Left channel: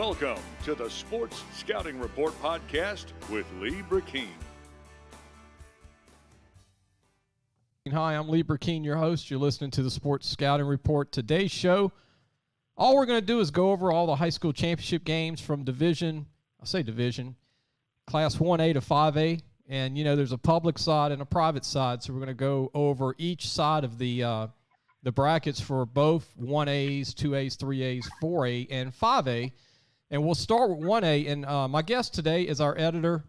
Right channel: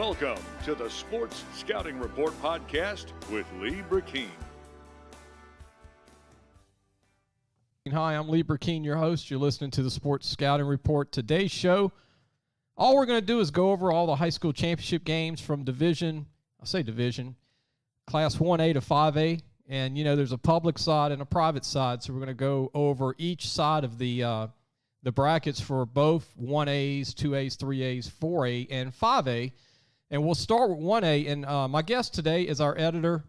Welcome to the Sports Scouting Report podcast with Lee Brecheen. Hi, I'm Lee Brecheen, your host. You're listening to the Sports Scouting Report. Today's show, all we're going to do is go over all the high school championship games from division, Class 1A to 5A. And, you know, there's a public side and a private side, so we're going to go over each side of the brackets for both 1As, 2As, 3As, 4A, and 5A. And we'll start with 1A. And my guest today is our editor,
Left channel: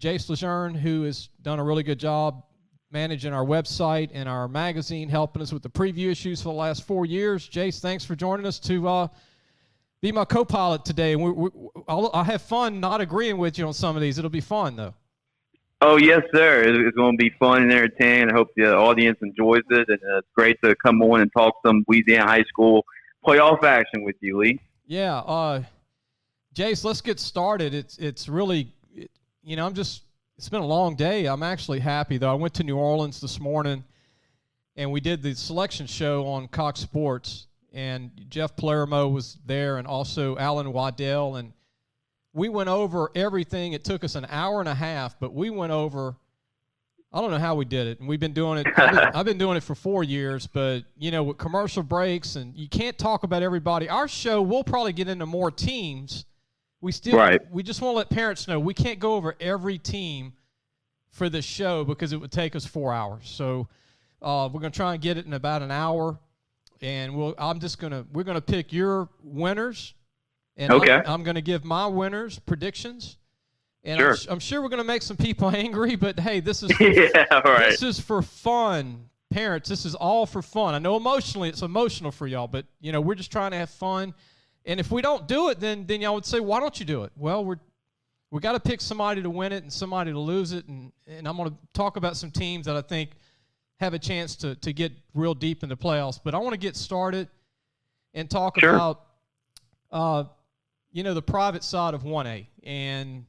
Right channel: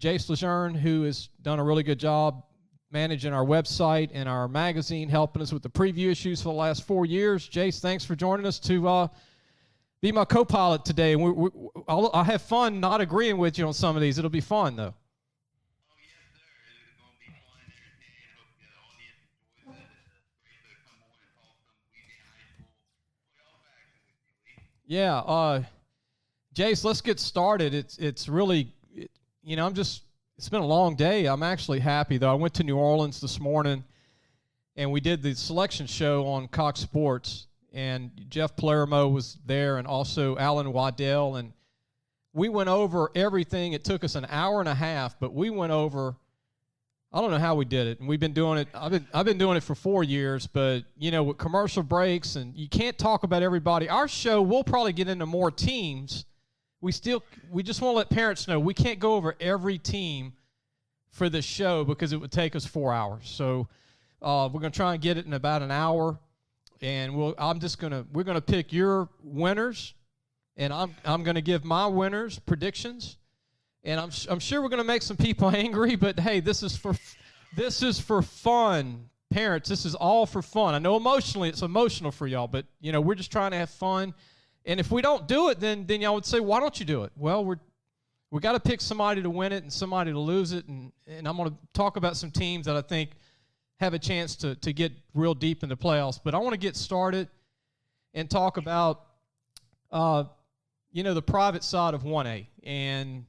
Jace LeJeune, who has done a really good job managing our website and our magazine, helping us with the preview issues for the last 4 years. Jace, thanks for joining us to be my co-pilot today. And I'll have fun not agreeing with you on some of these. It'll be fun, though. Oh, yes, sir. It's going to be fun and entertaining. I hope the audience enjoys it. And it's great to come on and talk some Louisiana high school playoff action with you, Lee. Yeah. Jace, let's get started. It's really, it's been a long day. I'm actually happy, though. I went to New Orleans this morning, and we did the selection show on Cox Sports, and Jeff Palermo was there and also Alan Waddell, and we went over everything. It took us an hour and a half, but we went over, I don't know how we did it, and we've been doing it. I've been doing it for 4 years, but, you know, with commercial breaks, and you can't talk about everybody. Our show, we'll probably get into more teams. We just want to let parents know we can't go over every team for this show because it would take us 4 hours. So we're going to try and get it in about an hour, and we're going to pick your winners, and okay. I'm going to give my winners predictions. And sure. I'm sure we're going to make some people angry, but hey, this is this is for fun, parents. This is all for fun. I know emotionally it's emotional for y'all, but you know we're just trying to have fun. And if we don't do it, then y'all would say, why don't you do it? Well, we got to pick somebody to win it and somebody to lose it. And I'm going to talk about some teams that I think have a chance to get real deep in the playoffs. But I want to get started and talk about, the private side of 1A. And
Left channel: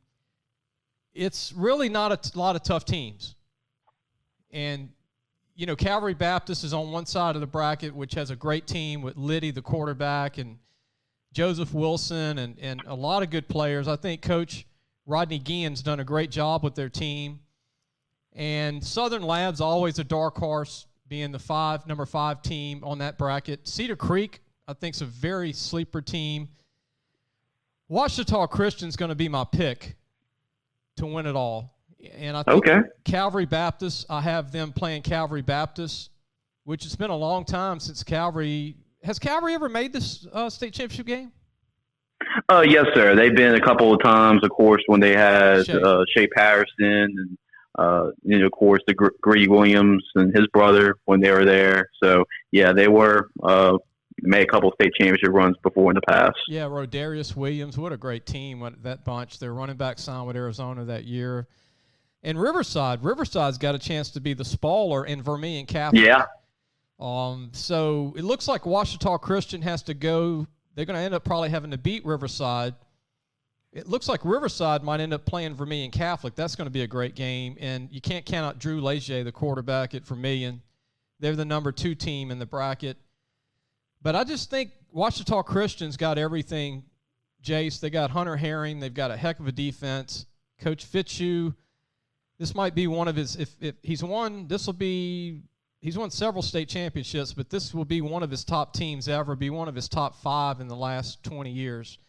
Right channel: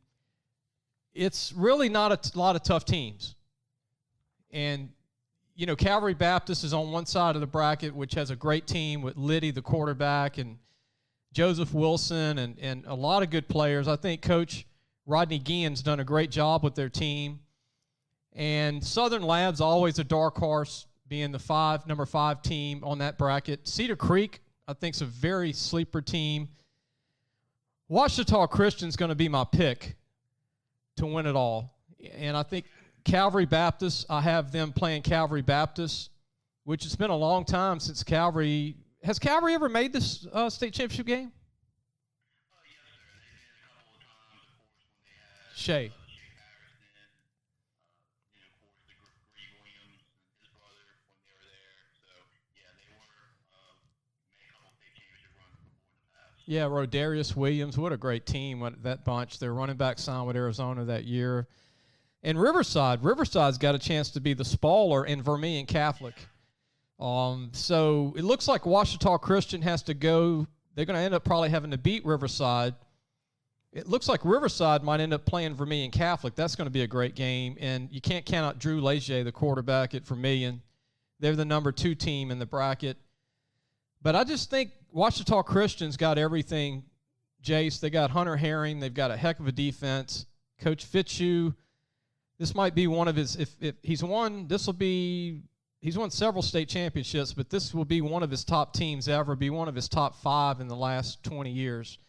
it's really not a lot of tough teams. And, you know, Calvary Baptist is on one side of the bracket, which has a great team with Liddy, the quarterback, and Joseph Wilson and a lot of good players. I think Coach Rodney Guillen's done a great job with their team. And Southern Lab's always a dark horse, being the number 5 team on that bracket. Cedar Creek, I think, is a very sleeper team. Ouachita Christian's going to be my pick to win it all. And I think Calvary Baptist, I have them playing Calvary Baptist, which it's been a long time since Calvary – has Calvary ever made this state championship game? Yes, sir. They've been a couple of times, of course, when they had Shea Patterson and, of course, the Greg Williams and his brother when they were there. So, yeah, they were made a couple of state championship runs before in the past. Yeah, Rodarius Williams, what a great team, that bunch. Their running back signed with Arizona that year. And Riverside's got a chance to be the spoiler in Vermilion Catholic. Yeah. So it looks like Ouachita Christian has to go. They're going to end up probably having to beat Riverside. It looks like Riverside might end up playing Vermilion Catholic. That's going to be a great game. And you can't count out Drew Leger, the quarterback at Vermilion. They're the number 2 team in the bracket. But I just think Ouachita Christian's got everything, Jace. They got Hunter Herring. They've got a heck of a defense. Coach Fitzhugh, this might be one of his, if he's won, he's won several state championships, but this will be one of his top teams ever, be one of his top 5 in the last 20 years.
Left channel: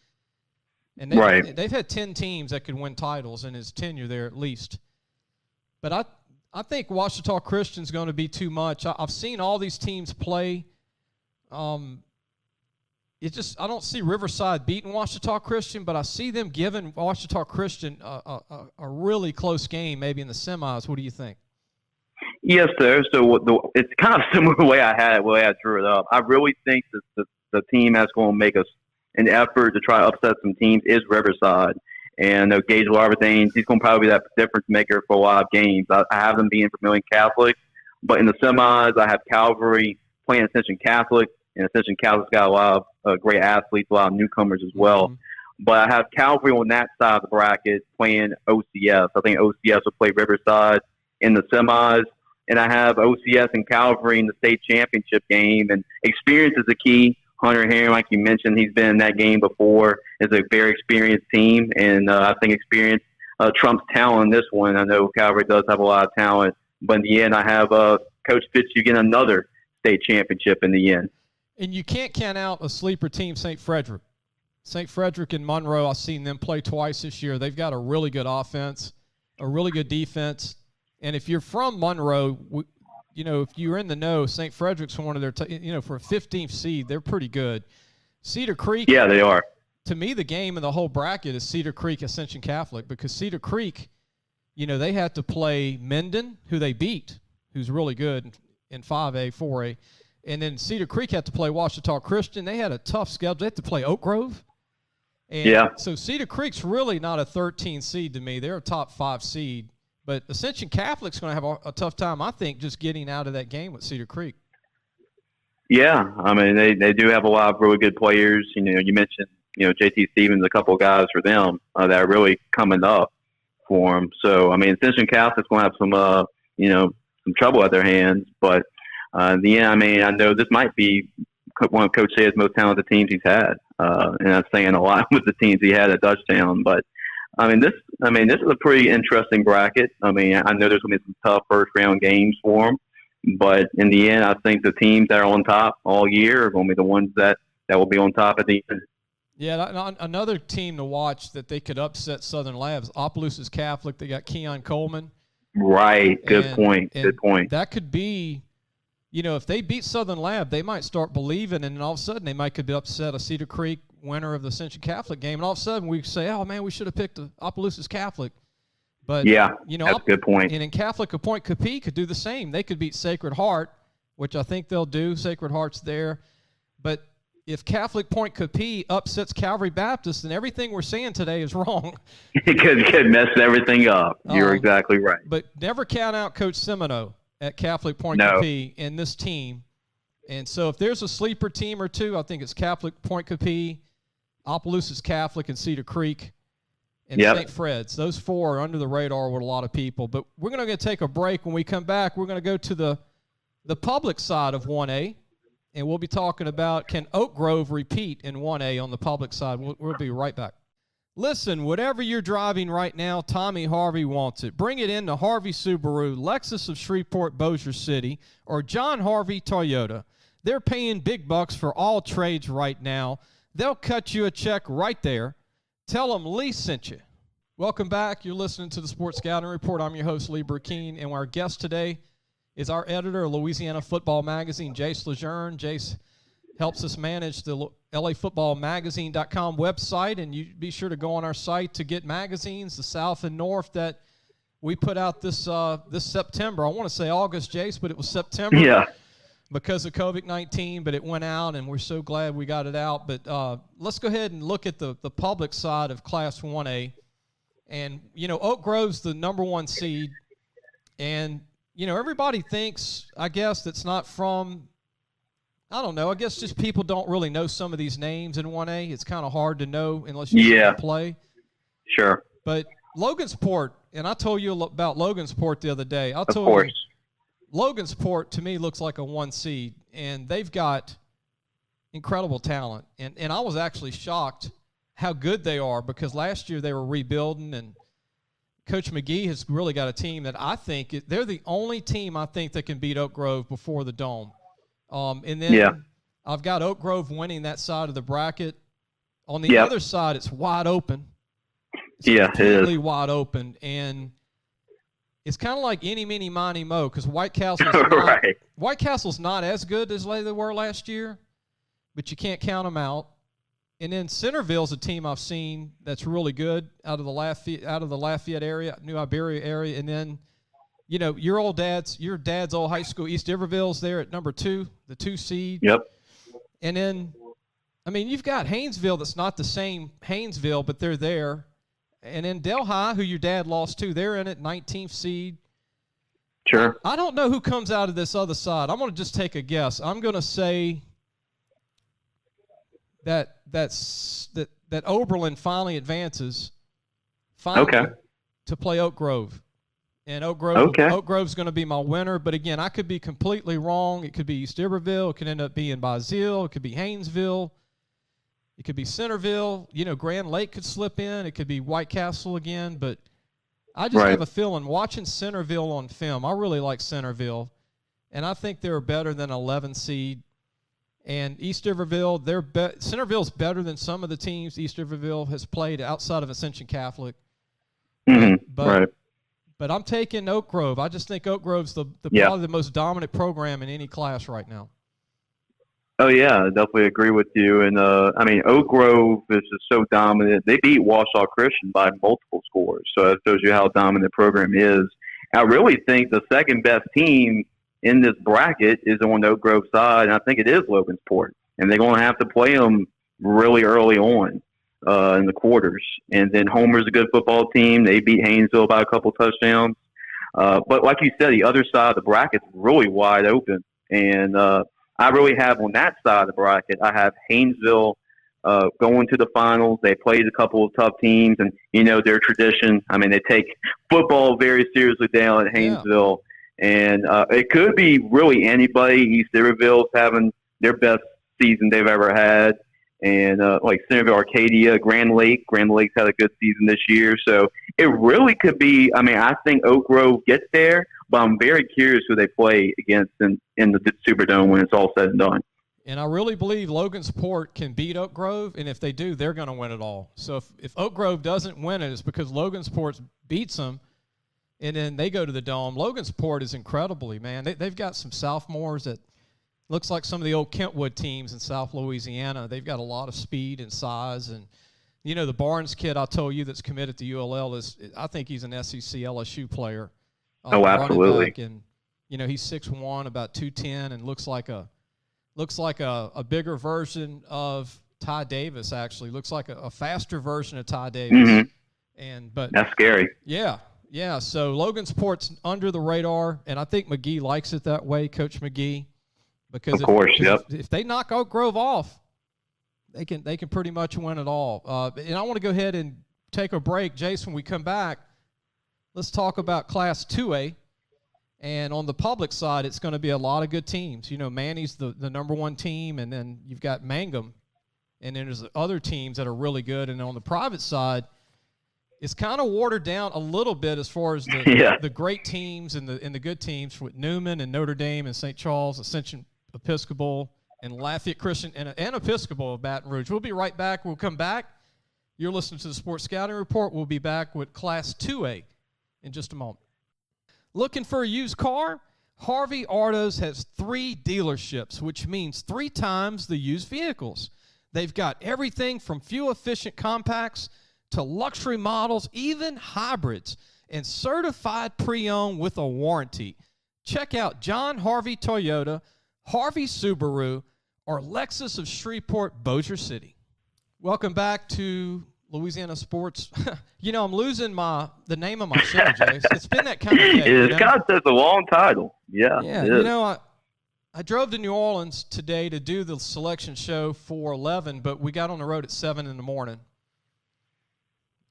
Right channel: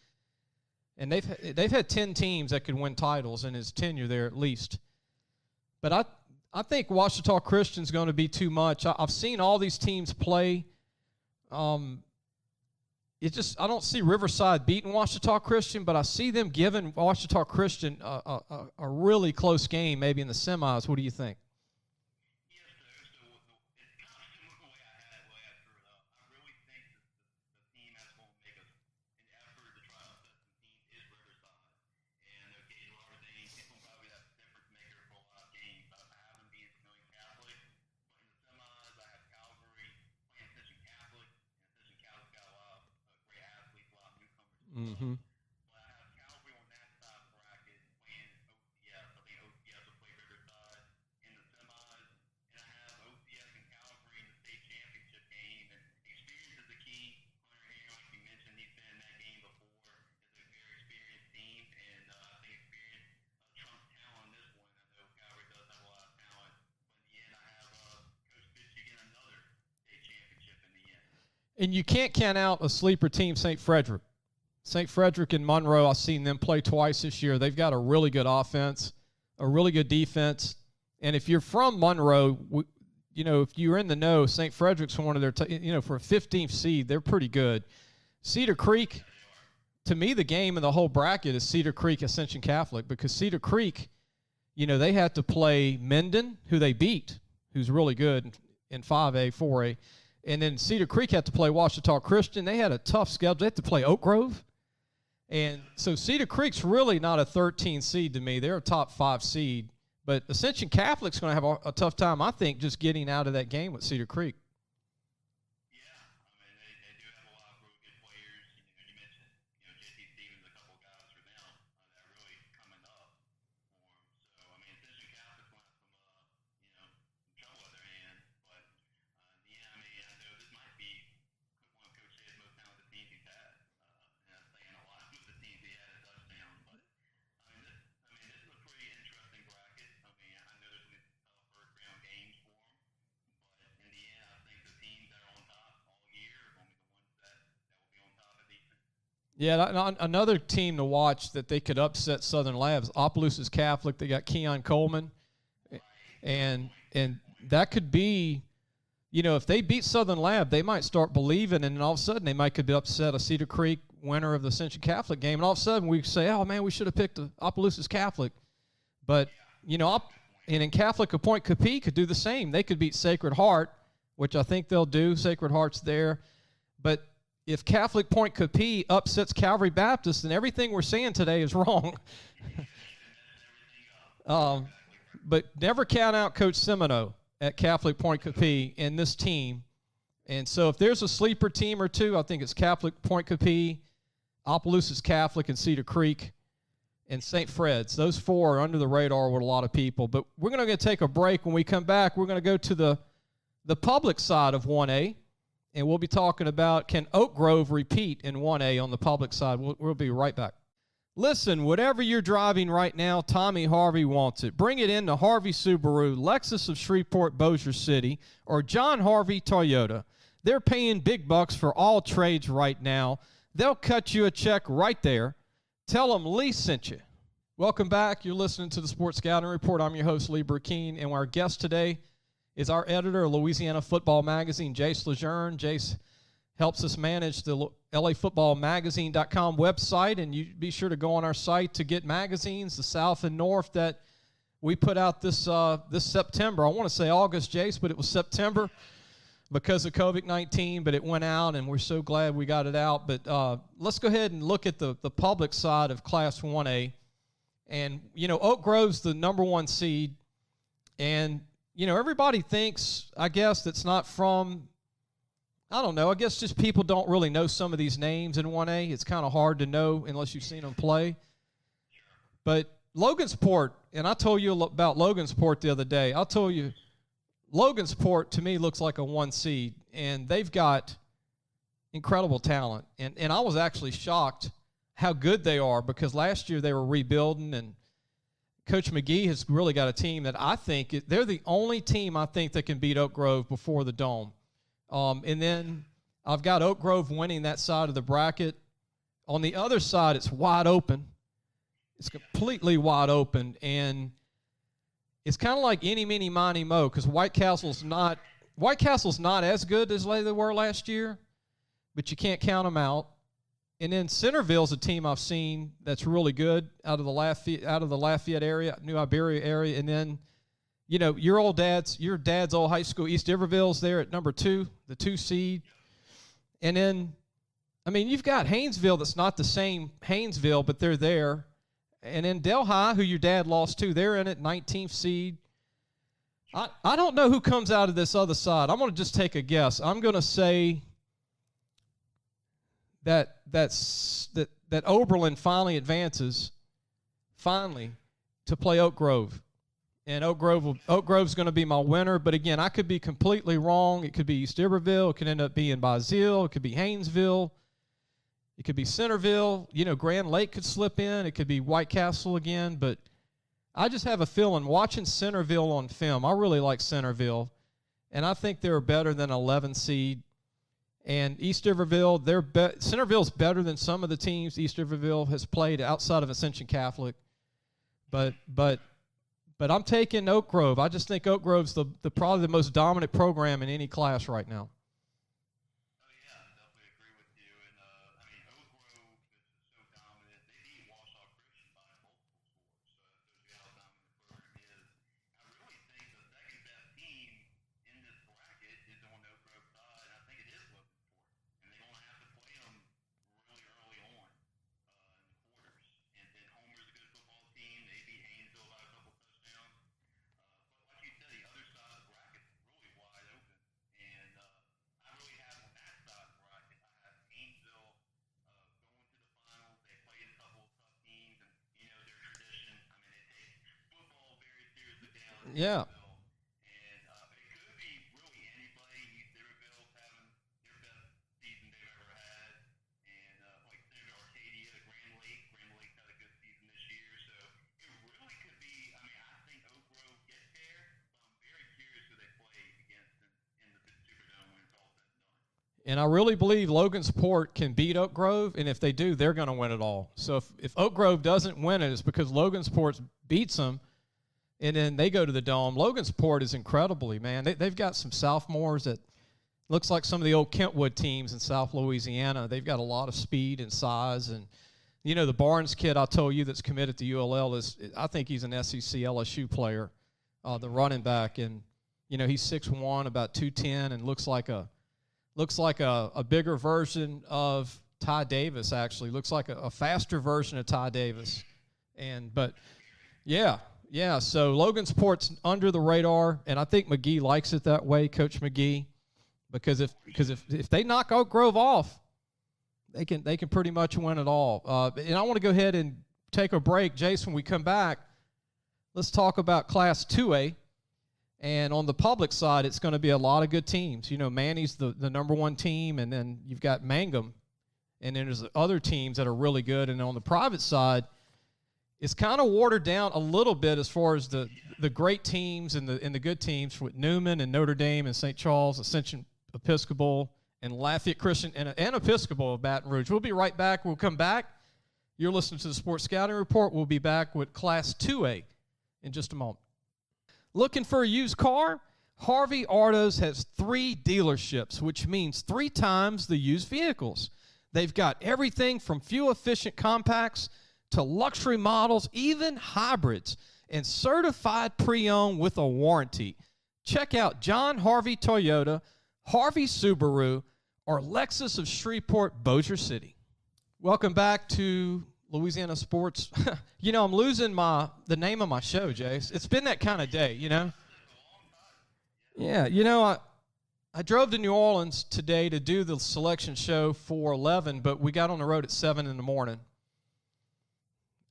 And they've had 10 teams that could win titles in his tenure there at least. But I think Ouachita Christian's going to be too much. I've seen all these teams play. I don't see Riverside beating Ouachita Christian, but I see them giving Ouachita Christian a really close game, maybe in the semis. What do you think? Yes, sir. So it's kind of similar the way I drew it up. I really think that the team that's going to make an effort to try to upset some teams is Riverside. And Gage Larberthanes, he's going to probably be that difference maker for a lot of games. I have them being Vermilion Catholic. But in the semis, I have Calvary playing Ascension Catholic. And Ascension Catholic's got a lot of great athletes, a lot of newcomers as well. Mm-hmm. But I have Calvary on that side of the bracket playing OCS. I think OCS will play Riverside in the semis. And I have OCS and Calvary in the state championship game. And experience is the key. Hunter Herring, like you mentioned, he's been in that game before. It's a very experienced team, and I think experience trumps talent in this one. I know Calvary does have a lot of talent, but in the end, I have Coach Fitz, you get another state championship in the end. And you can't count out a sleeper team, St. Frederick. St. Frederick and Monroe, I've seen them play twice this year. They've got a really good offense, a really good defense. And if you're from Monroe, if you're in the know, St. Frederick's one of their, for a 15th seed, they're pretty good. Cedar Creek. Yeah, they are. To me, the game in the whole bracket is Cedar Creek Ascension Catholic, because Cedar Creek, they had to play Minden, who they beat, who's really good in 5A, 4A. And then Cedar Creek had to play Ouachita Christian. They had a tough schedule. They had to play Oak Grove. And so Cedar Creek's really not a 13 seed to me. They're a top 5 seed. But Ascension Catholic's going to have a tough time, I think, just getting out of that game with Cedar Creek. Yeah, I mean, they do have a lot of really good players. You mentioned, JT Stevens, a couple of guys for them that are really coming up for them. So, I mean, Ascension Catholic's going to have some trouble at their hands. But in the end, I mean, I know this might be one of Coach Say's most talented teams he's had. And I'm saying a lot with the teams he had at Dutchtown. But, this is a pretty interesting bracket. I mean, I know there's going to be some tough first-round games for them. But in the end, I think the teams that are on top all year are going to be the ones that will be on top at the end. Yeah, another team to watch that they could upset Southern Labs, Opelousas Catholic. They got Keon Coleman. Right. Good point. That could be, if they beat Southern Lab, they might start believing, and then all of a sudden they might could upset a Cedar Creek winner of the Ascension Catholic game, and all of a sudden we say, oh, man, we should have picked the Opelousas Catholic. But, that's a good point. And in Catholic, Point Capee could do the same. They could beat Sacred Heart, which I think they'll do. Sacred Heart's there. But if Catholic Point Capee upsets Calvary Baptist, then everything we're saying today is wrong. It could mess everything up. You're exactly right. But never count out Coach Semino at Catholic Point Capee and this team. And so if there's a sleeper team or two, I think it's Catholic Point Capee, Opelousas Catholic, and Cedar Creek. And St. Fred's. Those 4 are under the radar with a lot of people. But we're going to take a break. When we come back, we're going to go to the public side of 1A, and we'll be talking about, can Oak Grove repeat in 1A on the public side. We'll be right back. Listen, whatever you're driving right now, Tommy Harvey wants it. Bring it in to Harvey Subaru, Lexus of Shreveport, Bossier City, or John Harvey Toyota. They're paying big bucks for all trades right now. They'll cut you a check right there. Tell them Lee sent you. Welcome back. You're listening to the Sports Scouting Report. I'm your host, Lee Brecheen, and our guest today is our editor of Louisiana Football Magazine, Jace LeJeune. Jace helps us manage the LAFootballmagazine.com website, and you be sure to go on our site to get magazines, the South and North, that we put out this September. I want to say August, Jace, but it was September. Yeah. Because of COVID-19, but it went out, and we're so glad we got it out. But let's go ahead and look at the public side of Class 1A. And, Oak Grove's the number 1 seed. And, everybody thinks, I guess, that's not from, I don't know, I guess just people don't really know some of these names in 1A. It's kind of hard to know unless you see them play. Sure. But Logansport, and I told you about Logansport the other day. Of course. Logansport, to me, looks like a 1 seed, and they've got incredible talent. And I was actually shocked how good they are, because last year they were rebuilding, and Coach McGee has really got a team that I think they're the only team I think that can beat Oak Grove before the Dome. And then I've got Oak Grove winning that side of the bracket. On the other side, it's wide open. It's completely wide open, and it's kind of like any, mini, miny, mo, because White Castle's not as good as they were last year, but you can't count them out. And then Centerville's a team I've seen that's really good out of the Lafayette area, New Iberia area, and then your dad's old high school, East Iberville's there at number 2, the 2 seed. Yep. And then, you've got Haynesville that's not the same Haynesville, but they're there. And then Delhi, who your dad lost to, they're in it, 19th seed. Sure. I don't know who comes out of this other side. I'm going to just take a guess. I'm going to say that Oberlin finally advances to play Oak Grove. And Oak Grove's going to be my winner. But, again, I could be completely wrong. It could be East Iberville. It could end up being Bazille. It could be Haynesville. It could be Centerville. Grand Lake could slip in. It could be White Castle again. But I just have a feeling, watching Centerville on film, I really like Centerville. And I think they're better than 11 seed. And East Iberville, Centerville's better than some of the teams East Iberville has played outside of Ascension Catholic. But I'm taking Oak Grove. I just think Oak Grove's probably the most dominant program in any class right now. Oh, yeah, I definitely agree with you. And, Oak Grove is just so dominant. They beat Washoe Christian by multiple scores, so that shows you how dominant the program is. I really think the second-best team in this bracket is on the Oak Grove side, and I think it is Logansport. And they're going to have to play them really early on in the quarters. And then Homer's a good football team. They beat Haynesville by a couple touchdowns. But like you said, the other side of the bracket is really wide open. And I really have on that side of the bracket, I have Haynesville going to the finals. They played a couple of tough teams, and their tradition. They take football very seriously down at Haynesville, and it could be really anybody. East Iberville's having their best season they've ever had, and like Centerville, Arcadia, Grand Lake's had a good season this year. So it really could be. I think Oak Grove gets there, but I'm very curious who they play against in the Superdome when it's all said and done. And I really believe Logansport can beat Oak Grove, and if they do, they're going to win it all. So if Oak Grove doesn't win it, it's because Logansport beats them, and then they go to the Dome. Logansport is incredibly, man. They've got some sophomores that looks like some of the old Kentwood teams in South Louisiana. They've got a lot of speed and size. And, the Barnes kid I told you that's committed to ULL I think he's an SEC LSU player. Absolutely. Running back. And, he's 6'1", about 210, and looks like a bigger version of Ty Davis, actually. Looks like a faster version of Ty Davis. Mm-hmm. But that's scary. Yeah. So Logansport's under the radar, and I think McGee likes it that way, Coach McGee. Because if they knock Oak Grove off, they can pretty much win it all. And I want to go ahead and take a break. Jace, when we come back, let's talk about Class 2A. And on the public side, it's going to be a lot of good teams. Manny's the number one team, and then you've got Mangum. And then there's other teams that are really good. And on the private side, it's kind of watered down a little bit as far as the great teams and the good teams with Newman and Notre Dame and St. Charles, Ascension Episcopal, and Lafayette Christian and Episcopal of Baton Rouge. We'll be right back. We'll come back. You're listening to the Sports Scouting Report. We'll be back with Class 2A in just a moment. Looking for a used car? Harvey Autos has 3 dealerships, which means 3 times the used vehicles. They've got everything from fuel-efficient compacts to luxury models, even hybrids, and certified pre-owned with a warranty. Check out John Harvey Toyota, Harvey Subaru, or Lexus of Shreveport, Bossier City. Welcome back to Louisiana Sports. I'm losing the name of my show, Jace. It's been that kind of day. It's a long title. Yeah. Yeah. I drove to New Orleans today to do the selection show for 11, but we got on the road at 7 in the morning.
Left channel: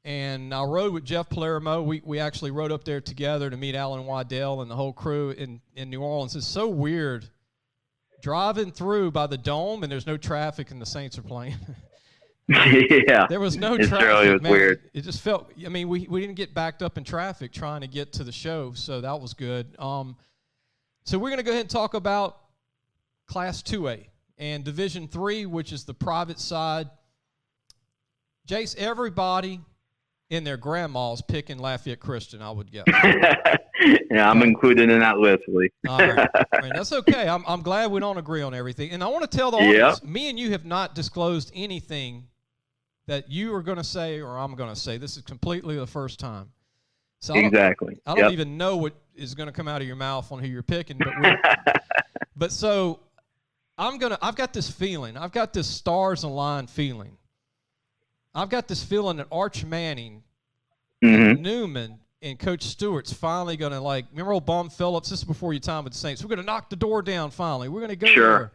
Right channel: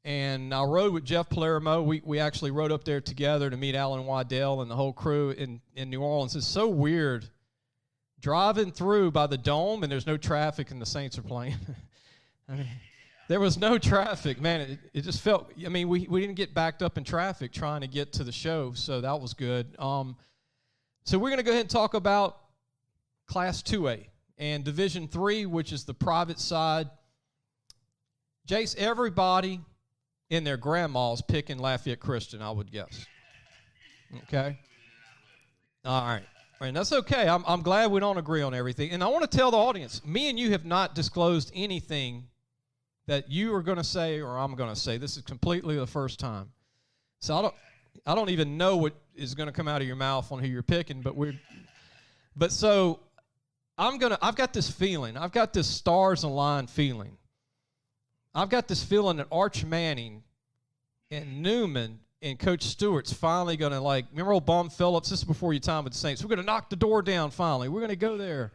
And I rode with Jeff Palermo. We actually rode up there together to meet Alan Waddell and the whole crew in New Orleans. It's so weird driving through by the Dome, and there's no traffic, and the Saints are playing. Yeah. There was no traffic, really man. Weird. It just felt, we didn't get backed up in traffic trying to get to the show, so that was good. So we're going to go ahead and talk about Class 2A and Division 3, which is the private side. Jace, everybody in their grandma's picking Lafayette Christian, I would guess. Yeah, I'm included in that list, Lee. All right. That's okay. I'm glad we don't agree on everything. And I want to tell the audience, me and you have not disclosed anything that you are going to say or I'm going to say. This is completely the first time. So exactly. I don't even know what is going to come out of your mouth on who you're picking. But so I've got this feeling. I've got this stars aligned feeling. I've got this feeling that Arch Manning and Newman and Coach Stewart's finally going to, remember old Bum Phillips? This is before your time with the Saints. We're going to knock the door down finally. We're going to go there.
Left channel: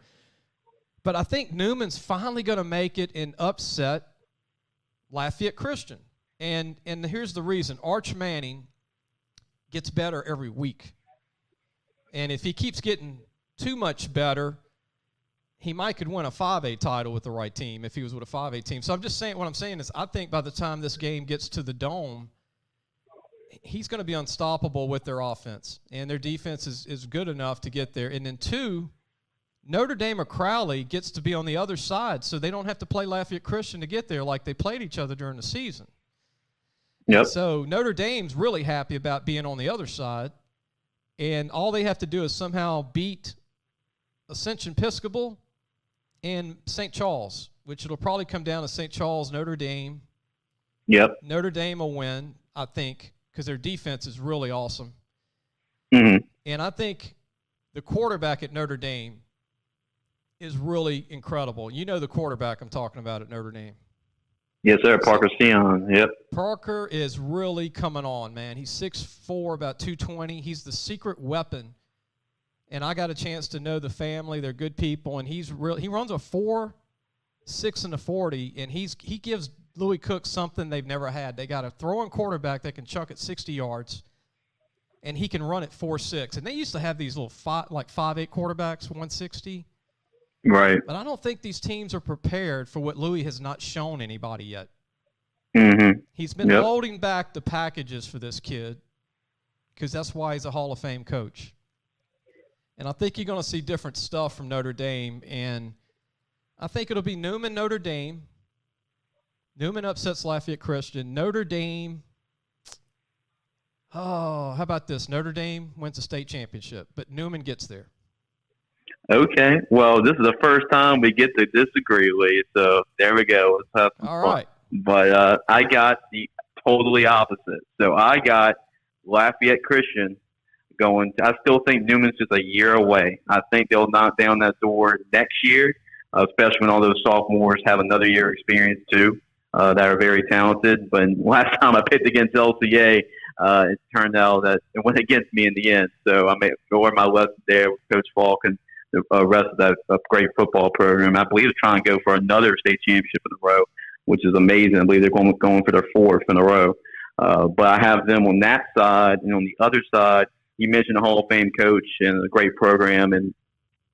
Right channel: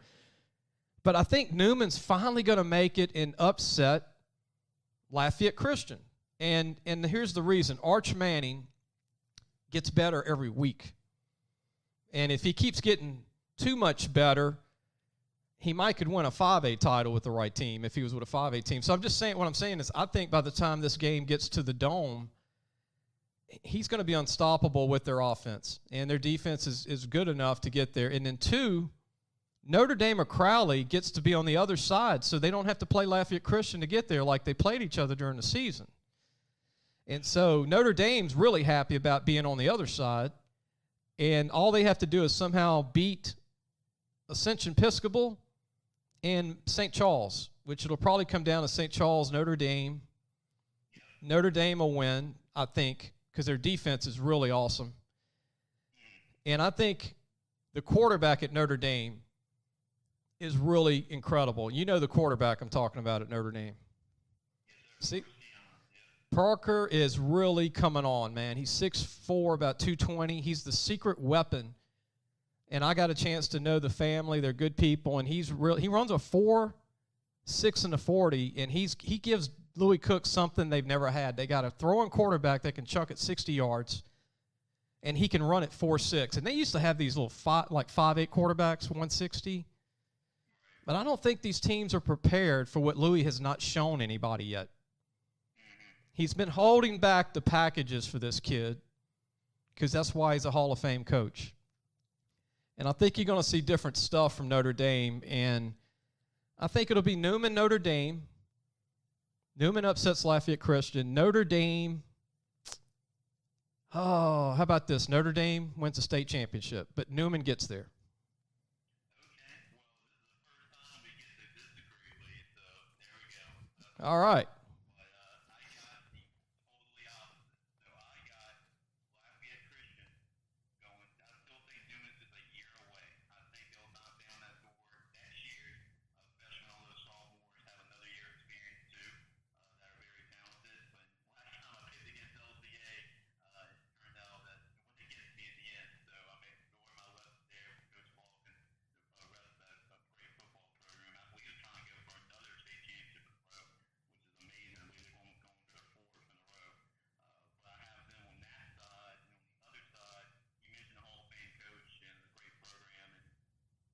But I think Newman's finally going to make it and upset Lafayette Christian. And here's the reason. Arch Manning gets better every week. And if he keeps getting too much better, he might could win a 5A title with the right team if he was with a 5A team. So I'm just saying, what I'm saying is I think by the time this game gets to the Dome, he's going to be unstoppable with their offense. And their defense is good enough to get there. And then 2, Notre Dame or Crowley gets to be on the other side, so they don't have to play Lafayette Christian to get there like they played each other during the season. Yep. And so Notre Dame's really happy about being on the other side, and all they have to do is somehow beat Ascension Episcopal and St. Charles, which it'll probably come down to St. Charles, Notre Dame. Yep. Notre Dame will win, I think, because their defense is really awesome. Mm-hmm. And I think the quarterback at Notre Dame is really incredible. You know the quarterback I'm talking about at Notre Dame. Yes, sir. Parker Sion. Yep. Parker is really coming on, man. He's 6'4", about 220. He's the secret weapon. And I got a chance to know the family. They're good people. And he runs a 4.6 in the 40, and he gives Louis Cook something they've never had. They got a throwing quarterback that can chuck it 60 yards, and he can run it 4.6. And they used to have these little 5'8" quarterbacks, 160. Right. But I don't think these teams are prepared for what Louis has not shown anybody yet. Mm-hmm. He's been holding back the packages for this kid because that's why he's a Hall of Fame coach. And I think you're going to see different stuff from Notre Dame. And I think it'll be Newman, Notre Dame. Newman upsets Lafayette Christian. Notre Dame, how about this? Notre Dame wins the state championship, but Newman gets there. Okay. Well, this is the first time we get to disagree, Lee. So there we go. All right. But I got the totally opposite. So I got Lafayette Christian going. I still think Newman's just a year away. I think they'll knock down that door next year, especially when all those sophomores have another year experience too, that are very talented. But last time I picked against LCA, it turned out that it went against me in the end. So I learned my lesson there with Coach Falk and the rest of that great football program. I believe they're trying to go for another state championship in a row, which is amazing. I believe they're going for their 4th in a row. But I have them on that side. And on the other side, you mentioned a Hall of Fame coach and a great program in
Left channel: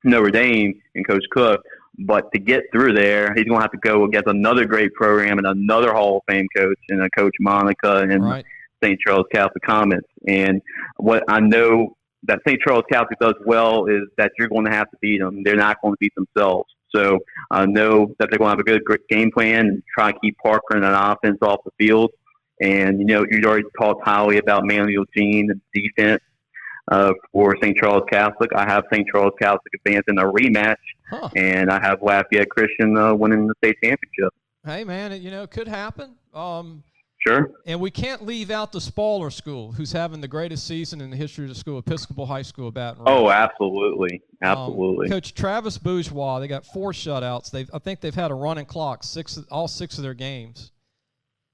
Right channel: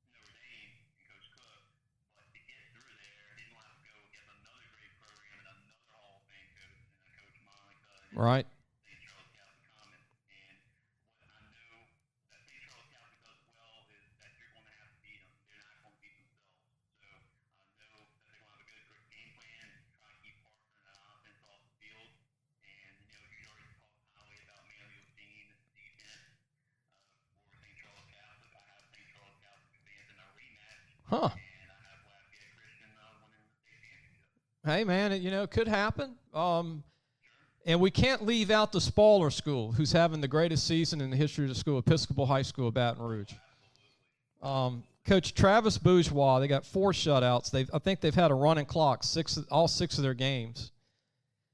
Notre Dame and Coach Cook. But to get through there, he's going to have to go against another great program and another Hall of Fame coach and a Coach Monica and St. Charles Catholic Comets. And what I know that St. Charles Catholic does well is that you're going to have to beat them. They're not going to beat themselves. So I know that they're going to have a good game plan and try to keep Parker and an offense off the field. And, you know, you already talked highly about Manuel Jean and defense for St. Charles Catholic. I have St. Charles Catholic advancing a rematch, and I have Lafayette Christian winning the state championship. Hey, man, it could happen. Sure. And we can't leave out the Spoiler School, who's having the greatest season in the history of the school, Episcopal High School of Baton Rouge. Oh, absolutely. Absolutely. Coach Travis Bourgeois, they got 4 shutouts. I think they've had a running clock, all 6 of their games.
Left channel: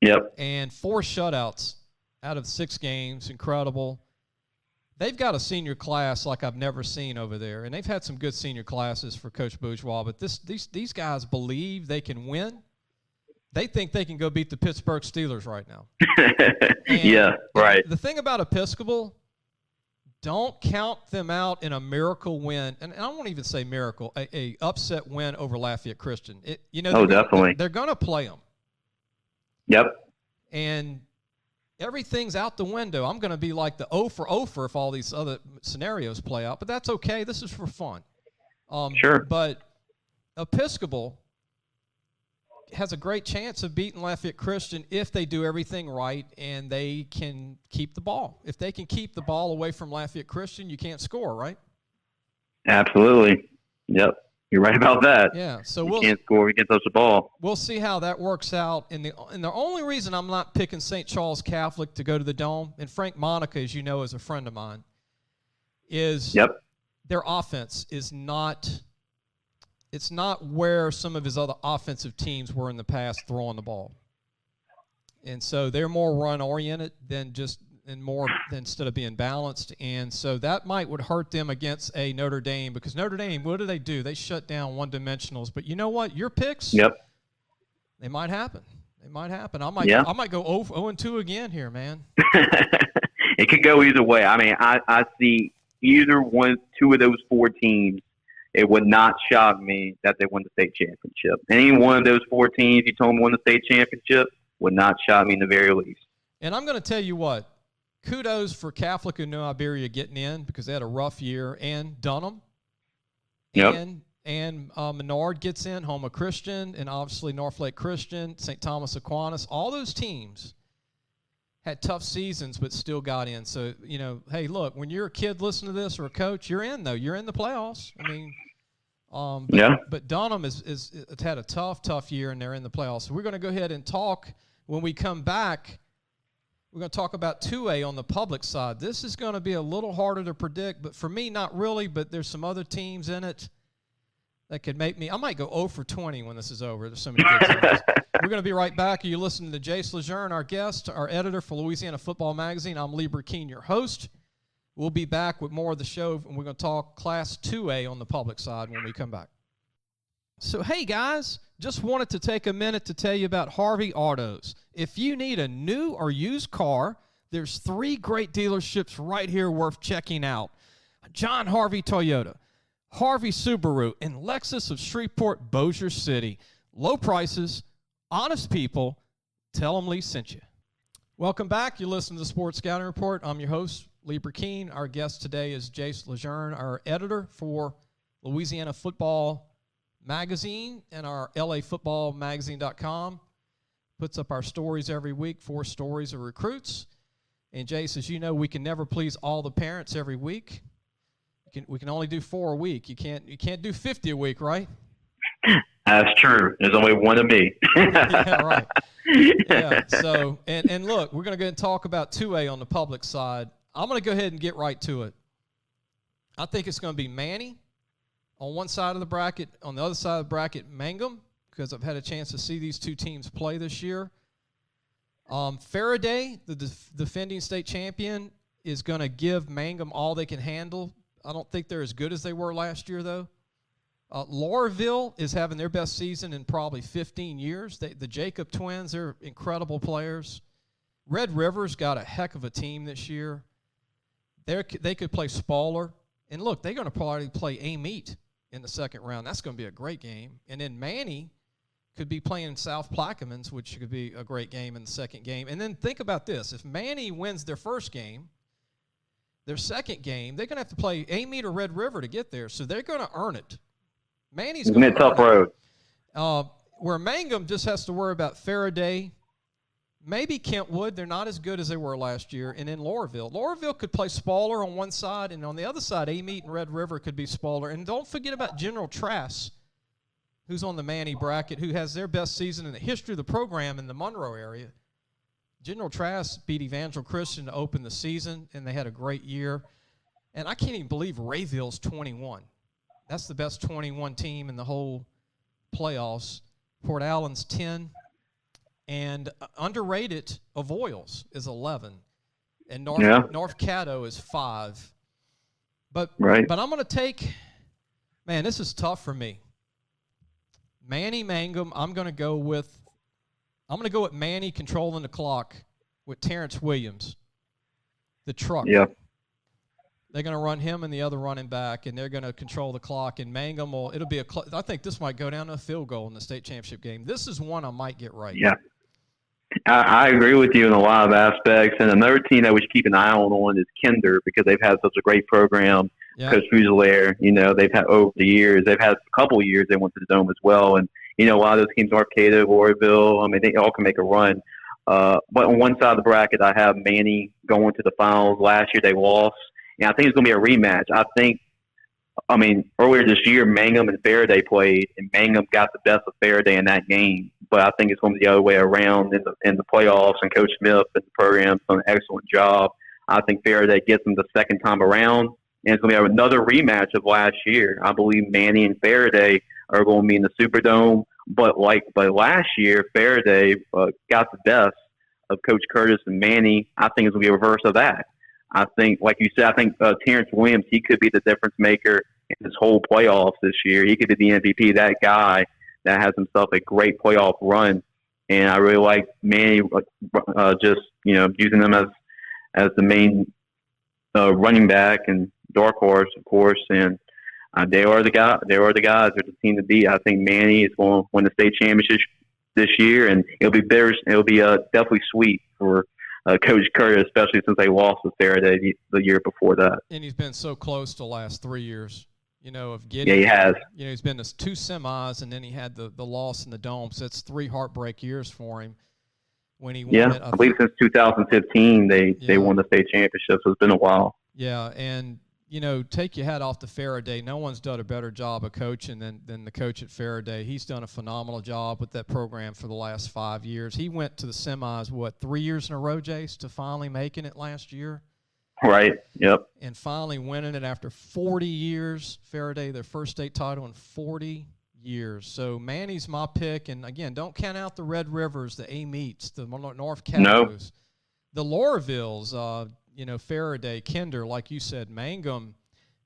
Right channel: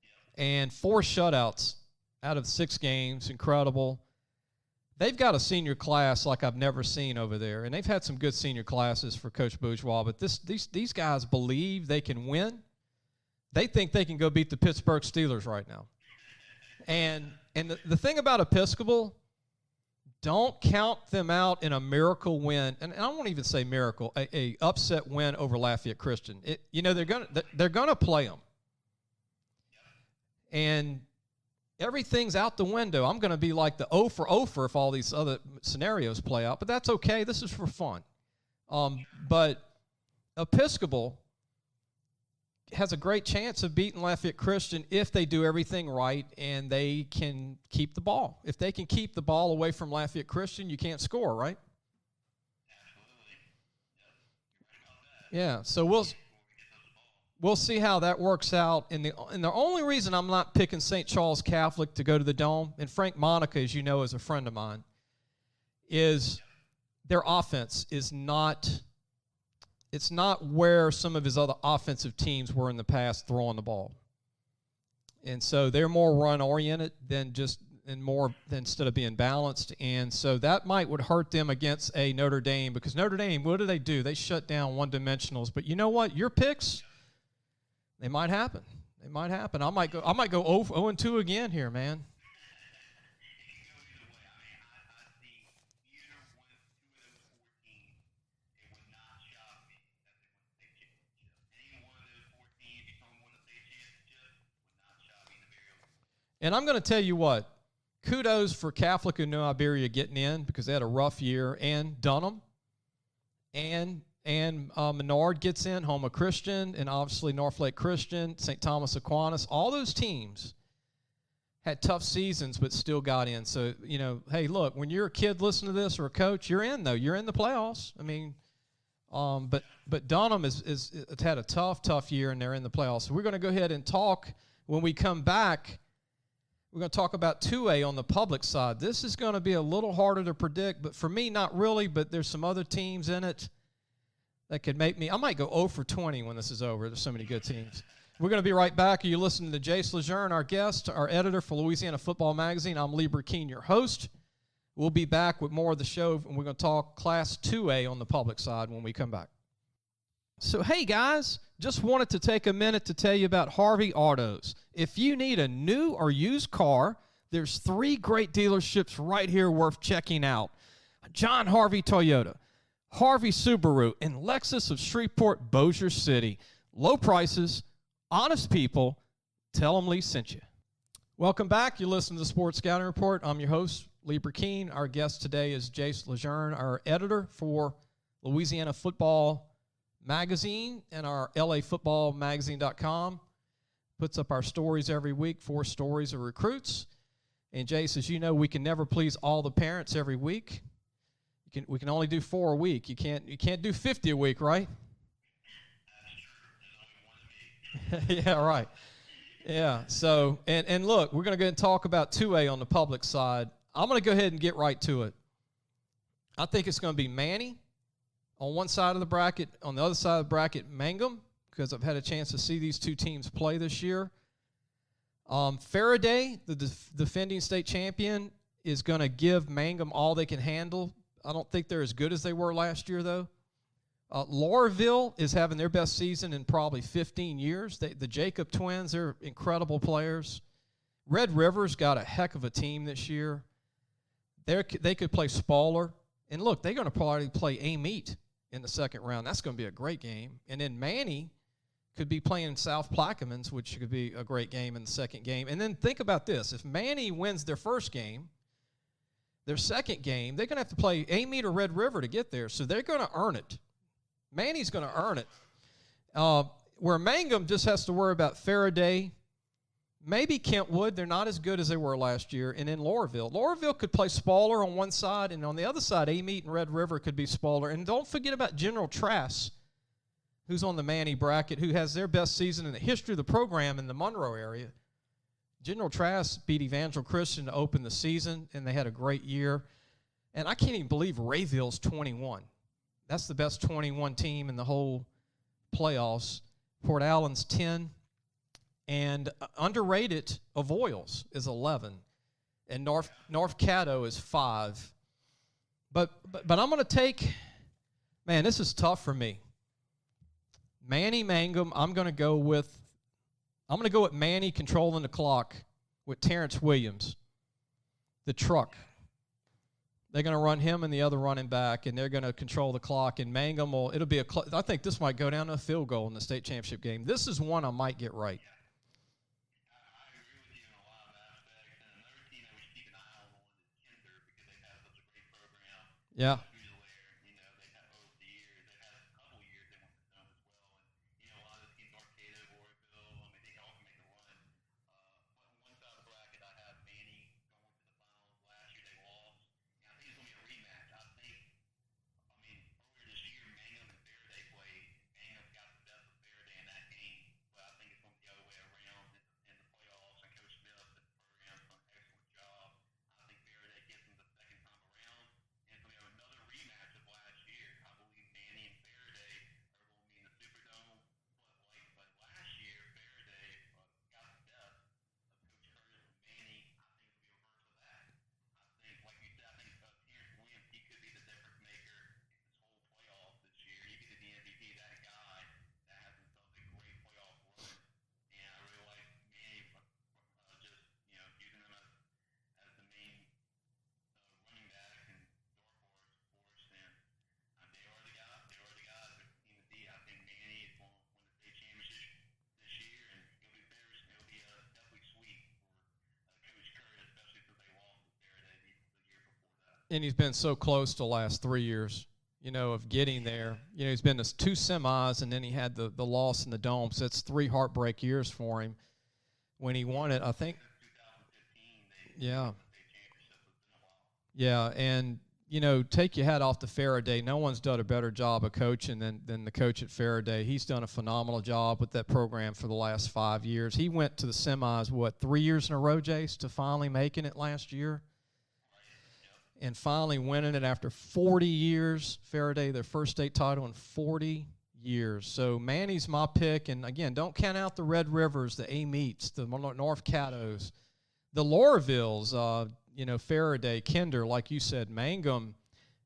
Yep. And 4 shutouts out of 6 games. Incredible. They've got a senior class like I've never seen over there. And they've had some good senior classes for Coach Bourgeois. But these guys believe they can win. They think they can go beat the Pittsburgh Steelers right now. And the thing about Episcopal, don't count them out in a miracle win. And I won't even say miracle, a upset win over Lafayette Christian. Definitely. They're going to play them. Yep. And everything's out the window. I'm going to be like the 0 for 0 for if all these other scenarios play out. But that's okay. This is for fun. Sure. But Episcopal has a great chance of beating Lafayette Christian if they do everything right and they can keep the ball. If they can keep the ball away from Lafayette Christian, you can't score, right? Absolutely. Yep. You're right about that. Yeah. So we can't score. We can't touch the ball. We'll see how that works out. And the only reason I'm not picking St. Charles Catholic to go to the Dome, and Frank Monica, as you know, is a friend of mine, is their offense is not – it's not where some of his other offensive teams were in the past throwing the ball. And so they're more run-oriented instead of being balanced. And so that would hurt them against a Notre Dame because Notre Dame, what do? They shut down one-dimensionals. But you know what? Your picks, they might happen. I might go 0-2 again here, man. it could go either way. I mean, I see either two of those four teams. It would not shock me that they won the state championship. Any one of those four teams you told me won the state championship would not shock me in the very least. And I'm going to tell you what, kudos for Catholic and New Iberia getting in because they had a rough year, and Dunham, and Menard gets in, Houma Christian, and obviously Northlake Christian, St. Thomas Aquinas. All those teams had tough seasons but still got in. So, hey, look, when you're a kid listening to this or a coach, you're in, though. You're in the playoffs. I mean, but Dunham has had a tough year, and they're in the playoffs. So we're going to go ahead and talk. When we come back, we're going to talk about 2A on the public side. This is going to be a little harder to predict, but for me, not really, but there's some other teams in it that could make me – I might go 0 for 20 when this is over. There's so many good teams. We're going to be right back. You're listening to Jace LeJeune, our guest, our editor for Louisiana Football Magazine. I'm Lee Brecheen, your host. We'll be back with more of the show, and we're going to talk Class 2A on the public side when we come back. So, hey, guys, just wanted to take a minute to tell you about Harvey Autos. If you need a new or used car, there's 3 great dealerships right here worth checking out. John Harvey Toyota, Harvey Subaru, and Lexus of Shreveport, Bossier City. Low prices, honest people. Tell them Lee sent you. Welcome back. You're listening to the Sports Scouting Report. I'm your host, Lee Brecheen. Our guest today is Jace LeJeune, our editor for Louisiana Football Magazine and our LAFootballmagazine.com. Puts up our stories every week, 4 stories of recruits. And Jace, as you know, we can never please all the parents every week. We can only do 4 a week. You can't do 50 a week, right? That's true. There's only one of me. Yeah, right. Yeah. So, and look, we're going to go and talk about 2A on the public side. I'm going to go ahead and get right to it. I think it's going to be Manny on one side of the bracket. On the other side of the bracket, Mangum, because I've had a chance to see these 2 teams play this year. Faraday, the defending state champion, is going to give Mangum all they can handle. I don't think they're as good as they were last year, though. Laurelville is having their best season in probably 15 years. The Jacob twins, they're incredible players. Red River's got a heck of a team this year. They could play Spaller. And look, they're going to probably play Amite in the second round. That's going to be a great game. And then Manny could be playing South Plaquemines, which could be a great game in the second game. And then think about this. If Manny wins their first game, their second game, they're going to have to play Amite or Red River to get there. So they're going to earn it. Manny's going to earn tough it. road. Where Mangum just has to worry about Faraday, maybe Kentwood. They're not as good as they were last year. And then Laurelville. Laurelville could play Spaller on one side, and on the other side, Amite and Red River could be Spaller. And don't forget about General Trask, who's on the Manny bracket, who has their best season in the history of the program in the Monroe area. General Trask beat Evangel Christian to open the season, and they had a great year. And I can't even believe Rayville's 21. That's the best 21 team in the whole playoffs. Port Allen's 10. And underrated, Avoyles is 11. And North Caddo is 5. But I'm going to take – man, this is tough for me. Manny Mangum, I'm going to go with Manny controlling the clock with Terrence Williams, the truck. Yeah. They're going to run him and the other running back, and they're going to control the clock. And Mangum I think this might go down to a field goal in the state championship game. This is one I might get right. Yeah. I agree with you in a lot of aspects. And another team that we should keep an eye on is Kinder, because they've had such a great program. Yeah. Coach Fusilier, they've had over the years. They've had a couple of years they went to the Dome as well. And, a lot of those teams, Arcata, Warreville, they all can make a run. But on one side of the bracket, I have Manny going to the finals. Last year they lost. And I think it's going to be a rematch. Earlier this year, Mangum and Faraday played, and Mangum got the best of Faraday in that game. But I think it's going to be the other way around in the playoffs, and Coach Smith and the program's done an excellent job. I think Faraday gets them the second time around, and it's going to be another rematch of last year. I believe Manny and Faraday are going to be in the Superdome. But last year, Faraday got the best of Coach Curtis and Manny. I think it's going to be a reverse of that. I think, like you said, Terrence Williams, he could be the difference maker in this whole playoffs this year. He could be the MVP, that guy that has himself a great playoff run. And I really like Manny, using him as the main running back and dark horse, of course, and they are the guys. They are the guys. They're the team to beat. I think Manny is going to win the state championship this year, and it'll be better. It'll be definitely sweet for Coach Curtis, especially since they lost with Faraday the year before that. And he's been so close the last 3 years. Of getting. Yeah, he has. He's been to 2 semis, and then he had the loss in the dome. So it's 3 heartbreak years for him. When he won it, I believe since 2015 they won the state championship. So it's been a while. Yeah, and take your hat off to Faraday. No one's done a better job of coaching than the coach at Faraday. He's done a phenomenal job with that program for the last 5 years. He went to the semis 3 years in a row, Jace, to finally making it last year. Right. Yep. And finally winning it after 40 years. Faraday, their first state title in 40 years. So Manny's my pick. And, again, don't count out the Red Rivers, the A-Meets, the North Catos, the Lorvilles, Faraday, Kinder, like you said, Mangum,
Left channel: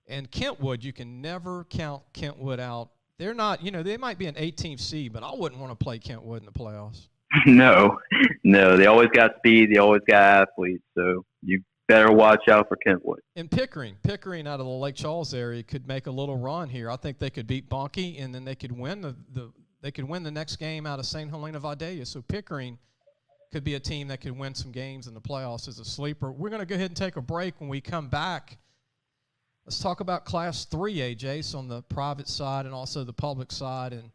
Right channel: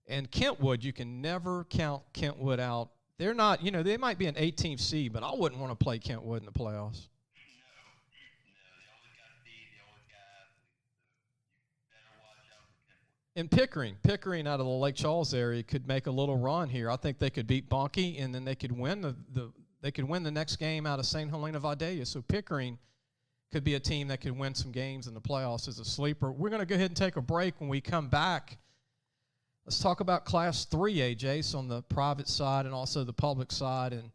and Kentwood. You can never count Kentwood out. They're not, they might be an 18th seed, but I wouldn't want to play Kentwood in the playoffs. No. They always got speed. They always got athletes. So you better watch out for Kentwood. And Pickering out of the Lake Charles area could make a little run here. I think they could beat Bunkie, and then they could win the next game out of St. Helena Vidalia. So Pickering could be a team that could win some games in the playoffs as a sleeper. We're going to go ahead and take a break. When we come back, let's talk about Class 3A, Jace, on the private side and also the public side. And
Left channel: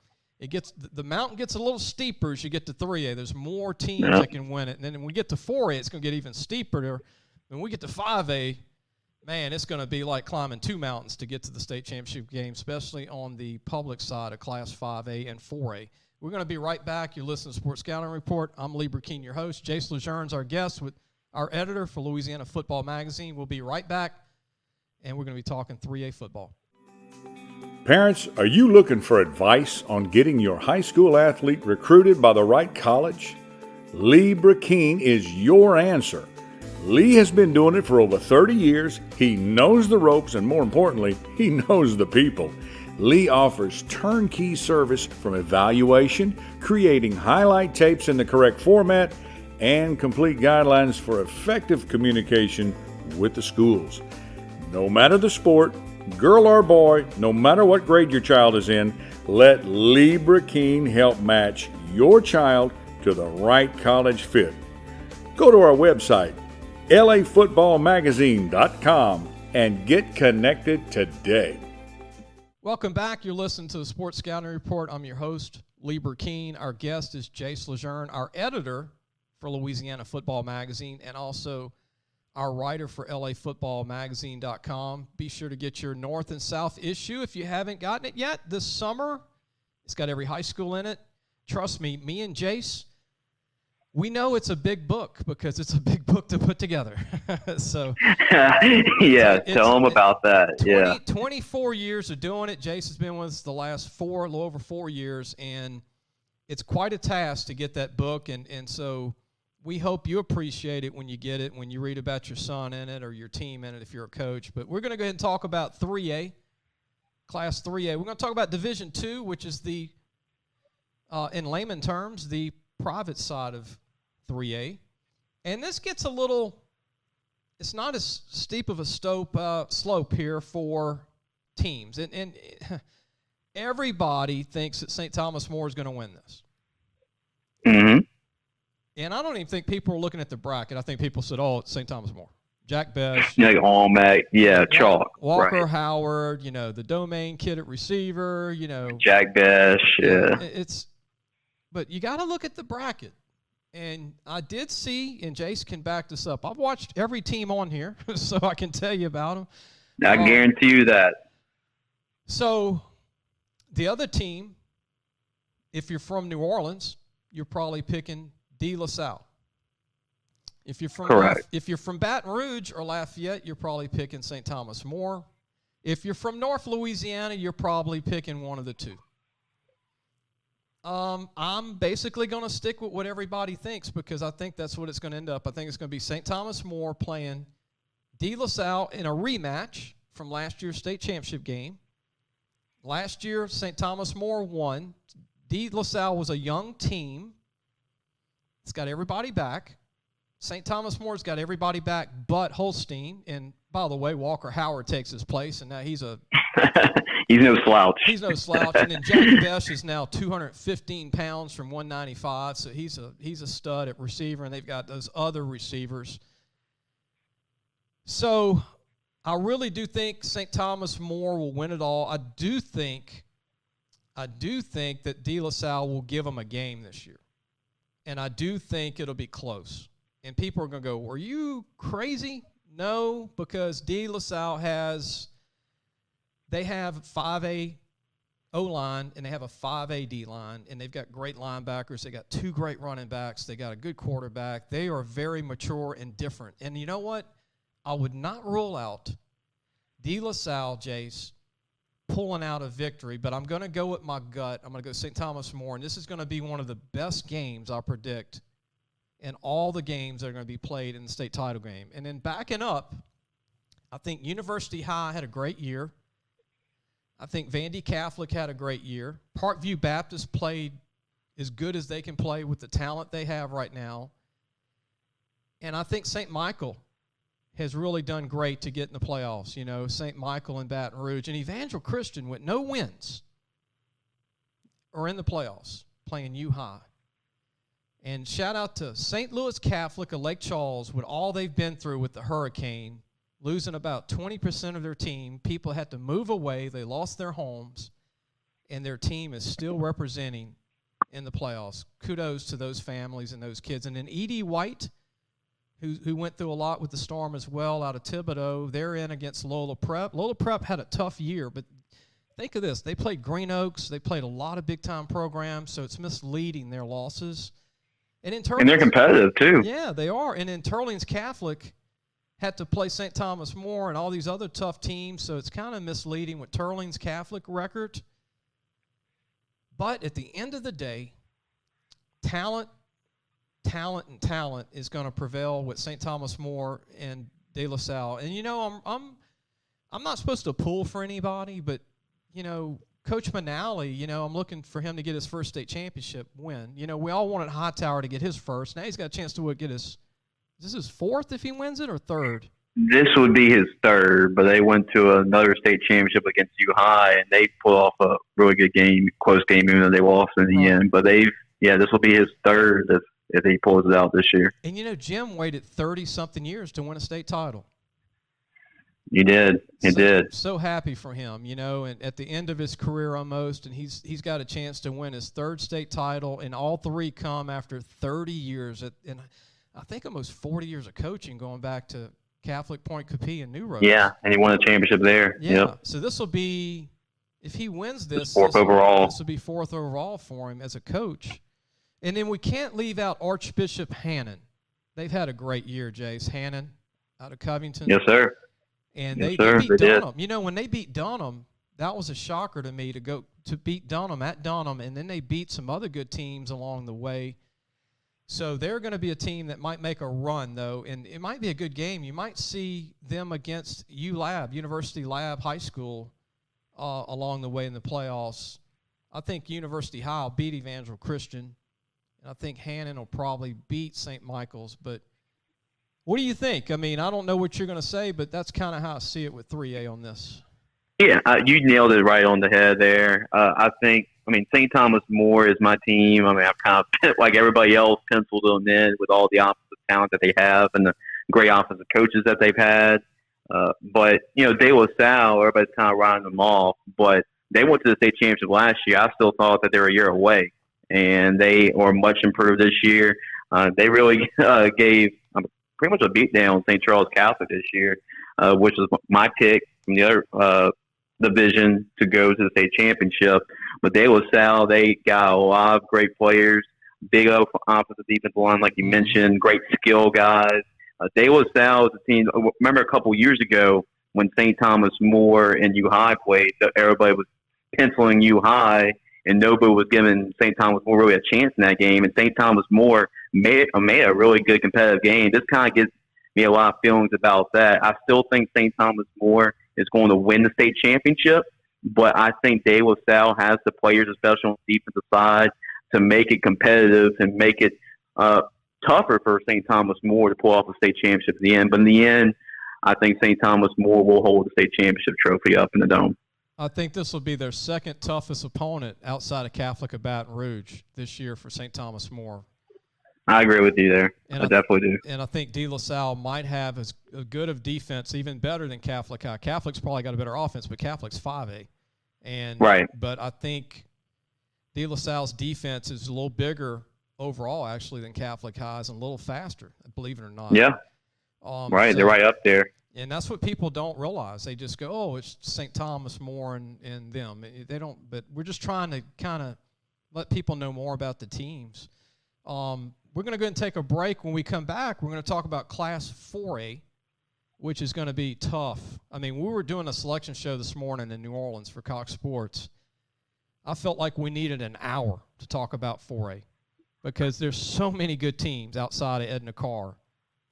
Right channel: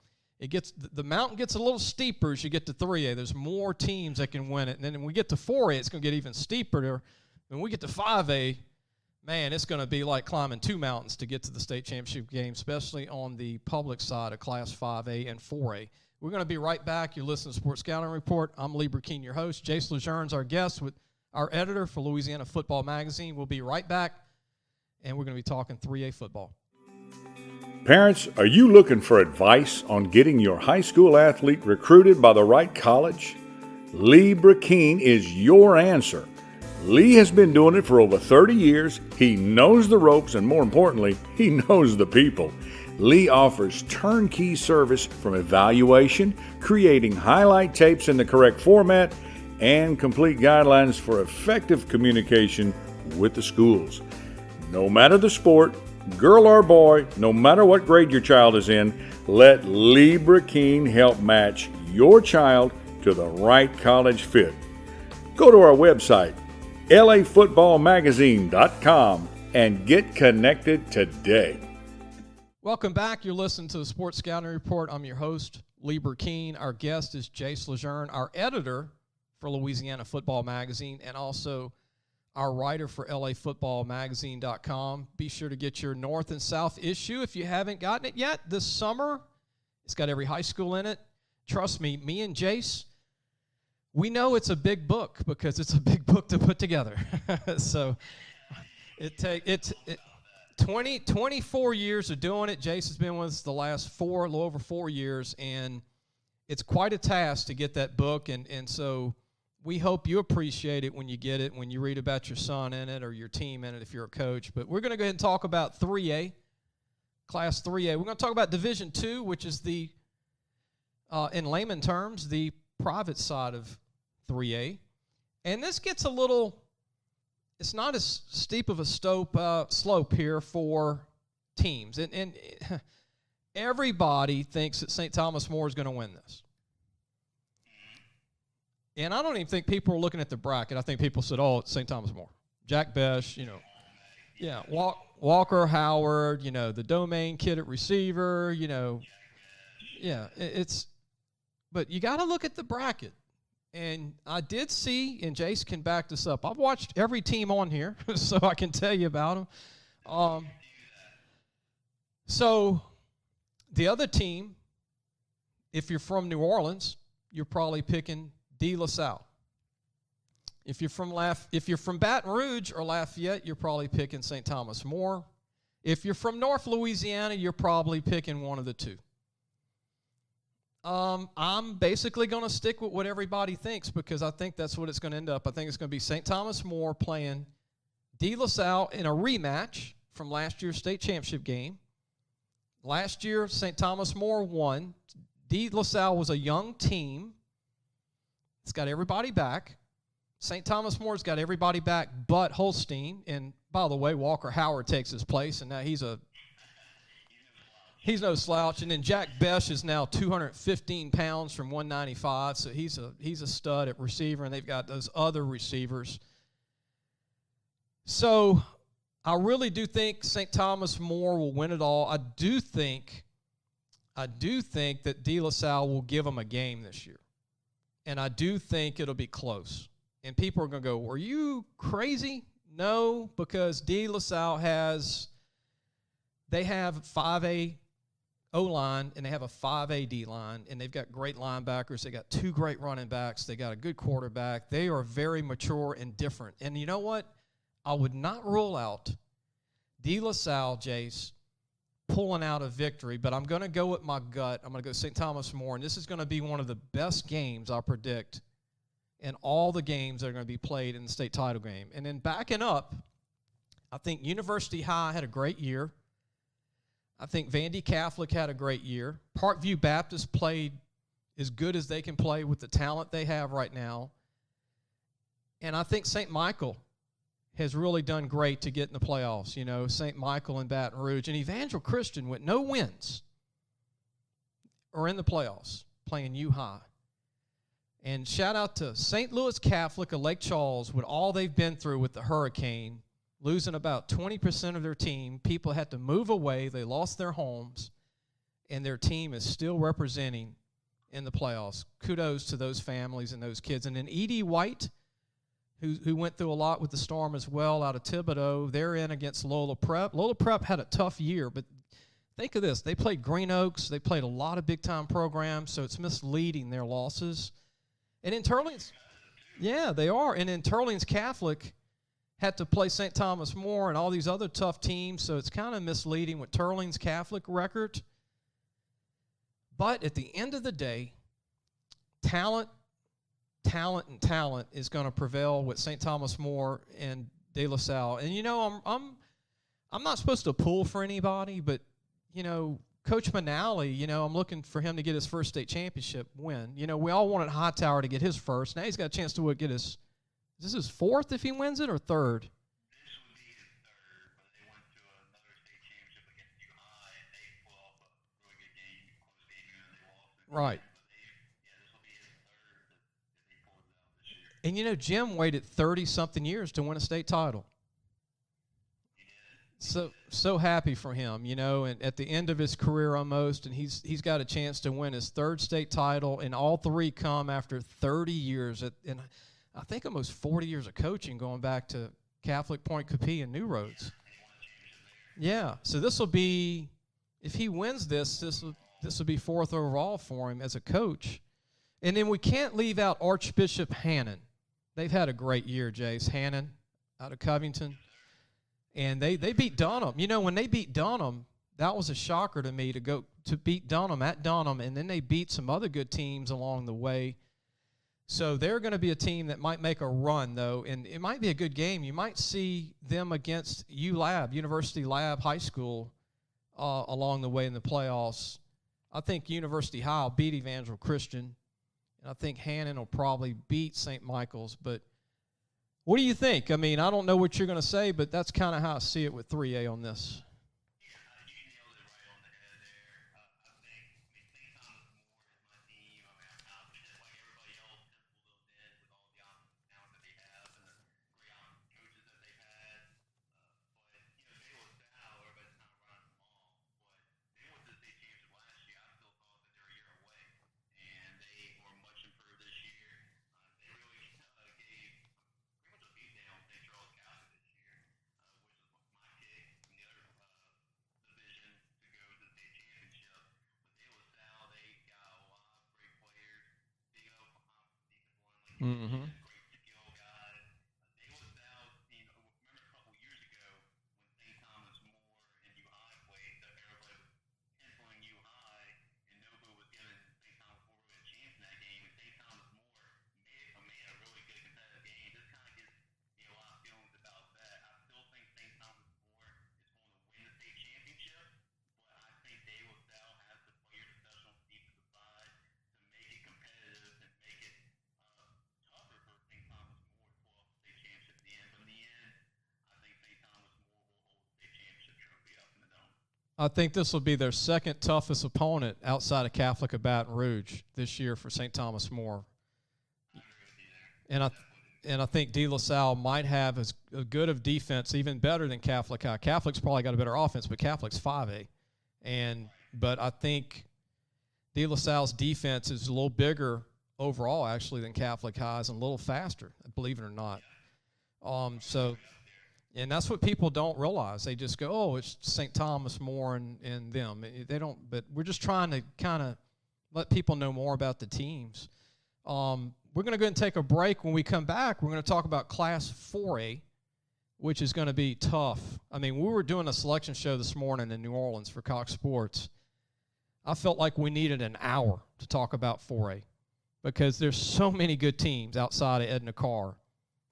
the mountain gets a little steeper as you get to 3A. There's more teams that can win it. And then when we get to 4A, it's going to get even steeper. When we get to 5A, man, it's going to be like climbing 2 mountains to get to the state championship game, especially on the public side of Class 5A and 4A. We're going to be right back. You're listening to Sports Scouting Report. I'm Lee Brecheen, your host. Jace LeJeune's our guest, with our editor for Louisiana Football Magazine. We'll be right back, and we're going to be talking 3A football. Parents, are you looking for advice on getting your high school athlete recruited by the right college? Lee Brecheen is your answer. Lee has been doing it for over 30 years. He knows the ropes, and more importantly, he knows the people. Lee offers turnkey service from evaluation, creating highlight tapes in the correct format, and complete guidelines for effective communication with the schools. No matter the sport, girl or boy, no matter what grade your child is in, let Lee Brecheen help match your child to the right college fit. Go to our website, LAFootballmagazine.com, and get connected today. Welcome back. You're listening to the Sports Scouting Report. I'm your host, Lee Brecheen. Our guest is Jace LeJeune, our editor for Louisiana Football Magazine, and also our writer for LAFootballmagazine.com. Be sure to get your North and South issue if you haven't gotten it yet this summer. It's got every high school in it. Trust me, me and Jace, we know it's a big book because it's a big book to put together. So yeah, tell them about that. 24 years of doing it. Jace has been with us the last a little over 4 years, and it's quite a task to get that book. And so we hope you appreciate it when you get it, when you read about your son in it or your team in it if you're a coach. But we're going to go ahead and talk about 3A, Class 3A. We're going to talk about Division II, which is the, in layman terms, the private side of 3A. And this gets a little, it's not as steep of a slope here for teams. And everybody thinks that St. Thomas More is going to win this. Mm-hmm. And I don't even think people are looking at the bracket. I think people said, oh, it's St. Thomas More. Jack Besh. Like Allmac, chalk. Walker right. Howard, the domain kid at receiver, Jack Besh, yeah. But you got to look at the bracket. And I did see, and Jace can back this up, I've watched every team on here, so I can tell you about them. I guarantee you that. So the other team, if you're from New Orleans, you're probably picking De La Salle. If you're from Baton Rouge or Lafayette, you're probably picking St. Thomas More. If you're from North Louisiana, you're probably picking one of the two. I'm basically going to stick with what everybody thinks because I think that's what it's going to end up. I think it's going to be St. Thomas More playing De La Salle in a rematch from last year's state championship game. Last year, St. Thomas More won. De La Salle was a young team. It's got everybody back. St. Thomas More's got everybody back but Holstein. And, by the way, Walker Howard takes his place, and now he's no slouch. He's no slouch. And then Jack Besh is now 215 pounds from 195, so he's a stud at receiver, and they've got those other receivers. So I really do think St. Thomas More will win it all. I do think that De La Salle will give them a game this year. And I do think it'll be close. And people are going to go, are you crazy? No, because De La Salle they have 5A O-line, and they have a 5A D-line, and they've got great linebackers. They got 2 great running backs. They got a good quarterback. They are very mature and different. And you know what? I would not rule out De La Salle, Jace, pulling out a victory, but I'm going to go with my gut. I'm going to go St. Thomas More, and this is going to be one of the best games, I predict, in all the games that are going to be played in the state title game. And then backing up, I think University High had a great year. I think Vandy Catholic had a great year. Parkview Baptist played as good as they can play with the talent they have right now. And I think St. Michael has really done great to get in the playoffs. You know, St. Michael and Baton Rouge. And Evangel Christian with no wins are in the playoffs playing U-High. And shout out to St. Louis Catholic of Lake Charles with all they've been through with the hurricane, losing about 20% of their team. People had to move away. They lost their homes. And their team is still representing in the playoffs. Kudos to those families and those kids. And then E.D. White, who went through a lot with the Storm as well out of Thibodaux, they're in against Lola Prep. Lola Prep had a tough year, but think of this. They played Green Oaks. They played a lot of big-time programs, so it's misleading their losses. And they're competitive, too. Yeah, they are. And then Turling's Catholic had to play St. Thomas More and all these other tough teams, so it's kind of misleading with Turling's Catholic record. But at the end of the day, talent is going to prevail with St. Thomas More and De La Salle. And, you know, I'm not supposed to pull for anybody, but, you know, Coach Manali, you know, I'm looking for him to get his first state championship win. You know, we all wanted Hightower to get his first. Now he's got a chance to get his – is this his fourth if he wins it or third? This would be his third, but they went to another state championship against U-High, and they pulled off a really good game, close game, even though they lost in the end. But this will be his third if he pulls it out this year. And, you know, Jim waited 30-something years to win a state title. He did. He did. So happy for him, you know, and at the end of his career almost, and he's got a chance to win his third state title, and all three come after 30 years, and I think almost 40 years of coaching going back to Catholic Point Capee and New Roads. Yeah, and he won a championship there. Yeah, yep. So this will be, if he wins this, fourth overall. This will be fourth overall for him as a coach. And then we can't leave out Archbishop Hannon. They've had a great year, Jace. Hannon out of Covington. Yes, sir. And they beat Dunham. You know, when they beat Dunham, that was a shocker to me to beat Dunham at Dunham, and then they beat some other good teams along the way. So they're going to be a team that might make a run, though, and it might be a good game. You might see them against ULAB, University Lab High School, along the way in the playoffs. I think University High will beat Evangel Christian, and I think Hannon will probably beat St. Michael's, but what do you think? I mean, I don't know what you're going to say, but that's kind of how I see it with 3A on this. Yeah, you nailed it right on the head there. I think, St. Thomas More is my team. I've kind of, like everybody else, penciled them in with all the offensive talent that they have and the great offensive coaches that they've had. But, you know, De La Salle, everybody's kind of riding them off. But they went to the state championship last year. I still thought that they were a year away, and they are much improved this year. They really gave pretty much a beatdown St. Charles Catholic this year, which was my pick from the other division to go to the state championship. But De La Salle, they got a lot of great players, big offensive defensive line, like you mentioned, great skill guys. De La Salle is a team. Remember a couple years ago when St. Thomas More and U-High played, everybody was penciling U-High, and nobody was giving St. Thomas More really a chance in that game. And St. Thomas More made a really good competitive game. This kind of gives me a lot of feelings about that. I still think St. Thomas More is going to win the state championship, but I think De La Salle has the players, especially on the defensive side, to make it competitive and make it tougher for St. Thomas More to pull off a state championship at the end. But in the end, I think St. Thomas More will hold the state championship trophy up in the Dome. I think this will be their second toughest opponent outside of Catholic of Baton Rouge this year for St. Thomas More. I agree with you there. I definitely do. And I think De La Salle might have as good of defense, even better than Catholic High. Catholic's probably got a better offense, but Catholic's 5A. Right. But I think De La Salle's defense is a little bigger overall, actually, than Catholic High's and a little faster, believe it or not. Yeah. Right. So, they're right up there. And that's what people don't realize. They just go, oh, it's St. Thomas More and them. They don't. But we're just trying to kind of let people know more about the teams. We're going to go and take a break. When we come back, we're going to talk about Class 4A, which is going to be tough. I mean, we were doing a selection show this morning in New Orleans for Cox Sports. I felt like we needed an hour to talk about 4A because there's so many good teams outside of Edna Carr.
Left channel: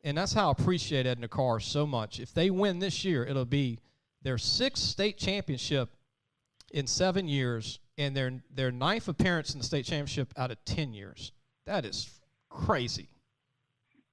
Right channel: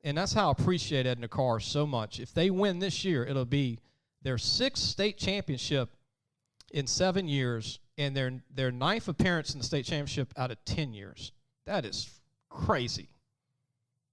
And that's how I appreciate Edna Carr so much. If they win this year, it'll be their 6th state championship in 7 years and their 9th appearance in the state championship out of 10 years. That is crazy.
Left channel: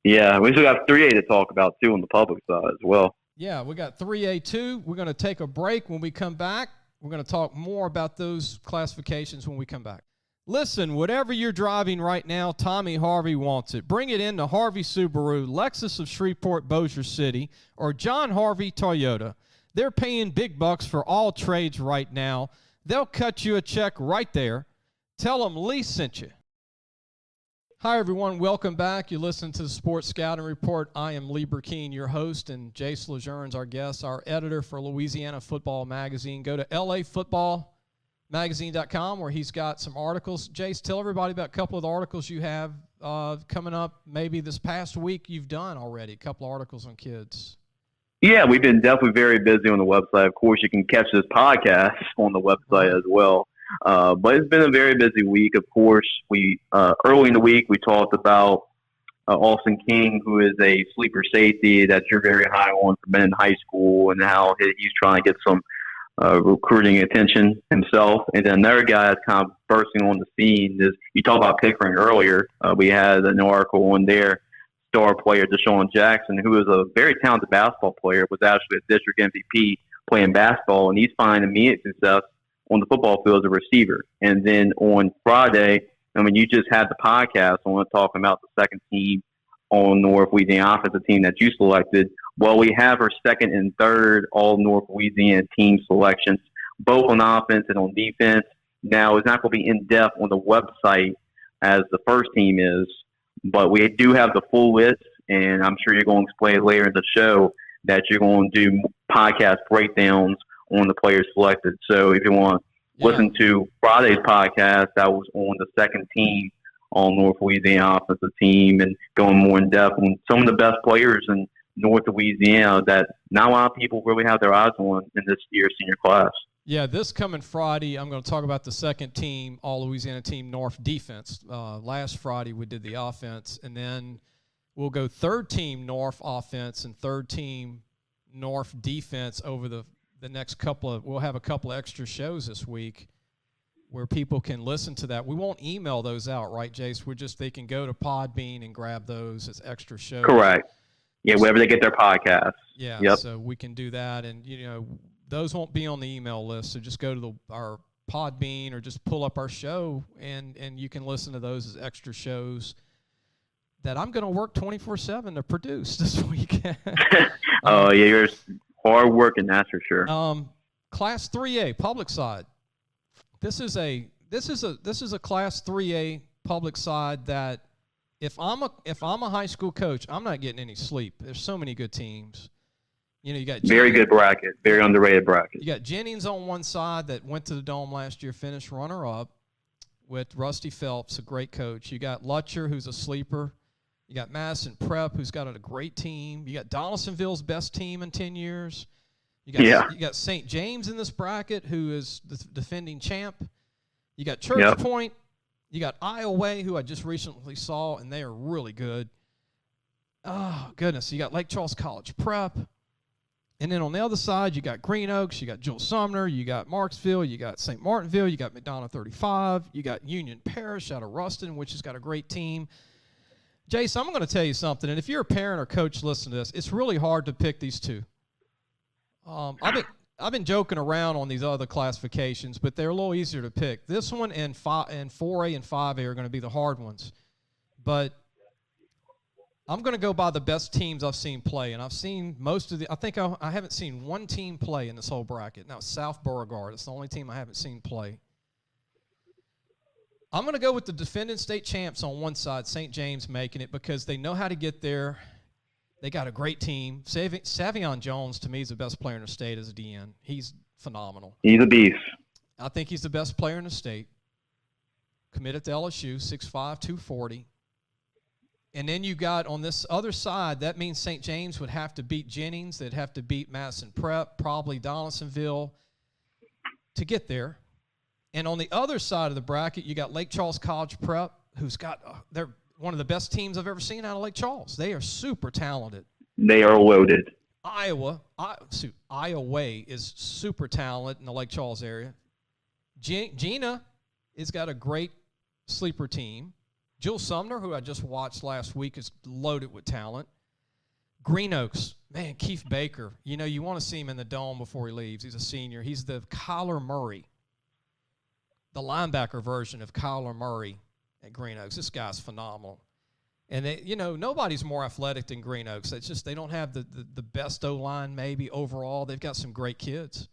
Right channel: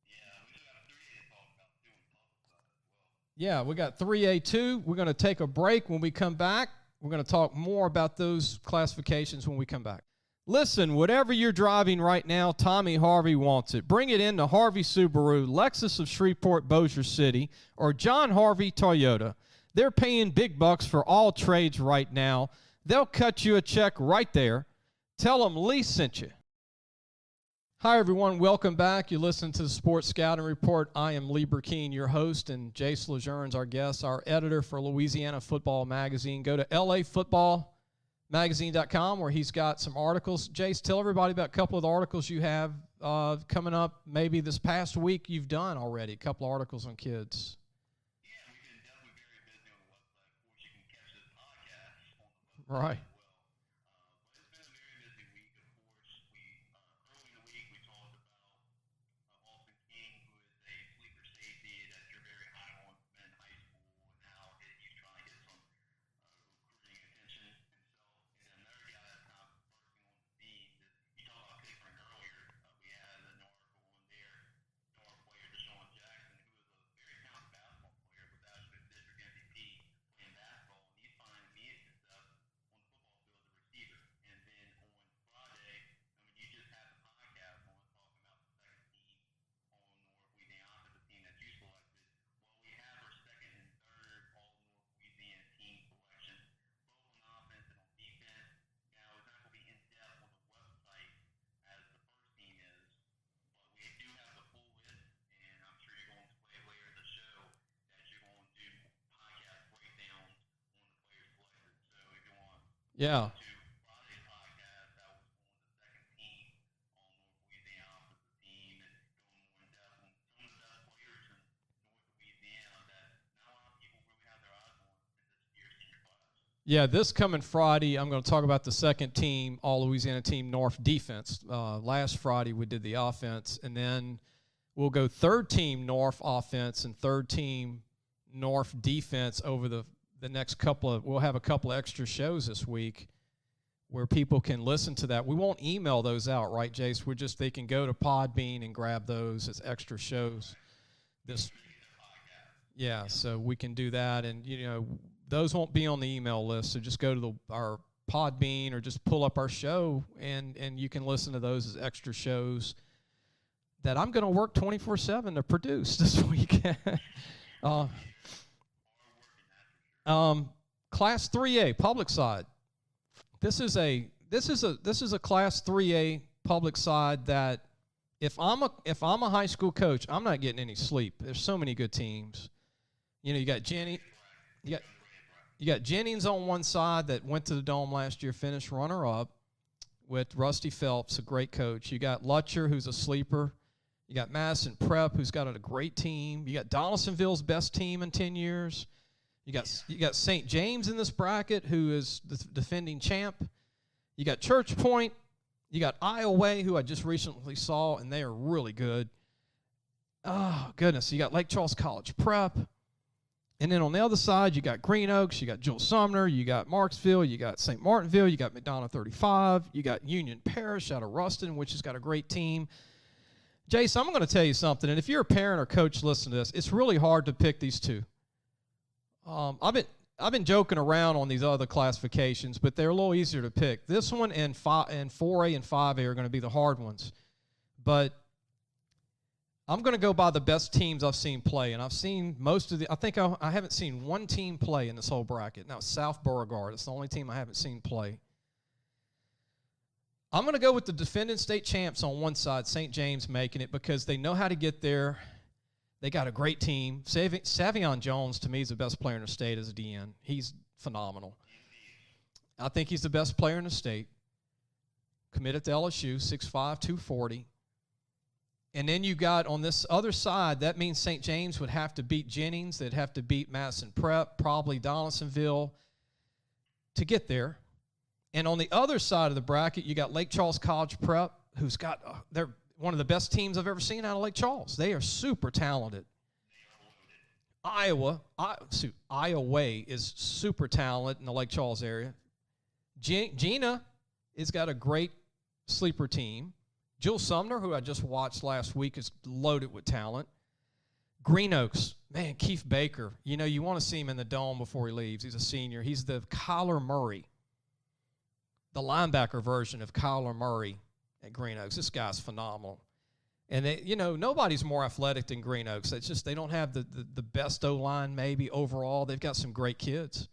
Yeah, we still got 3A to talk about, too, on the public side as well. Yeah, we got 3A, too. We're going to take a break. When we come back, we're going to talk more about those classifications when we come back. Listen, whatever you're driving right now, Tommy Harvey wants it. Bring it in to Harvey Subaru, Lexus of Shreveport, Bossier City, or John Harvey Toyota. They're paying big bucks for all trades right now. They'll cut you a check right there. Tell them Lee sent you. Hi, everyone. Welcome back. You're listening to the Sports Scouting Report. I am Lee Brecheen, your host, and Jace LeJeune's our guest, our editor for Louisiana Football Magazine. Go to LAFootballMagazine.com where he's got some articles. Jace, tell everybody about a couple of the articles you have coming up maybe this past week you've done already, a couple of articles on kids. Yeah, we've been definitely very busy on the website. Of course, you can catch this podcast on the website as well. But it's been a very busy week. Of course, we early in the week we talked about Austin King, who is a sleeper safety that you're very high on for men in high school, and how he's trying to get some recruiting attention himself. And then another guy that's kind of bursting on the scene is, you talked about Pickering earlier. We had an article on there. Star player Deshaun Jackson, who is a very talented basketball player, was actually a district MVP playing basketball, and he's finding immediate success on the football field as a receiver. And then on Friday, I mean, you just had the podcast on talking about the second team on North Louisiana offensive team that you selected. Well, we have our second and third all North Louisiana team selections, both on offense and on defense. Now, it's not going to be in depth on the website as the first team is, but we do have the full list, and I'm sure you're going to explain later in the show that you're going to do podcast breakdowns on the players selected. So if you want to listen to Friday's podcast, that was on the second team on North Louisiana offensive team, and going more in depth on some of the best players in North Louisiana that not a lot of people really have their eyes on in this year's senior class. Yeah, this coming Friday, I'm going to talk about the second team, all Louisiana team North defense. Last Friday we did the offense, and then we'll go third team North offense and third team North defense over the next couple of – we'll have a couple of extra shows this week where people can listen to that. We won't email those out, right, Jace? They can go to Podbean and grab those as extra shows. Correct. Yeah, wherever they get their podcasts. Yeah, yep. So we can do that, and, those won't be on the email list, so just go to our Podbean or just pull up our show, and you can listen to those as extra shows that I'm going to work 24/7 to produce this week. Yeah, you're hard working, that's for sure. Class 3A public side. This is a Class 3A public side that if I'm a high school coach, I'm not getting any sleep. There's so many good teams. You got very good bracket, very underrated bracket. You got Jennings on one side that went to the Dome last year, finished runner-up with Rusty Phelps, a great coach. You got Lutcher, who's a sleeper. You got Madison Prep, who's got a great team. You got Donaldsonville's best team in 10 years. You got St. James in this bracket, who is the defending champ. You got Church Point. You got Iowa, who I just recently saw, and they are really good. Oh, goodness. You got Lake Charles College Prep. And then on the other side, you got Green Oaks, you got Jules Sumner, you got Marksville, you got St. Martinville, you got McDonough 35, you got Union Parish out of Ruston, which has got a great team. Jace, I'm going to tell you something, and if you're a parent or coach listening to this, it's really hard to pick these two. I've been joking around on these other classifications, but they're a little easier to pick. This one and 4A and 5A are going to be the hard ones. But I'm going to go by the best teams I've seen play, and I've seen most of the – I think I haven't seen one team play in this whole bracket. Now, South Beauregard. It's the only team I haven't seen play. I'm going to go with the defending state champs on one side, St. James making it, because they know how to get there. They got a great team. Savion Jones, to me, is the best player in the state as a DN. He's phenomenal. He's a beast. I think he's the best player in the state. Committed to LSU, 6'5", 240. And then you got on this other side, that means St. James would have to beat Jennings. They'd have to beat Madison Prep, probably Donaldsonville to get there. And on the other side of the bracket, you got Lake Charles College Prep, who's got they're one of the best teams I've ever seen out of Lake Charles. They are super talented. They are loaded. Iowa is super talented in the Lake Charles area. Gina has got a great sleeper team. Jill Sumner, who I just watched last week, is loaded with talent. Green Oaks, man, Keith Baker. You know, you want to see him in the dome before he leaves. He's a senior. He's the Kyler Murray, the linebacker version of Kyler Murray at Green Oaks. This guy's phenomenal. And, nobody's more athletic than Green Oaks. It's just they don't have the best O-line maybe overall. They've got some great kids.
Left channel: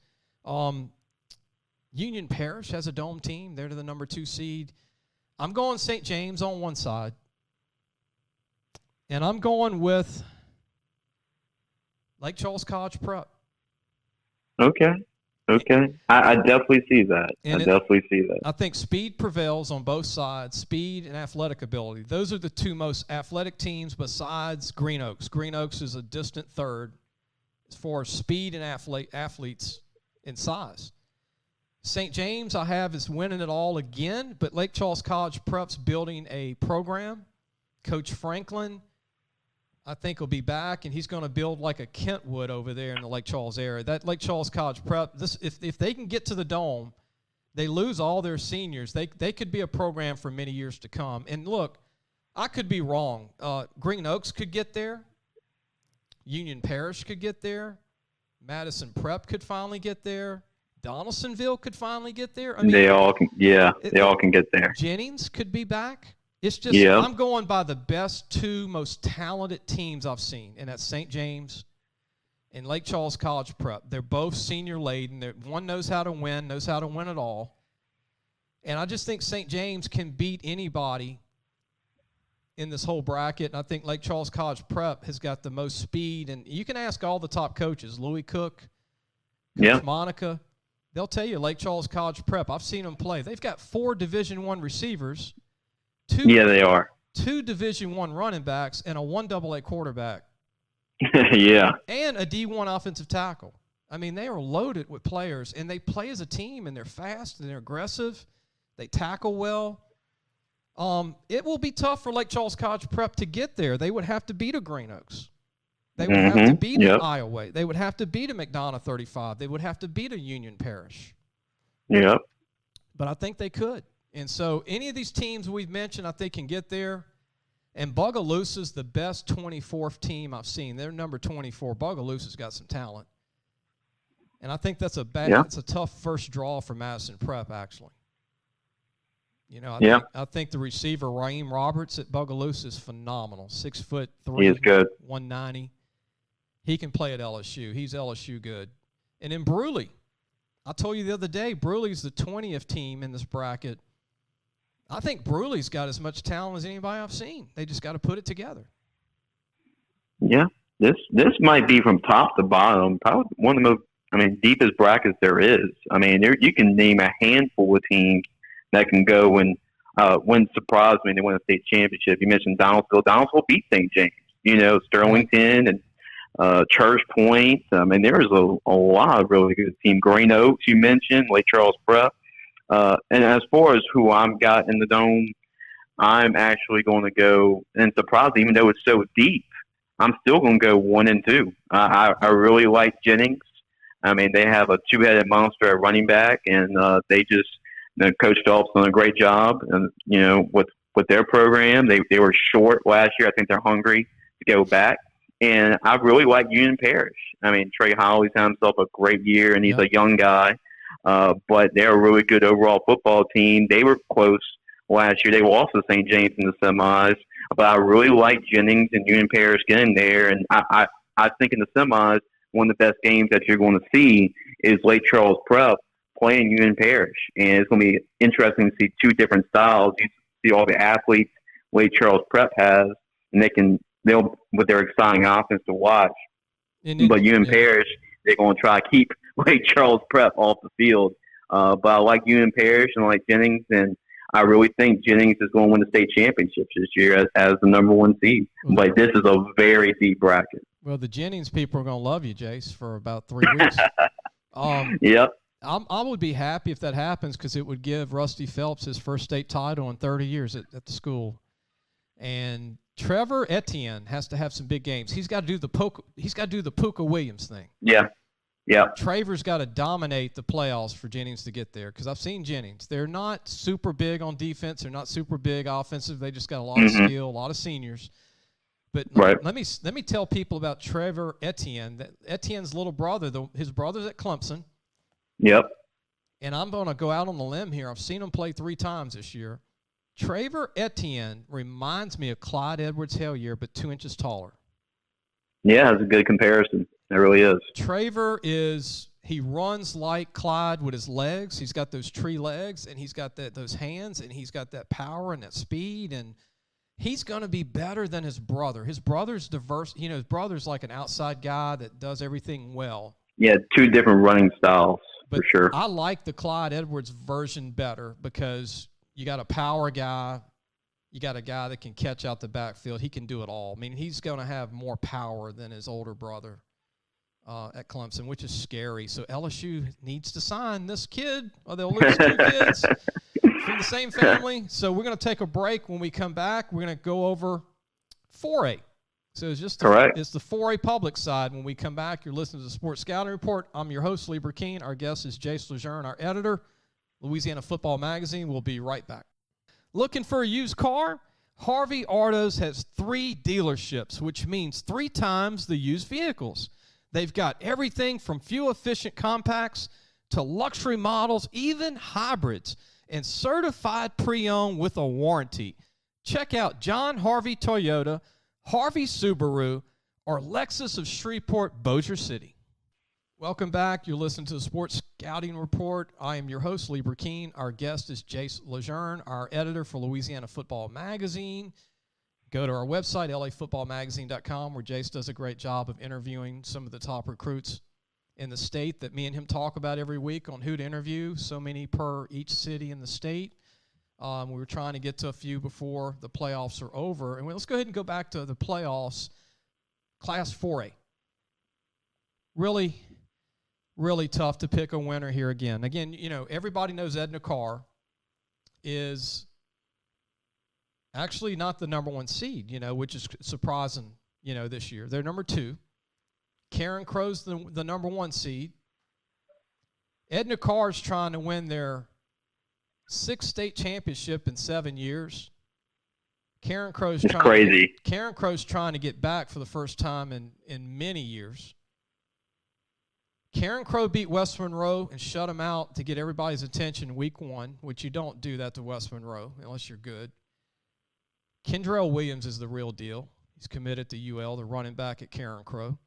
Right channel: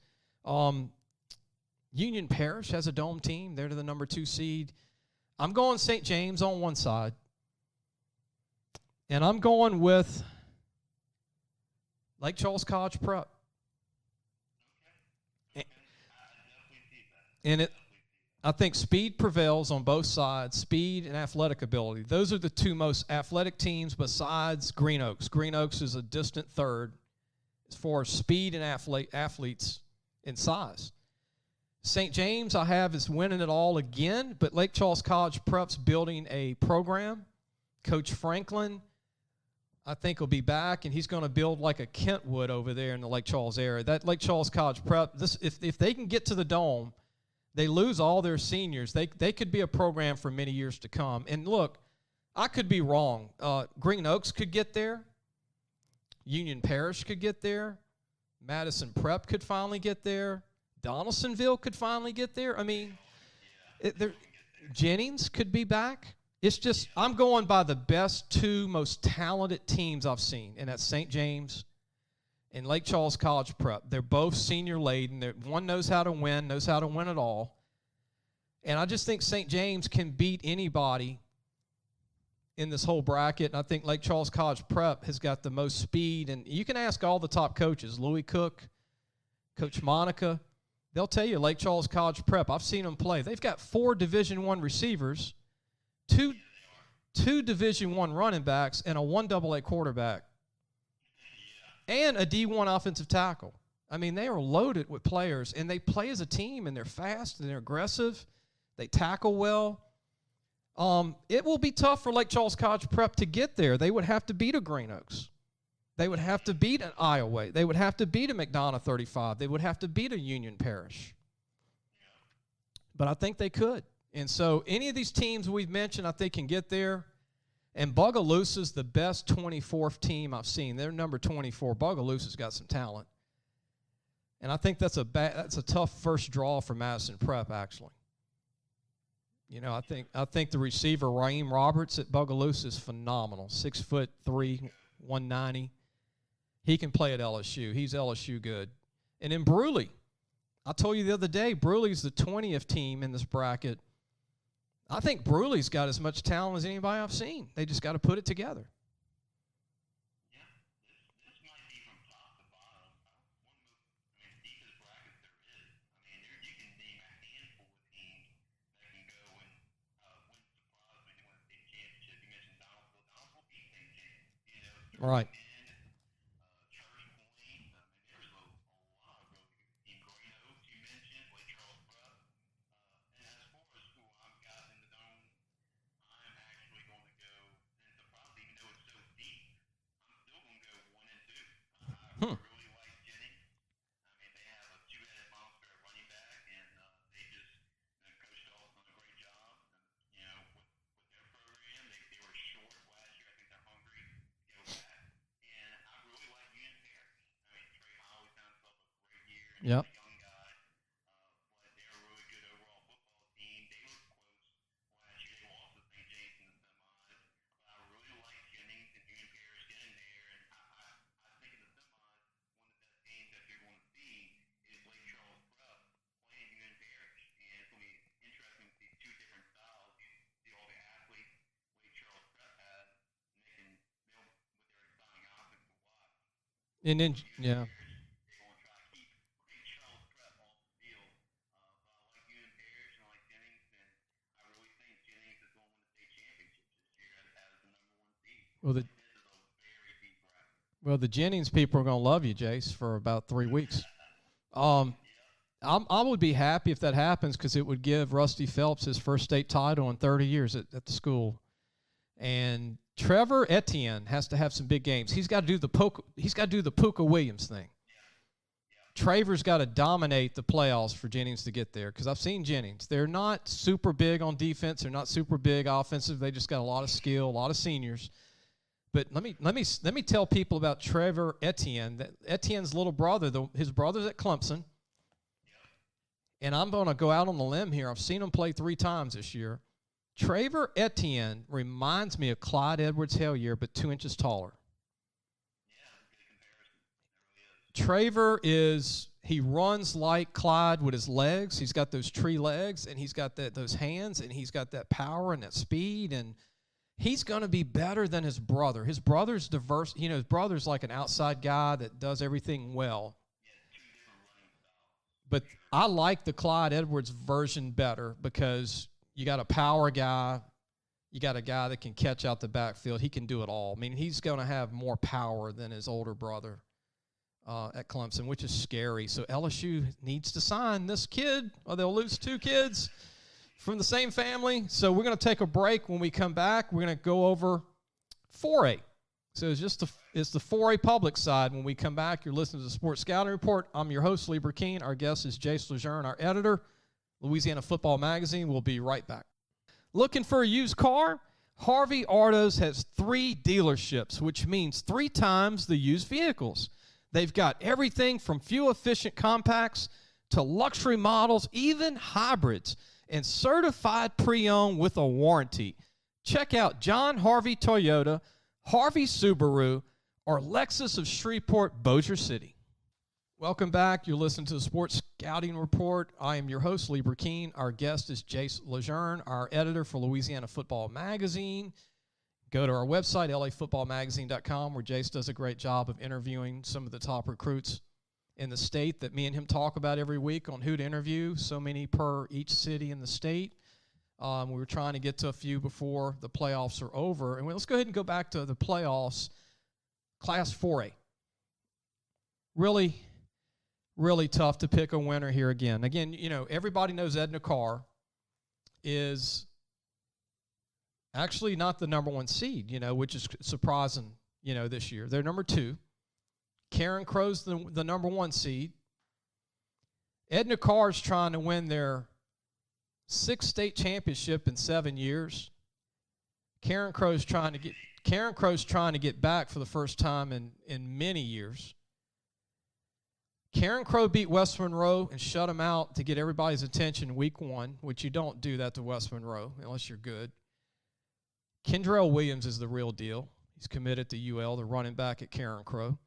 Union Parish has a dome team. They're the number 2 seed. I'm going St. James on one side. And I'm going with Lake Charles College Prep. Okay. I definitely see that. I think speed prevails on both sides, speed and athletic ability. Those are the two most athletic teams besides Green Oaks. Green Oaks is a distant third as far as speed and athletes in size. St. James, I have, is winning it all again, but Lake Charles College Prep's building a program. Coach Franklin, I think, will be back, and he's going to build like a Kentwood over there in the Lake Charles area. That Lake Charles College Prep, if they can get to the dome, they lose all their seniors. They could be a program for many years to come. And look, I could be wrong. Green Oaks could get there. Union Parish could get there. Madison Prep could finally get there. Donaldsonville could finally get there. I mean, they all can get there. Jennings could be back. It's just I'm going by the best 2 most talented teams I've seen, and that's St. James and Lake Charles College Prep. They're both senior laden. One knows how to win it all. And I just think St. James can beat anybody in this whole bracket. And I think Lake Charles College Prep has got the most speed. And you can ask all the top coaches, Louis Cook, Coach Monica. They'll tell you Lake Charles College Prep. I've seen them play. They've got 4 Division I receivers. They are. 2 Division I running backs and a 1 AA quarterback. Yeah. And a D1 offensive tackle. I mean, they are loaded with players, and they play as a team, and they're fast, and they're aggressive. They tackle well. It will be tough for Lake Charles College Prep to get there. They would have to beat a Green Oaks. They would have to beat an Iowa. They would have to beat a McDonough 35. They would have to beat a Union Parish. Yep. But I think they could. And so any of these teams we've mentioned, I think, can get there. And Bogalusa's the best 24th team I've seen. They're number 24. Bogalusa's got some talent. And I think that's it's a tough first draw for Madison Prep, actually. I think the receiver, Raheem Roberts at Bogalusa, is phenomenal. 6'3", he is good. 190. He can play at LSU. He's LSU good. And then Bruley. I told you the other day, Bruley's the 20th team in this bracket. I think Bruley's got as much talent as anybody I've seen. They just got to put it together. Yeah, this might be from top to bottom, probably one of the most, deepest brackets there is. You can name a handful of teams that can go and win surprise when they win a state championship. You mentioned Donaldsonville. Donaldsonville beat St. James. Sterlington and Church Point. There's a lot of really good teams. Green Oaks, you mentioned, Lake Charles Prep. And as far as who I've got in the dome, I'm actually going to go, and surprising, even though it's so deep, I'm still going to go 1 and 2. I really like Jennings. They have a 2-headed monster at running back, and they just, Coach Phelps done a great job, and with with their program. They were short last year. I think they're hungry to go back. And I really like Union Parish. I mean, Trey Holly's had himself a great year, and he's a young guy. But they're a really good overall football team. They were close last year. They lost to St. James in the semis. But I really like Jennings and Union Parish getting there. And I think in the semis, one of the best games that you're going to see is Lake Charles Prep playing Union Parish. And it's going to be interesting to see two different styles. You see all the athletes Lake Charles Prep has, and they'll with their exciting offense to watch. But Union Parish, they're going to try to keep Lake Charles Prep off the field. But I like Union Parish and I like Jennings, and I really think Jennings is going to win the state championships this year as the number 1 seed. But this is a very deep bracket. Well, the Jennings people are going to love you, Jace, for about 3 weeks. Yep. I would be happy if that happens because it would give Rusty Phelps his first state title in 30 years at the school. And Trevor Etienne has to have some big games. He's got to do the Puka Williams thing. Yeah. Yeah. Trevor's got to dominate the playoffs for Jennings to get there because I've seen Jennings. They're not super big on defense. They're not super big offensive. They just got a lot of skill, a lot of seniors. But let me tell people about Trevor Etienne. That Etienne's little brother, his brother's at Clemson. Yep. And I'm going to go out on the limb here. I've seen him play 3 times this year. Trevor Etienne reminds me of Clyde Edwards-Helaire, but 2 inches taller. Yeah, it's a good comparison. It really is. Trevor he runs like Clyde with his legs. He's got those tree legs, and he's got those hands, and he's got that power and that speed, and he's going to be better than his brother. His brother's diverse. His brother's like an outside guy that does everything well. Yeah, 2 different running styles, but for sure. I like the Clyde Edwards version better because you got a power guy. You got a guy that can catch out the backfield. He can do it all. I mean, he's going to have more power than his older brother at Clemson, which is scary. So LSU needs to sign this kid, or they'll lose 2 kids from the same family. So we're going to take a break. When we come back, we're going to go over 4A. So it's just it's the 4A public side. When we come back, you're listening to the Sports Scouting Report. I'm your host, Lee Brecheen. Our guest is Jace LeJeune, our editor, Louisiana Football Magazine. We'll be right back. Looking for a used car? Harvey Autos has 3 dealerships, which means 3 times the used vehicles. They've got everything from fuel-efficient compacts to luxury models, even hybrids, and certified pre-owned with a warranty. Check out John Harvey Toyota, Harvey Subaru, or Lexus of Shreveport, Bossier City. Welcome back. You're listening to the Sports Scouting Report. I am your host, Lee Brecheen. Our guest is Jace LeJeune, our editor for Louisiana Football Magazine. Go to our website, lafootballmagazine.com, where Jace does a great job of interviewing some of the top recruits in the state that me and him talk about every week on who to interview, so many per each city in the state. We were trying to get to a few before the playoffs are over. And let's go ahead and go back to the playoffs. Class 4A. Really, really tough to pick a winner here again. Again, everybody knows Edna Carr is actually not the number 1 seed, which is surprising, this year. They're number 2. Karen Crow's the number 1 seed. Edna Carr's trying to win their 6th state championship in 7 years. Karen Crow's trying to get back for the first time in many years. Karen Crow beat West Monroe and shut them out to get everybody's attention week 1, which you don't do that to West Monroe unless you're good. Kendrell Williams is the real deal. He's committed to UL, the running back at Karen Crow.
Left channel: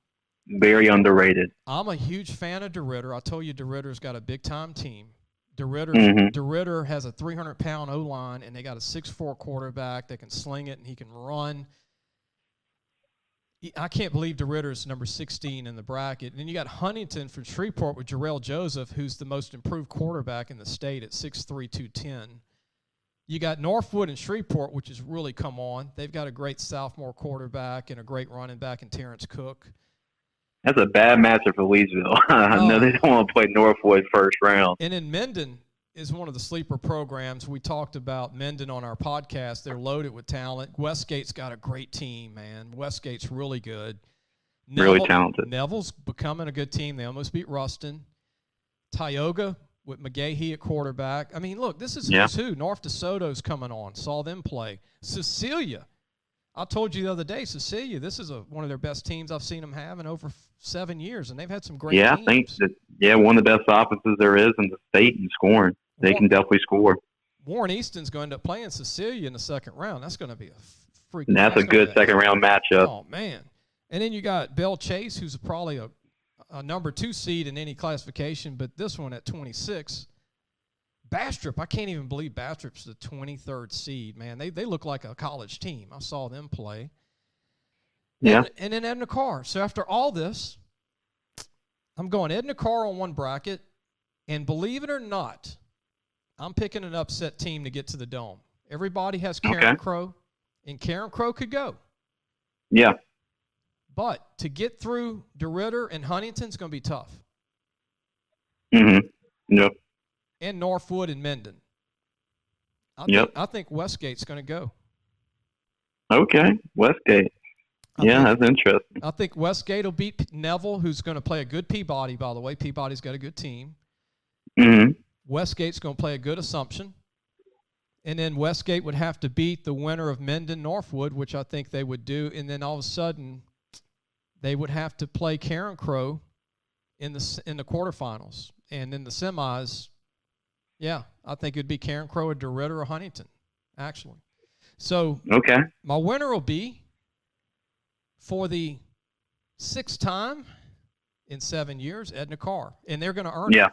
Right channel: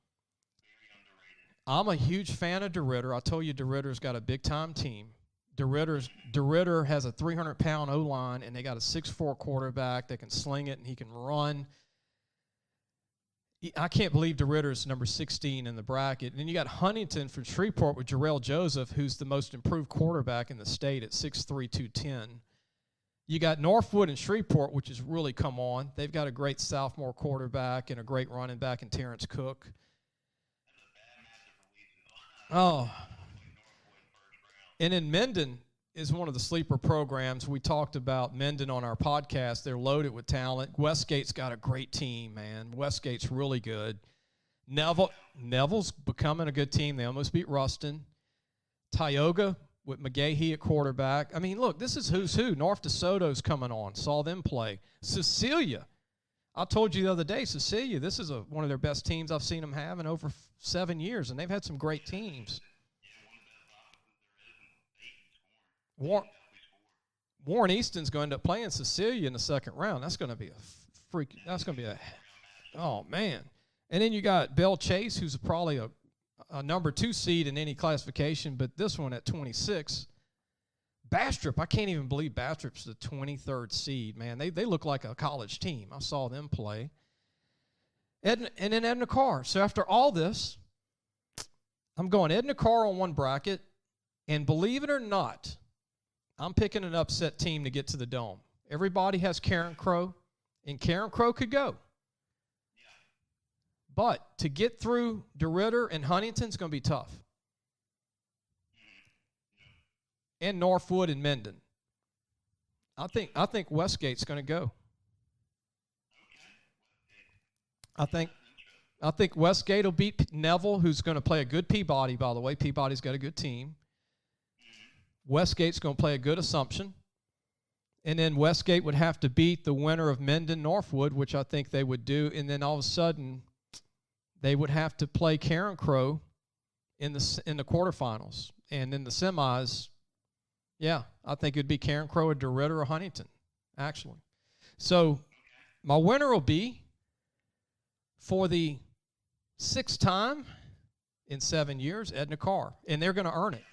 Very underrated. I'm a huge fan of DeRitter. I told you DeRitter's got a big-time team. DeRitter has a 300-pound O-line, and they got a 6'4" quarterback that can sling it, and he can run. I can't believe DeRitter's number 16 in the bracket. And then you got Huntington from Shreveport with Jarrell Joseph, who's the most improved quarterback in the state at 6'3", 210. You got Northwood and Shreveport, which has really come on. They've got a great sophomore quarterback and a great running back in Terrence Cook. That's a bad matchup for Leesville. I know they don't want to play Northwood first round. And then Minden is one of the sleeper programs. We talked about Minden on our podcast. They're loaded with talent. Westgate's got a great team, man. Westgate's really good. Really talented. Neville's becoming a good team. They almost beat Ruston. Tioga with McGahee at quarterback. I mean, look, this is who's who. North DeSoto's coming on. Saw them play. Cecilia. I told you the other day, Cecilia, this is one of their best teams I've seen them have in over 7 years, and they've had some great teams. I think that, one of the best offenses there is in the state in scoring. They can definitely score. Warren Easton's going to end up playing Cecilia in the second round. That's going to be a freaking. That's a good second-round matchup. Oh, man. And then you got Belle Chase, who's probably a number 2 seed in any classification, but this one at 26. Bastrop, I can't even believe Bastrop's the 23rd seed, man. They look like a college team. I saw them play. And then Edna Carr. So after all this, I'm going Edna Carr on one bracket, and believe it or not, I'm picking an upset team to get to the Dome. Everybody has Karen Crow, and Karen Crow could go. Yeah. But to get through DeRidder and Huntington's going to be tough. Mm-hmm. Yep. And Northwood and Minden. I think Westgate's going to go. Okay, Westgate. That's interesting. I think Westgate will beat Neville, who's going to play a good Peabody, by the way. Peabody's got a good team. Mm-hmm. Westgate's going to play a good Assumption. And then Westgate would have to beat the winner of Minden Northwood, which I think they would do. And then all of a sudden, they would have to play Karen Crow in the quarterfinals. And in the semis, I think it'd be Karen Crow or DeRidder or Huntington, actually. So my winner will be, for the 6th time in 7 years, Edna Carr. And they're going to earn it.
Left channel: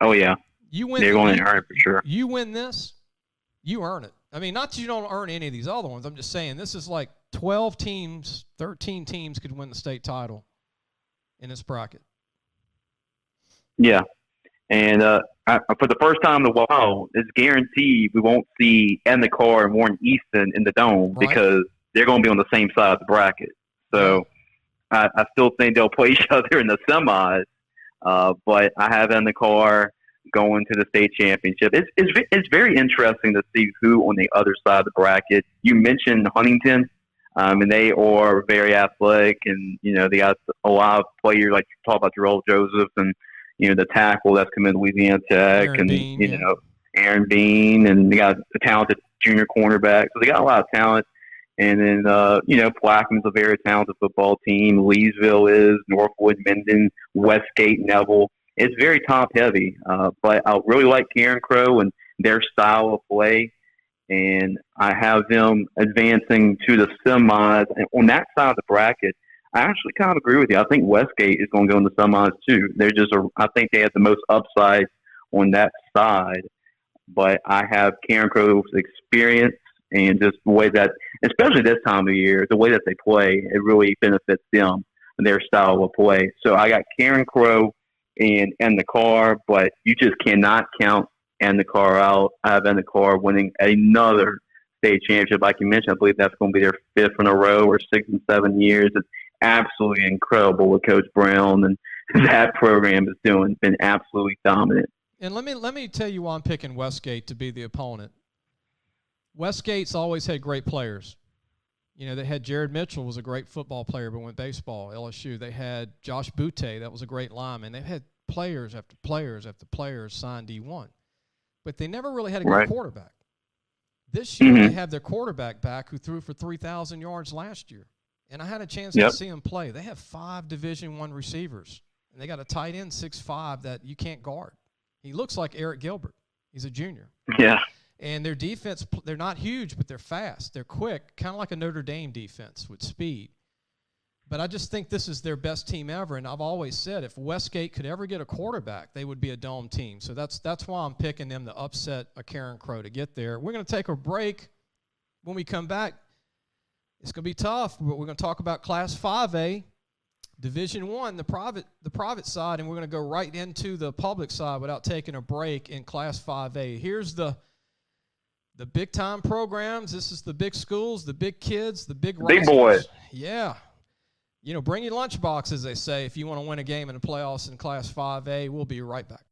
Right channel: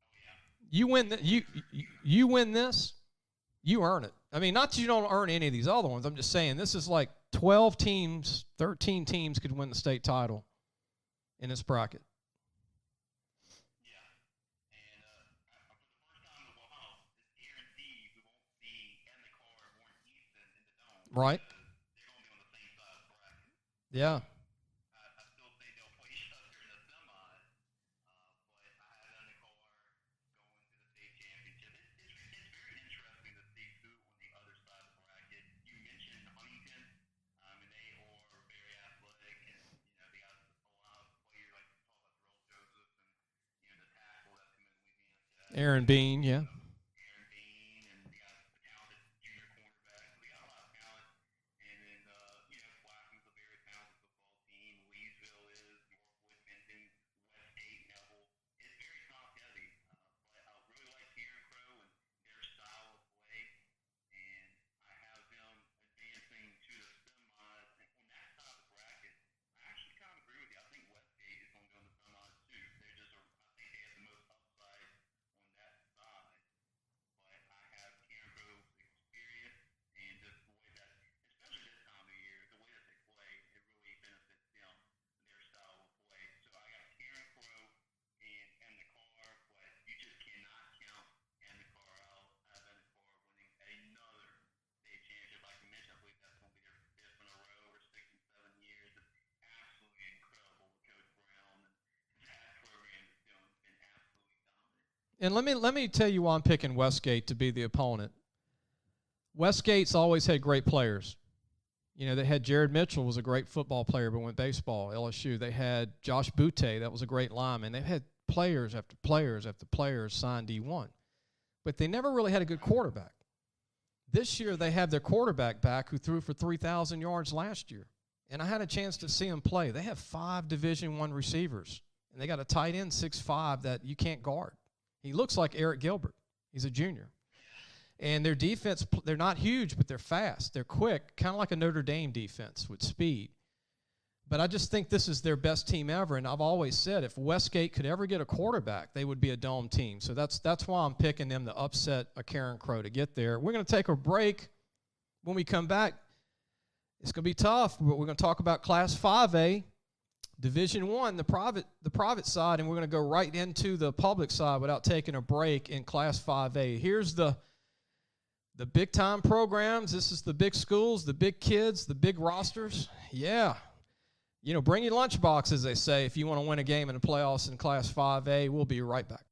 Oh, yeah. They're going to earn it for sure. You win this, you earn it. I mean, not that you don't earn any of these other ones. I'm just saying this is like 12 teams, 13 teams could win the state title in this bracket. Yeah. And for the first time in a while, it's guaranteed we won't see Edna Carr and Warren Easton in the Dome because they're going to be on the same side of the bracket. So I still think they'll play each other in the semis. But I have Edna Carr going to the state championship. It's very interesting to see who on the other side of the bracket. You mentioned Huntington, and they are very athletic, and they got a lot of players like you talk about Jarrell Joseph and the tackle that's coming to Louisiana Tech, Aaron and Bean, Aaron Bean, and they got a talented junior cornerback. So they got a lot of talent. And then Plaquemines a very talented football team. Leesville is, Northwood, Minden, Westgate, Neville. It's very top heavy, but I really like Karen Crow and their style of play, and I have them advancing to the semis. And on that side of the bracket, I actually kind of agree with you. I think Westgate is going to go in the semis too. I think they have the most upside on that side, but I have Karen Crow's experience and just the way that, especially this time of year, the way that they play, it really benefits them and their style of play. So I got Karen Crow and the Carr, but you just cannot count the Carr out. I have the Carr winning another state championship. Like you mentioned, I believe that's going to be their 5th in a row or 6 and 7 years. It's absolutely incredible what Coach Brown and that program is doing. It's been absolutely dominant. And let me tell you why I'm picking Westgate to be the opponent. Westgate's always had great players. They had Jared Mitchell, was a great football player, but went baseball, LSU. They had Josh Butte, that was a great lineman. They've had players after players after players signed D1. But they never really had a good quarterback. This year, they have their quarterback back who threw for 3,000 yards last year. And I had a chance to see him play. They have 5 Division I receivers. And they got a tight end, 6'5", that you can't guard. He looks like Eric Gilbert. He's a junior. Yeah. And their defense, they're not huge, but they're fast. They're quick, kind of like a Notre Dame defense with speed. But I just think this is their best team ever. And I've always said if Westgate could ever get a quarterback, they would be a Dome team. So that's why I'm picking them to upset a Karen Crow to get there. We're going to take a break. When we come back, it's going to be tough, but we're going to talk about Class 5A, Division I, the private side, and we're going to go right into the public side without taking a break in Class 5A. Here's the big-time programs. This is the big schools, the big kids, the big rosters. Big boys. Yeah. Bring your lunchbox, as they say, if you want to win a game in the playoffs in Class 5A. We'll be right back.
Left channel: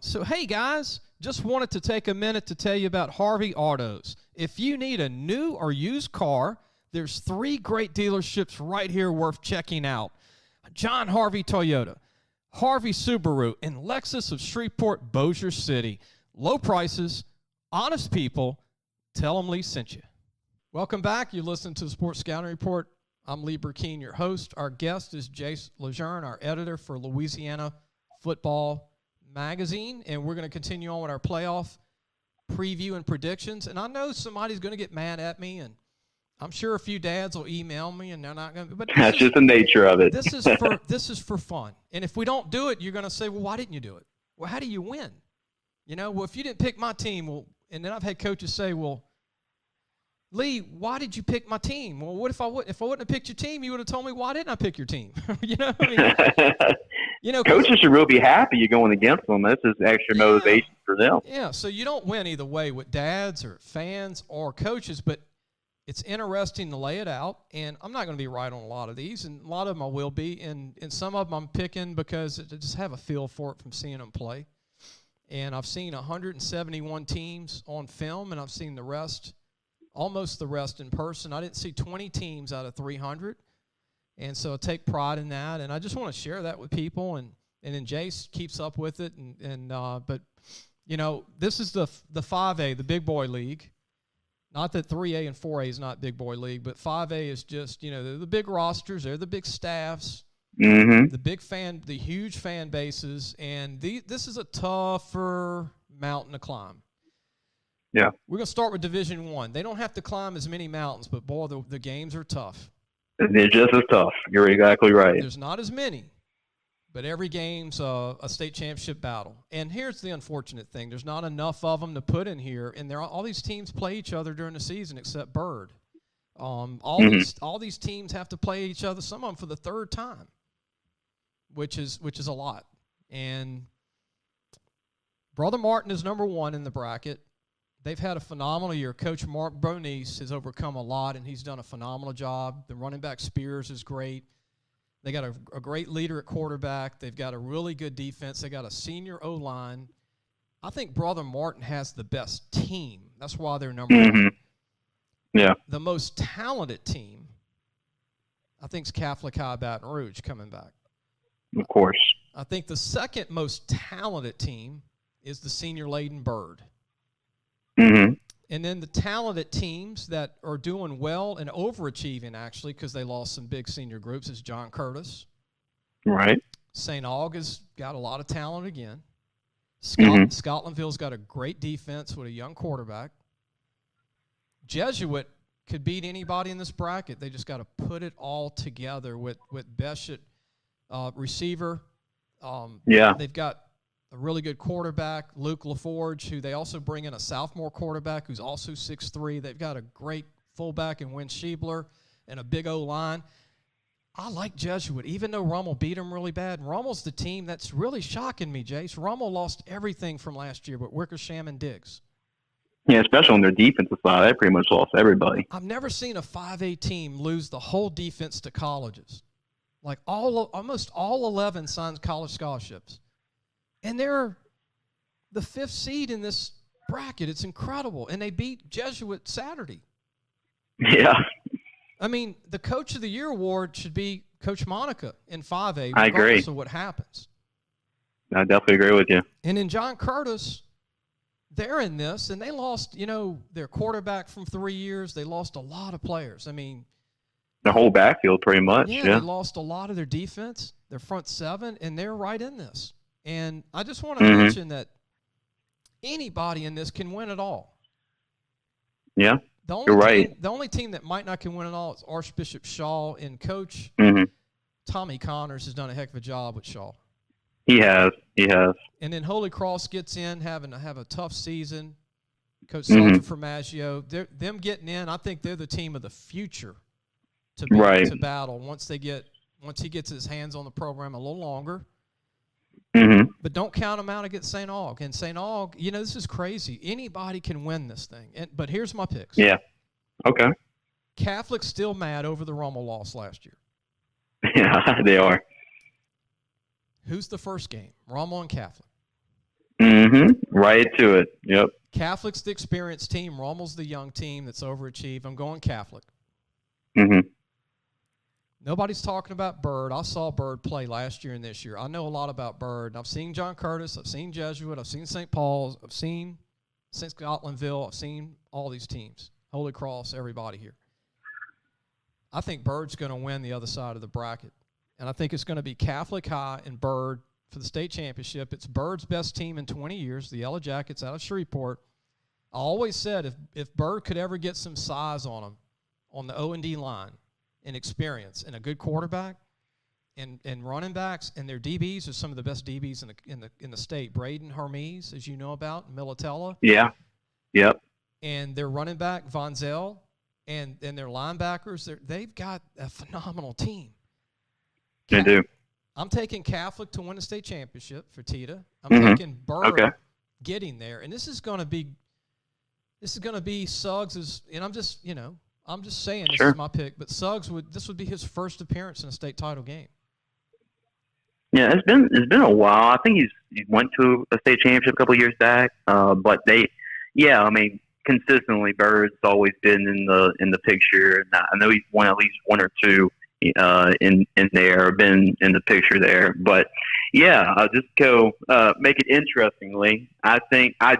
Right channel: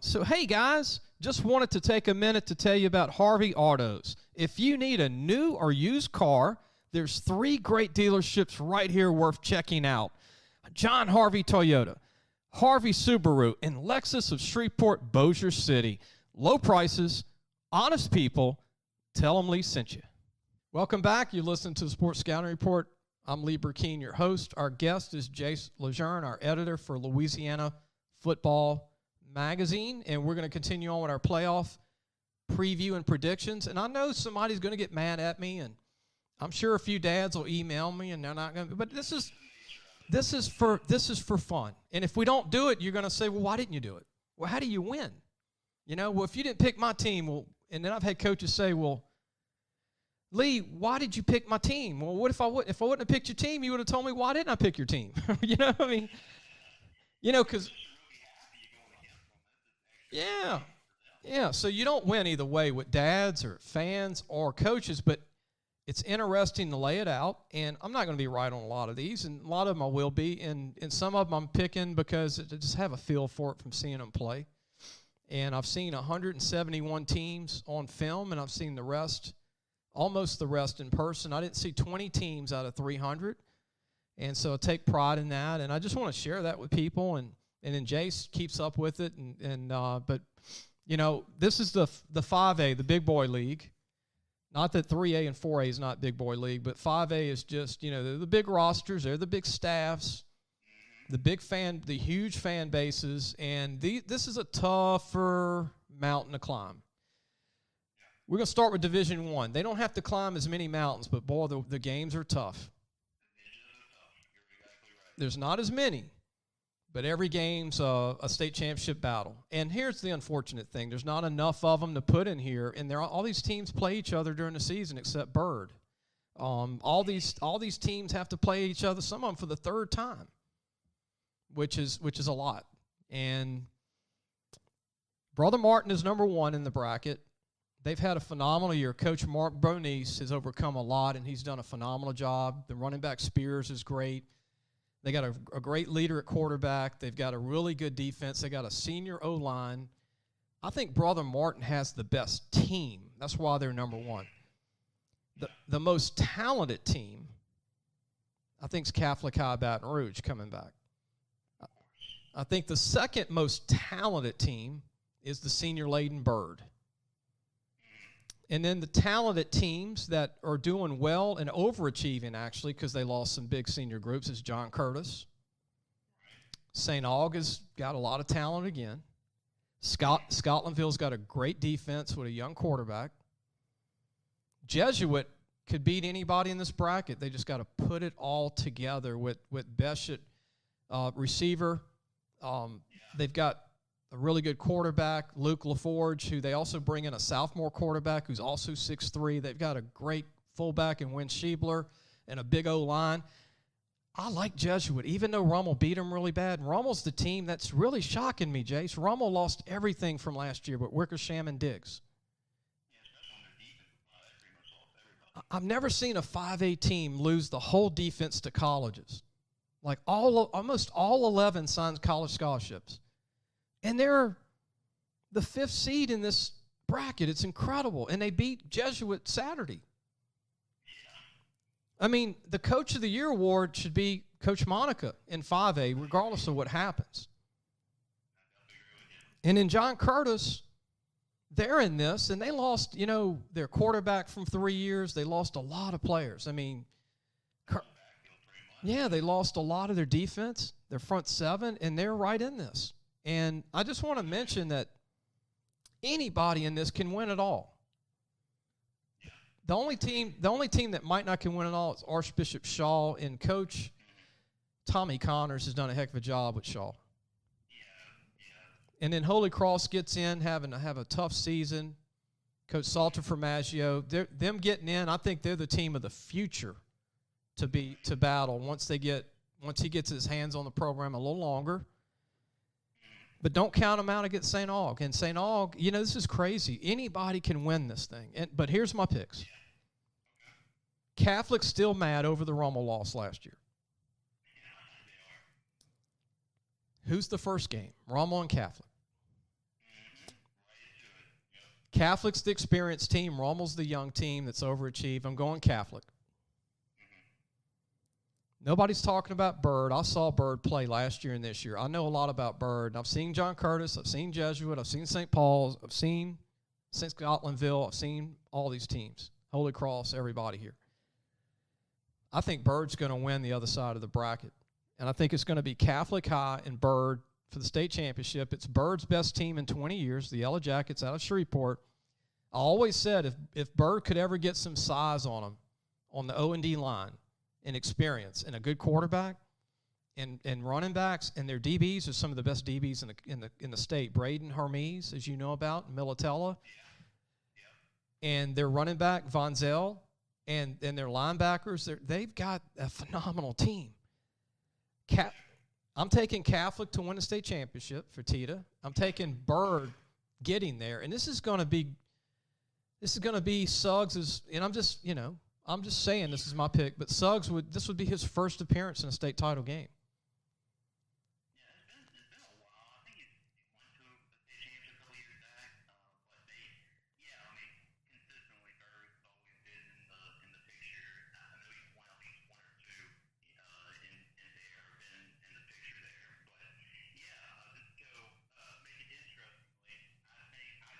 So, hey, guys, just wanted to take a minute to tell you about Harvey Autos. If you need a new or used car, there's 3 great dealerships right here worth checking out. John Harvey Toyota, Harvey Subaru, and Lexus of Shreveport, Bossier City. Low prices, honest people. Tell them Lee sent you. Welcome back. You listen to the Sports Scouting Report. I'm Lee Brecheen, your host. Our guest is Jace LeJeune, our editor for Louisiana Football Magazine, and we're going to continue on with our playoff preview and predictions. And I know somebody's going to get mad at me, and I'm sure a few dads will email me, and they're not going to. But that's just the nature of it. This is for fun. And if we don't do it, you're going to say, well, why didn't you do it? Well, how do you win? Well, if you didn't pick my team, well, and then I've had coaches say, well, Lee, why did you pick my team? Well, what if I wouldn't have picked your team? You would have told me, why didn't I pick your team? Coaches should really be happy you're going against them. This is extra motivation for them. Yeah, so you don't win either way with dads or fans or coaches, but it's interesting to lay it out, and I'm not going to be right on a lot of these, and a lot of them I will be, and some of them I'm picking because I just have a feel for it from seeing them play. And I've seen 171 teams on film, and I've seen the rest, almost the rest in person. I didn't see 20 teams out of 300, and so I take pride in that, and I just want to share that with people, and then Jace keeps up with it, but this is the 5A, the big boy league. Not that 3A and 4A is not big boy league, but 5A is just, they're the big rosters, they're the big staffs, the huge fan bases, and this is a tougher mountain to climb. Yeah. We're going to start with Division I. They don't have to climb as many mountains, but, boy, the games are tough. They're just as tough. You're exactly right. There's not as many, but every game's a state championship battle. And here's the unfortunate thing. There's not enough of them to put in here, and all these teams play each other during the season except Bird. All these teams have to play each other, some of them for the third time, which is a lot. And Brother Martin is number one in the bracket. They've had a phenomenal year. Coach Mark Bonice has overcome a lot, and he's done a phenomenal job. The running back Spears is great. They got a great leader at quarterback. They've got a really good defense. They got a senior O-line. I think Brother Martin has the best team. That's why they're number one. Yeah. The most talented team, I think, is Catholic High Baton Rouge coming back. Of course. I think the second most talented team is the senior-laden Bird. And then the talented teams that are doing well and overachieving, actually, because they lost some big senior groups, is John Curtis. Right. St. Aug has got a lot of talent again. Scotlandville's got a great defense with a young quarterback. Jesuit could beat anybody in this bracket. They just got to put it all together with Beshett, receiver. They've got a really good quarterback, Luke LaForge, who they also bring in a sophomore quarterback who's also 6'3". They've got a great fullback in Wynn Schiebler and a big O-line. I like Jesuit, even though Rummel beat them really bad. And Rummel's the team that's really shocking me, Jace. Rummel lost everything from last year but Wickersham and Diggs. Yeah, especially on their defensive side. They pretty much lost everybody. I've never seen a 5A team lose the whole defense to colleges. Like almost all 11 signed college scholarships. And they're the 5th seed in this bracket. It's incredible. And they beat Jesuit Saturday. Yeah. I mean, the Coach of the Year award should be Coach Monica in 5A, I agree. regardless of what happens. I definitely agree with you. And in John Curtis, they're in this, and they lost, their quarterback from 3 years. They lost a lot of players. I mean, the whole backfield pretty much. Yeah, they lost a lot of their defense, their front seven, and they're right in this. And I just want to mention that anybody in this can win it all. Yeah, you're right. The only team that might not can win it all is Archbishop Shaw, and Coach Tommy Connors has done a heck of a job with Shaw. He has. And then Holy Cross gets in, having to have a tough season. Coach Salter Formaggio, them getting in, I think they're the team of the future to battle once he gets his hands on the program a little longer. But don't count them out against St. Aug. And St. Aug, this is crazy. Anybody can win this thing. But here's my picks. Yeah. Okay. Catholic's still mad over the Rummel loss last year. Yeah, they are. Who's the first game? Rummel and Catholic. Right to it. Yep. Catholic's the experienced team. Rummel's the young team that's overachieved. I'm going Catholic. Nobody's talking about Bird. I saw Bird play last year and this year. I know a lot about Bird. I've seen John Curtis. I've seen Jesuit. I've seen St. Paul's. I've seen St. Scotlandville. I've seen all these teams. Holy Cross, everybody here. I think Bird's going to win the other side of the bracket. And I think it's going to be Catholic High and Bird for the state championship. It's Bird's best team in 20 years, the Yellow Jackets out of Shreveport. I always said if Bird could ever get some size on them on the O&D line and experience and a good quarterback and running backs, and their DBs are some of the best DBs in the state. Braden Hermes, as you know about, Militella. Yeah. Yep. And their running back, Von Zell, and their linebackers, they've got a phenomenal team. They do. I'm taking Catholic to win the state championship for Tita. I'm taking Bird getting there, and this is going to be Suggs' and I'm just saying this is my pick, but Suggs this would be his first appearance in a state title game. Yeah, it's been a while. I think he went to a state championship a couple of years back, but consistently Bird's always been in the picture, and I know he's won at least one or two in there, been in the picture there. But yeah, I'll just go make it interestingly. I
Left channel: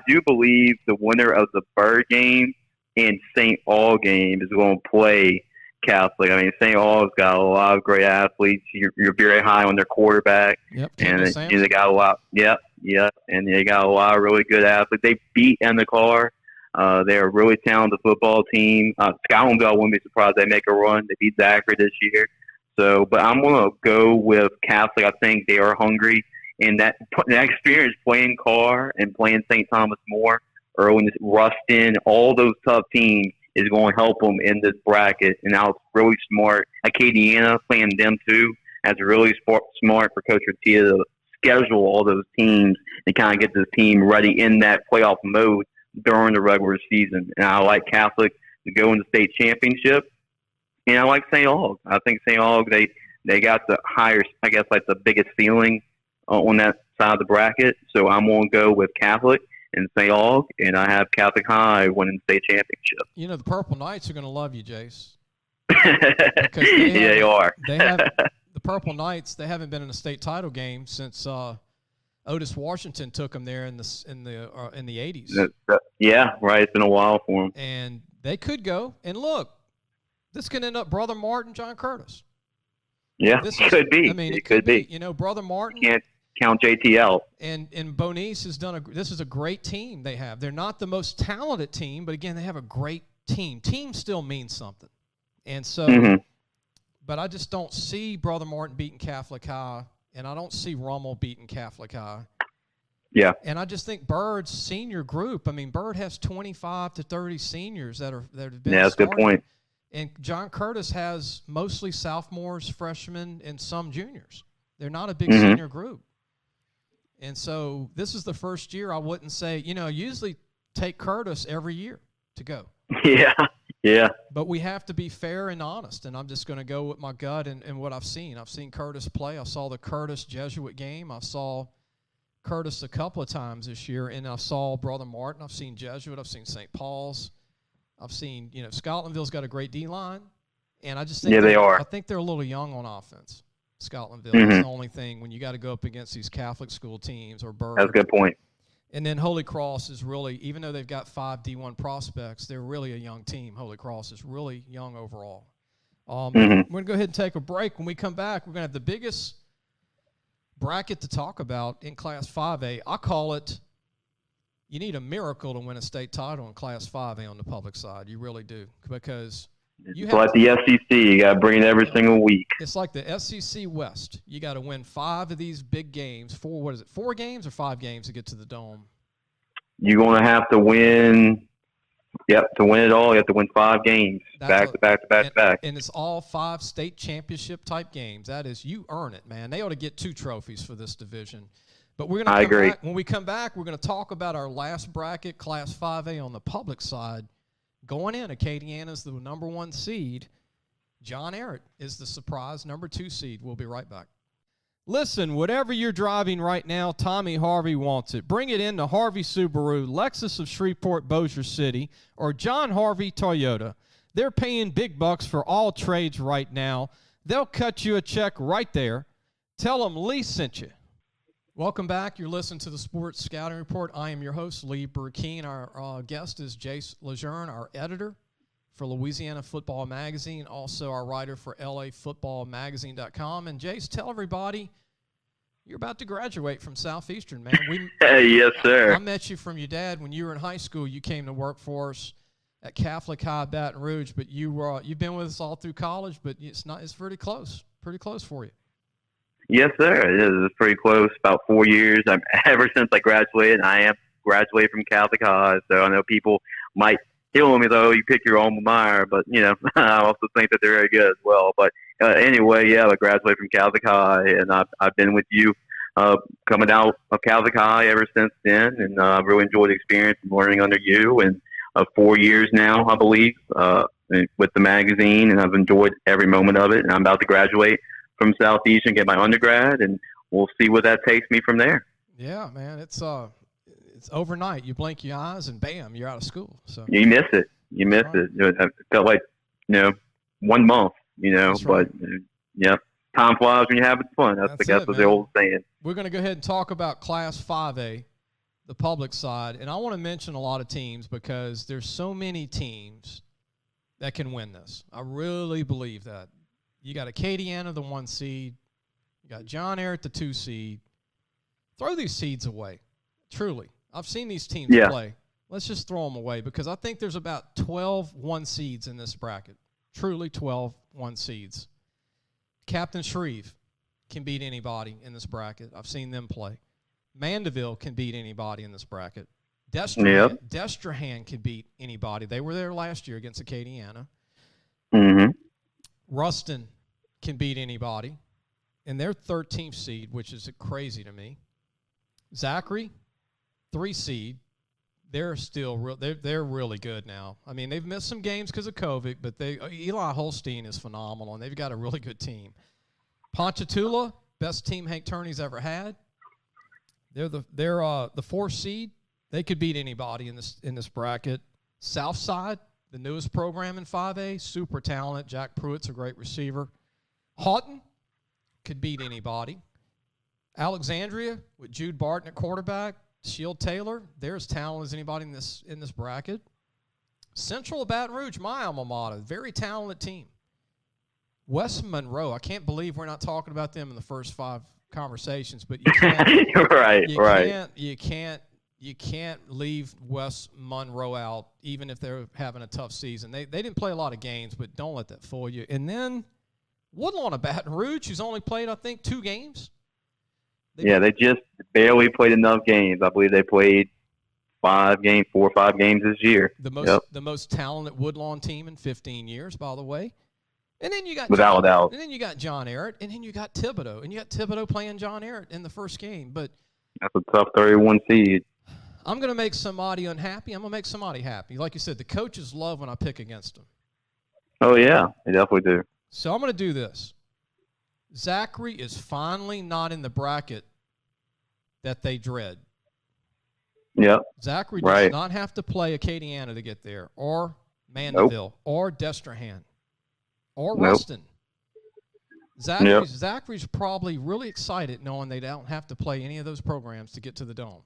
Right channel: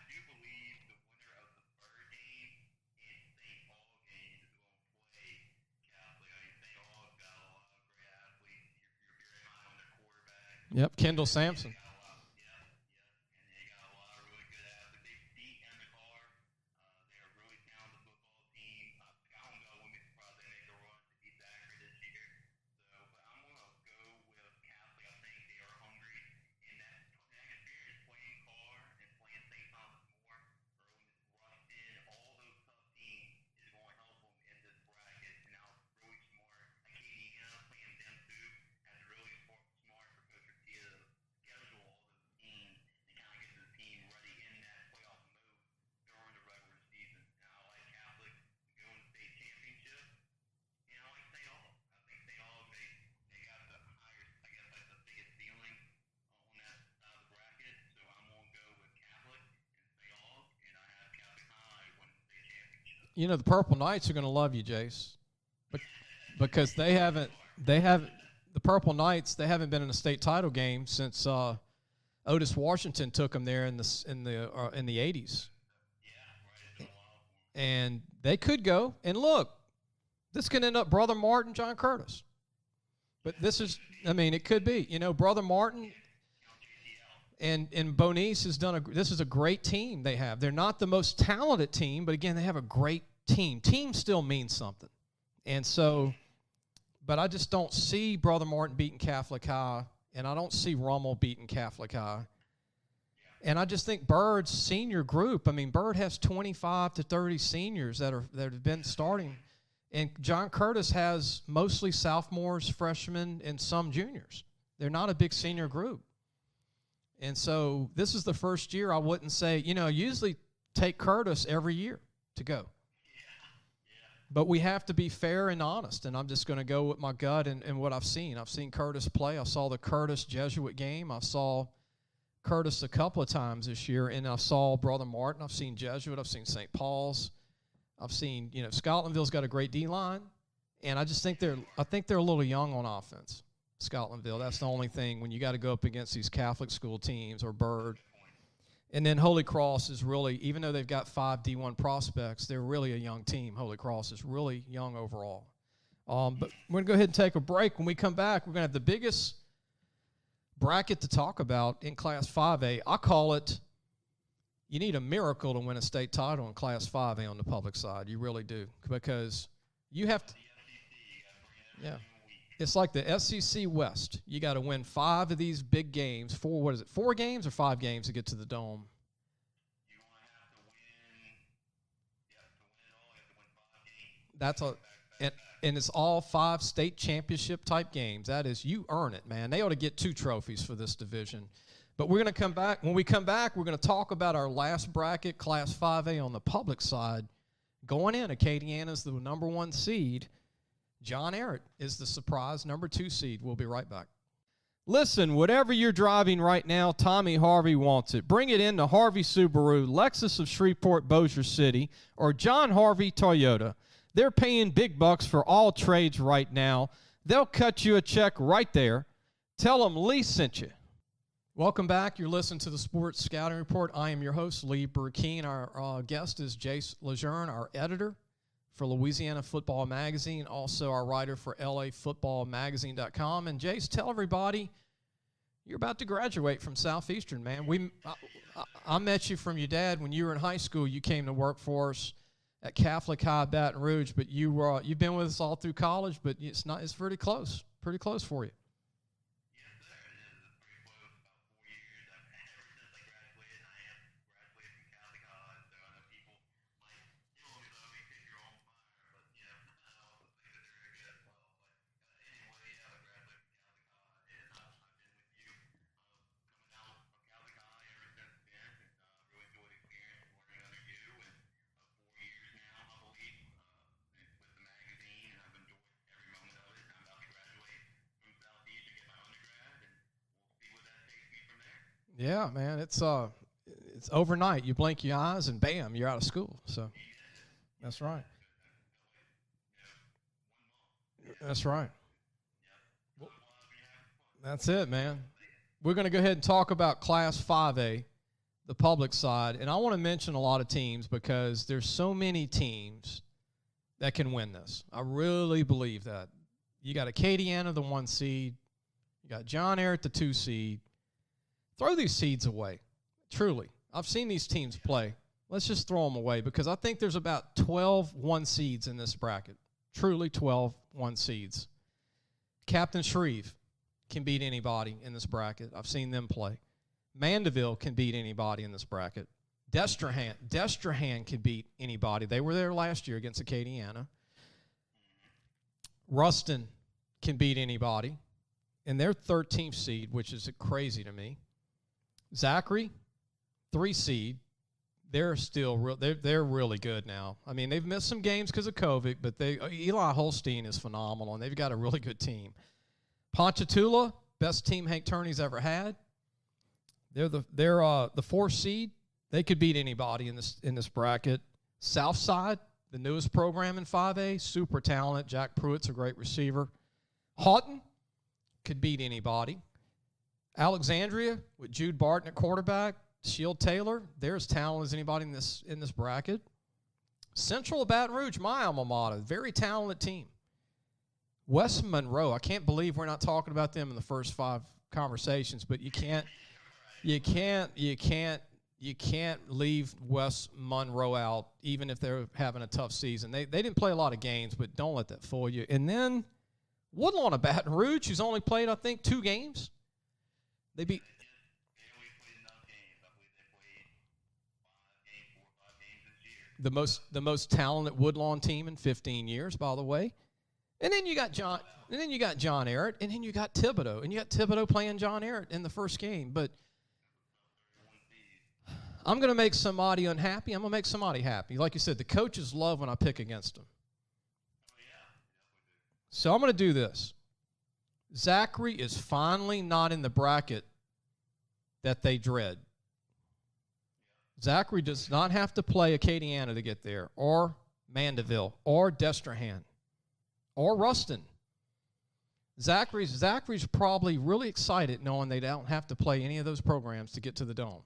do believe the winner of the Bird game and St. Aug game is going to play Catholic. I mean, St. Aug's got a lot of great athletes. You're very high on their quarterback. Yep, and they got a lot. Yep, and they got a lot of really good athletes. They beat Endicott. They're a really talented football team. Scotlandville wouldn't be surprised they make a run. They beat Zachary this year. So, but I'm going to go with Catholic. I think they are hungry, and that experience playing Carr and playing St. Thomas More, Irwin, Ruston, all those tough teams is going to help them in this bracket. And I was really smart. Acadiana playing them too. That's really smart for Coach Ratia to schedule all those teams and kind of get this team ready in that playoff mode during the regular season. And I like Catholic to go in the state championship. And I like St. Aug. I think St. Aug, they got the higher, I guess, like the biggest ceiling on that side of the bracket. So I'm going to go with Catholic and St. Aug, and I have Catholic High winning the state championship. You know, the Purple Knights are going to love you, Jace. Because they are. The Purple Knights, they haven't been in a state title game since Otis Washington took them there in the 80s. Yeah, right. It's been a while for them. And they could go. And look, this could end up Brother Martin, John Curtis. Yeah, could be. I mean, it could be. You know, Brother Martin. Can't count JTL. And Bonice has this is a great team they have. They're not the most talented team, but again, they have a great team. Team still means something. And so, but I just don't see Brother Martin beating Catholic High, and I don't see Rummel beating Catholic High. Yeah. And I just think Bird's senior group, I mean, Bird has 25 to 30 seniors that have been started. Yeah, that's a good point. And John Curtis has mostly sophomores, freshmen, and some juniors. They're not a big senior group. And so this is the first year I wouldn't say, usually take Curtis every year to go. Yeah. But we have to be fair and honest, and I'm just going to go with my gut and what I've seen. I've seen Curtis play. I saw the Curtis Jesuit game. I saw Curtis a couple of times this year, and I saw Brother Martin. I've seen Jesuit. I've seen St. Paul's. I've seen, Scotlandville's got a great D-line, and I just think they are. I think they're a little young on offense. Scotlandville. That's the only thing when you got to go up against these Catholic school teams or Bird. That's a good point. And then Holy Cross is really, even though they've got 5 D1 prospects, they're really a young team. Holy Cross is really young overall. We're going to go ahead and take a break. When we come back, we're going to have the biggest bracket to talk about in Class 5A. I call it, you need a miracle to win a state title in Class 5A on the public side. You really do, because it's like the SEC. You got to bring it every single week. It's like the SEC West. You got to win 5 of these big games. 4 games or 5 games to get to the Dome? You're going to have to win. Yep, to win it all, you have to win 5 games back to back. And it's all 5 state championship type games. That is, you earn it, man. They ought to get 2 trophies for this division. But we're going to come back. When we come back, we're going to talk about our last bracket, Class 5A on the public side. Going in, Acadiana's the number 1 seed. John Ehret is the surprise number 2 seed. We'll be right back. Listen, whatever you're driving right now, Tommy Harvey wants it. Bring it in to Harvey Subaru, Lexus of Shreveport, Bossier City, or John Harvey Toyota. They're paying big bucks for all trades right now. they'll cut you a check right there. Tell them Lee sent you. Welcome back. You're listening to the Sports Scouting Report. I am your host, Lee Brecheen. Our guest is Jace LeJeune, our editor for Louisiana Football Magazine, also our writer for LAFootballmagazine.com. And Jace, tell everybody you're about to graduate from Southeastern, man. Yes, sir. I met you from your dad when you were in high school. You came to work for us at Catholic High Baton Rouge, but you've been with us all through college. But it's pretty close for you. Yes, sir. It is. It's pretty close. About 4 years. Ever since I graduated, I am graduated from Catholic High. So I know people might kill me though. You pick your alma mater, but I also think that they're very good as well. But anyway, I graduated from Catholic High, and I've been with you coming out of Catholic High ever since then, and I've really enjoyed the experience and learning under you. And 4 years now, I believe, with the magazine, and I've enjoyed every moment of it. And I'm about to graduate from Southeastern, get my undergrad, and we'll see where that takes me from there. Yeah, man, it's overnight. You blink your eyes, and bam, you're out of school. So you miss it. It felt like 1 month. That's but right. Time flies when you're having fun. That's the old saying. We're going to go ahead and talk about Class 5A, the public side, and I want to mention a lot of teams because there's so many teams that can win this. I really believe that. You got Acadiana, the 1 seed. You got John Ehret, the 2 seed. Throw these seeds away. Truly. I've seen these teams play. Let's just throw them away because I think there's about 12 1 seeds in this bracket. Truly 12 1 seeds. Captain Shreve can beat anybody in this bracket. I've seen them play. Mandeville can beat anybody in this bracket. Destrehan can beat anybody. They were there last year against Acadiana. Mm-hmm. Ruston can beat anybody. And they're 13th seed, which is crazy to me. Zachary, 3 seed. They're still they're really good now. I mean, they've missed some games because of COVID, but Eli Holstein is phenomenal, and they've got a really good team. Ponchatoula, best team Hank Turney's ever had. They're the 4 seed. They could beat anybody in this bracket. Southside, the newest program in 5A, super talented. Jack Pruitt's a great receiver. Houghton could beat anybody. Alexandria with Jude Barton at quarterback. Shield Taylor, they're as talented as anybody in this bracket. Central of Baton Rouge, my alma mater, very talented team. West Monroe, I can't believe we're not talking about them in the first 5 conversations, but you can't. You can't leave West Monroe out, even if they're having a tough season. They didn't play a lot of games, but don't let that fool you. And then Woodlawn of Baton Rouge, who's only played, I think, 2 games. They just barely played enough games. I believe they played 4 or 5 games this year. The most talented Woodlawn team in 15 years, by the way. And then you got without doubt. And then you got John Ehret, and then you got Thibodeau, and you got Thibodeau playing John Ehret in the first game. But that's a tough 31 seed. I'm going to make somebody unhappy. I'm going to make somebody happy. Like you said, the coaches love when I pick against them. Oh yeah, they definitely do. So I'm going to do this. Zachary is finally not in the bracket that they dread. Yep. Zachary does not have to play Acadiana to get there, or Mandeville, or Destrehan, or Ruston. Zachary's probably really excited knowing they don't have to play any of those programs to get to the Dome.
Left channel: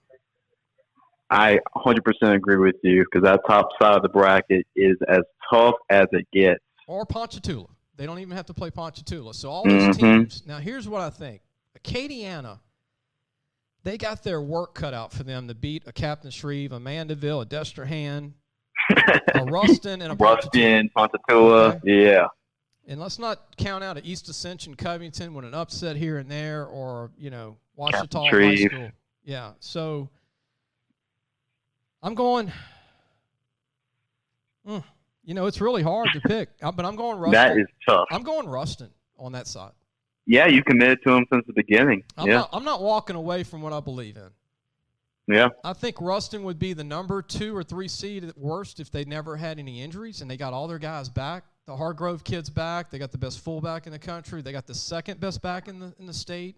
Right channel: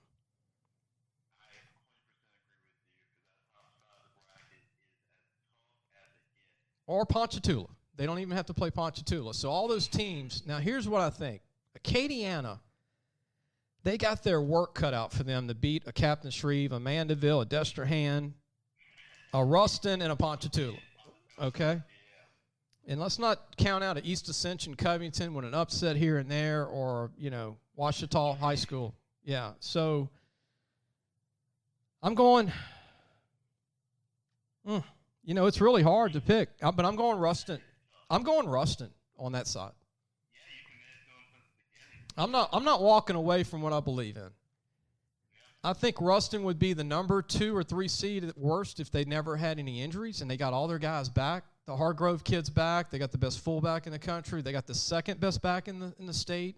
I 100% agree with you because that top side of the bracket is as tough as it gets. Or Ponchatoula. They don't even have to play Ponchatoula. So all those teams. Now, here's what I think. Acadiana, they got their work cut out for them to beat a Captain Shreve, a Mandeville, a Destrehan, a Ruston, and a Ponchatoula. Okay? Yeah. And let's not count out an East Ascension Covington with an upset here and there, or, Ouachita High School. Yeah. So I'm going it's really hard to pick, but I'm going Ruston. That is tough. I'm going Ruston on that side. Yeah, you committed to him since the beginning. I'm not walking away from what I believe in. Yeah. I think Ruston would be the number 2 or 3 seed at worst if they never had any injuries and they got all their guys back. The Hargrove kids back. They got the best fullback in the country. They got the second best back in the state.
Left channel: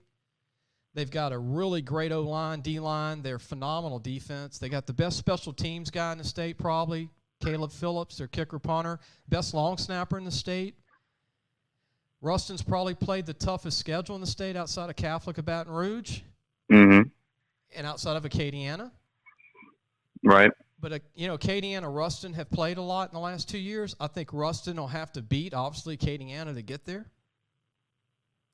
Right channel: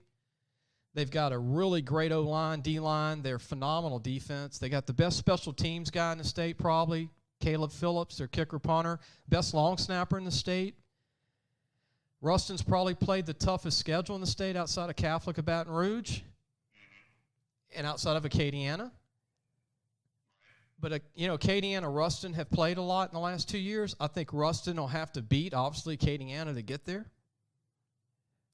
They've got a really great O-line, D-line. They're phenomenal defense. They got the best special teams guy in the state probably, Caleb Phillips, their kicker punter. Best long snapper in the state. Ruston's probably played the toughest schedule in the state outside of Catholic of Baton Rouge and outside of Acadiana. Right. But, Acadiana, Ruston have played a lot in the last 2 years. I think Ruston will have to beat, obviously, Acadiana to get there.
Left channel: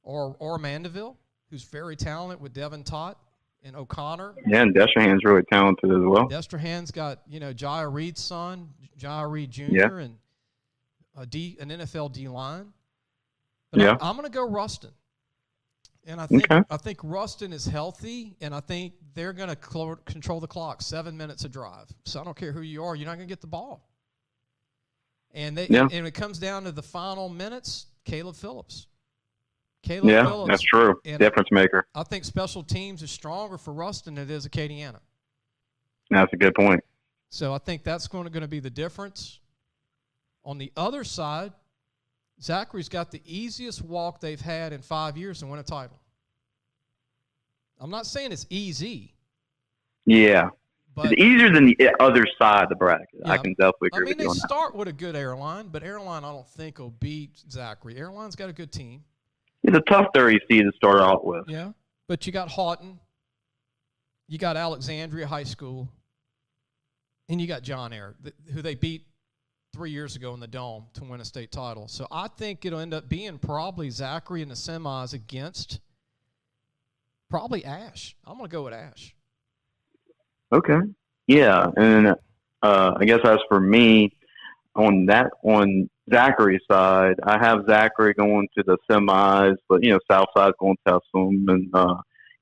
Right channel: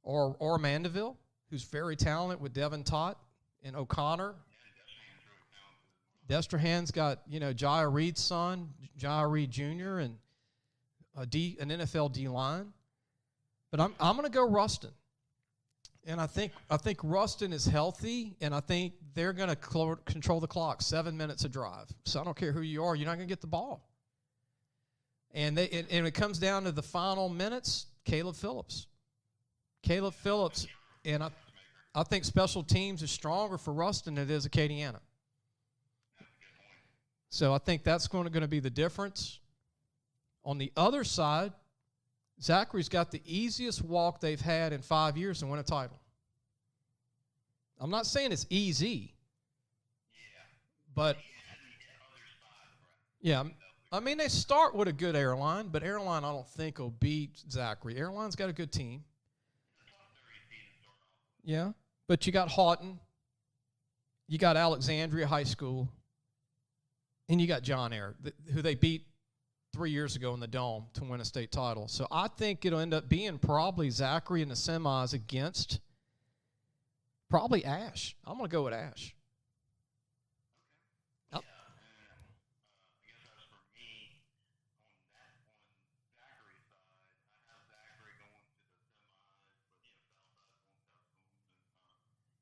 Or Mandeville, who's very talented with Devin Tott and O'Connor. Yeah, and Destrehan's really talented as well. Destrehan's got, Jaya Reed's son, Jaya Reed Jr., and an NFL D-line. But I'm going to go Ruston. And I think Ruston is healthy, and I think they're going to control the clock, 7 minutes a drive. So I don't care who you are, you're not going to get the ball. And and it comes down to the final minutes, Caleb Phillips. Phillips. That's true. Difference maker. I think special teams is stronger for Ruston than it is Acadiana. That's a good point. So I think that's going to be the difference. On the other side, Zachary's got the easiest walk they've had in 5 years to win a title. I'm not saying it's easy. Yeah. But it's easier than the other side of the bracket. Yeah, I can definitely agree with you on that. They start with a good airline, but airline I don't think will beat Zachary. Airline's got a good team. It's a tough 30 seed to start out with. Yeah, but you got Houghton, you got Alexandria High School, and you got John Eyre, who they beat 3 years ago in the Dome to win a state title. So I think it'll end up being probably Zachary in the semis against probably Ash. I'm going to go with Ash. Okay. Yeah, and I guess as for me, on Zachary's side, I have Zachary going to the semis, but Southside's going to test them,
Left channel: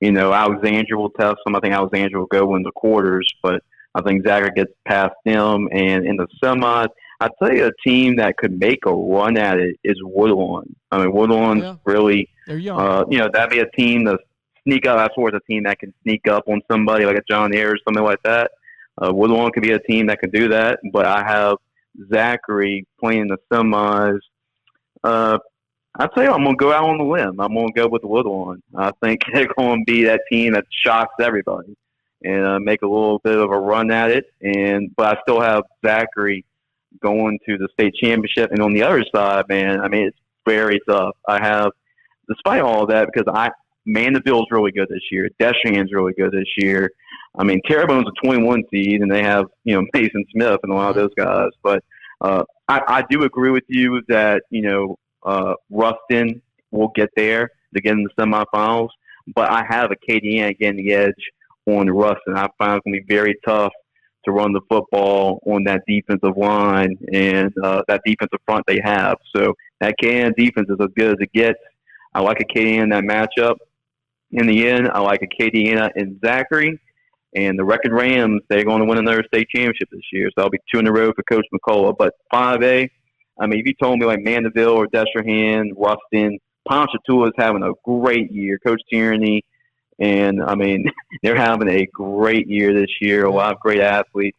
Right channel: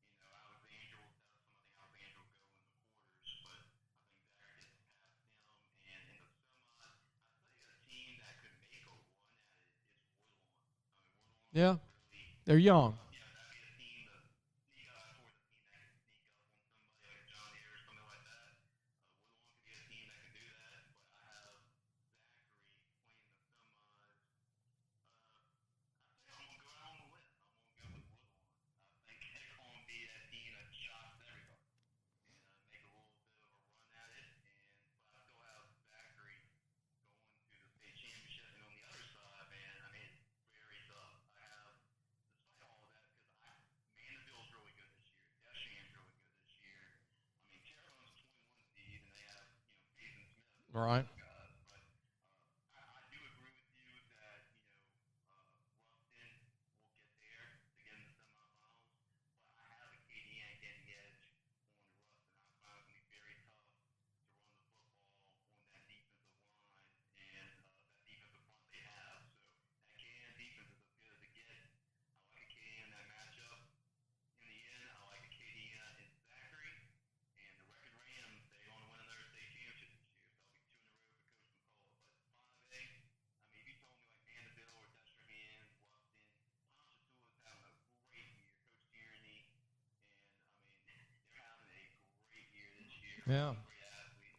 and Alexandria will test them. I think Alexandria will go in the quarters, but I think Zachary gets past them, and in the semis, I'd say a team that could make a run at it is Woodlawn. I mean, Woodlawn really, they're young. That'd be a team to sneak up. That's where it's a team that can sneak up on somebody like a John Eyre or something like that. Woodlawn could be a team that can do that, but I have Zachary playing the semis. I'd say I'm going to go out on the limb. I'm going to go with Woodlawn. I think they're going to be that team that shocks everybody and make a little bit of a run at it. But I still have Zachary going to the state championship. And on the other side, man, I mean, it's very tough. I have, despite all of that, because Mandeville's really good this year. Destrehan's really good this year. I mean, Terrebonne's a 21 seed, and they have, Mason Smith and a lot of those guys. But I do agree with you that, Ruston will get there to get in the semifinals. But I have Acadiana getting the edge on Ruston. I find it's going to be very tough to run the football on that defensive line and that defensive front they have. So that Acadiana defense is as good as it gets. I like Acadiana in that matchup. In the end, I like Acadiana and Zachary. And the Wrecking Rams, they're going to win another state championship this year. So that'll be 2 in a row for Coach McCullough. But 5A, I mean, if you told me like Mandeville or Destrehan, Ruston, Ponchatoula is having a great year. Coach Tierney, and, I mean, they're having a great year this year. A lot of great athletes.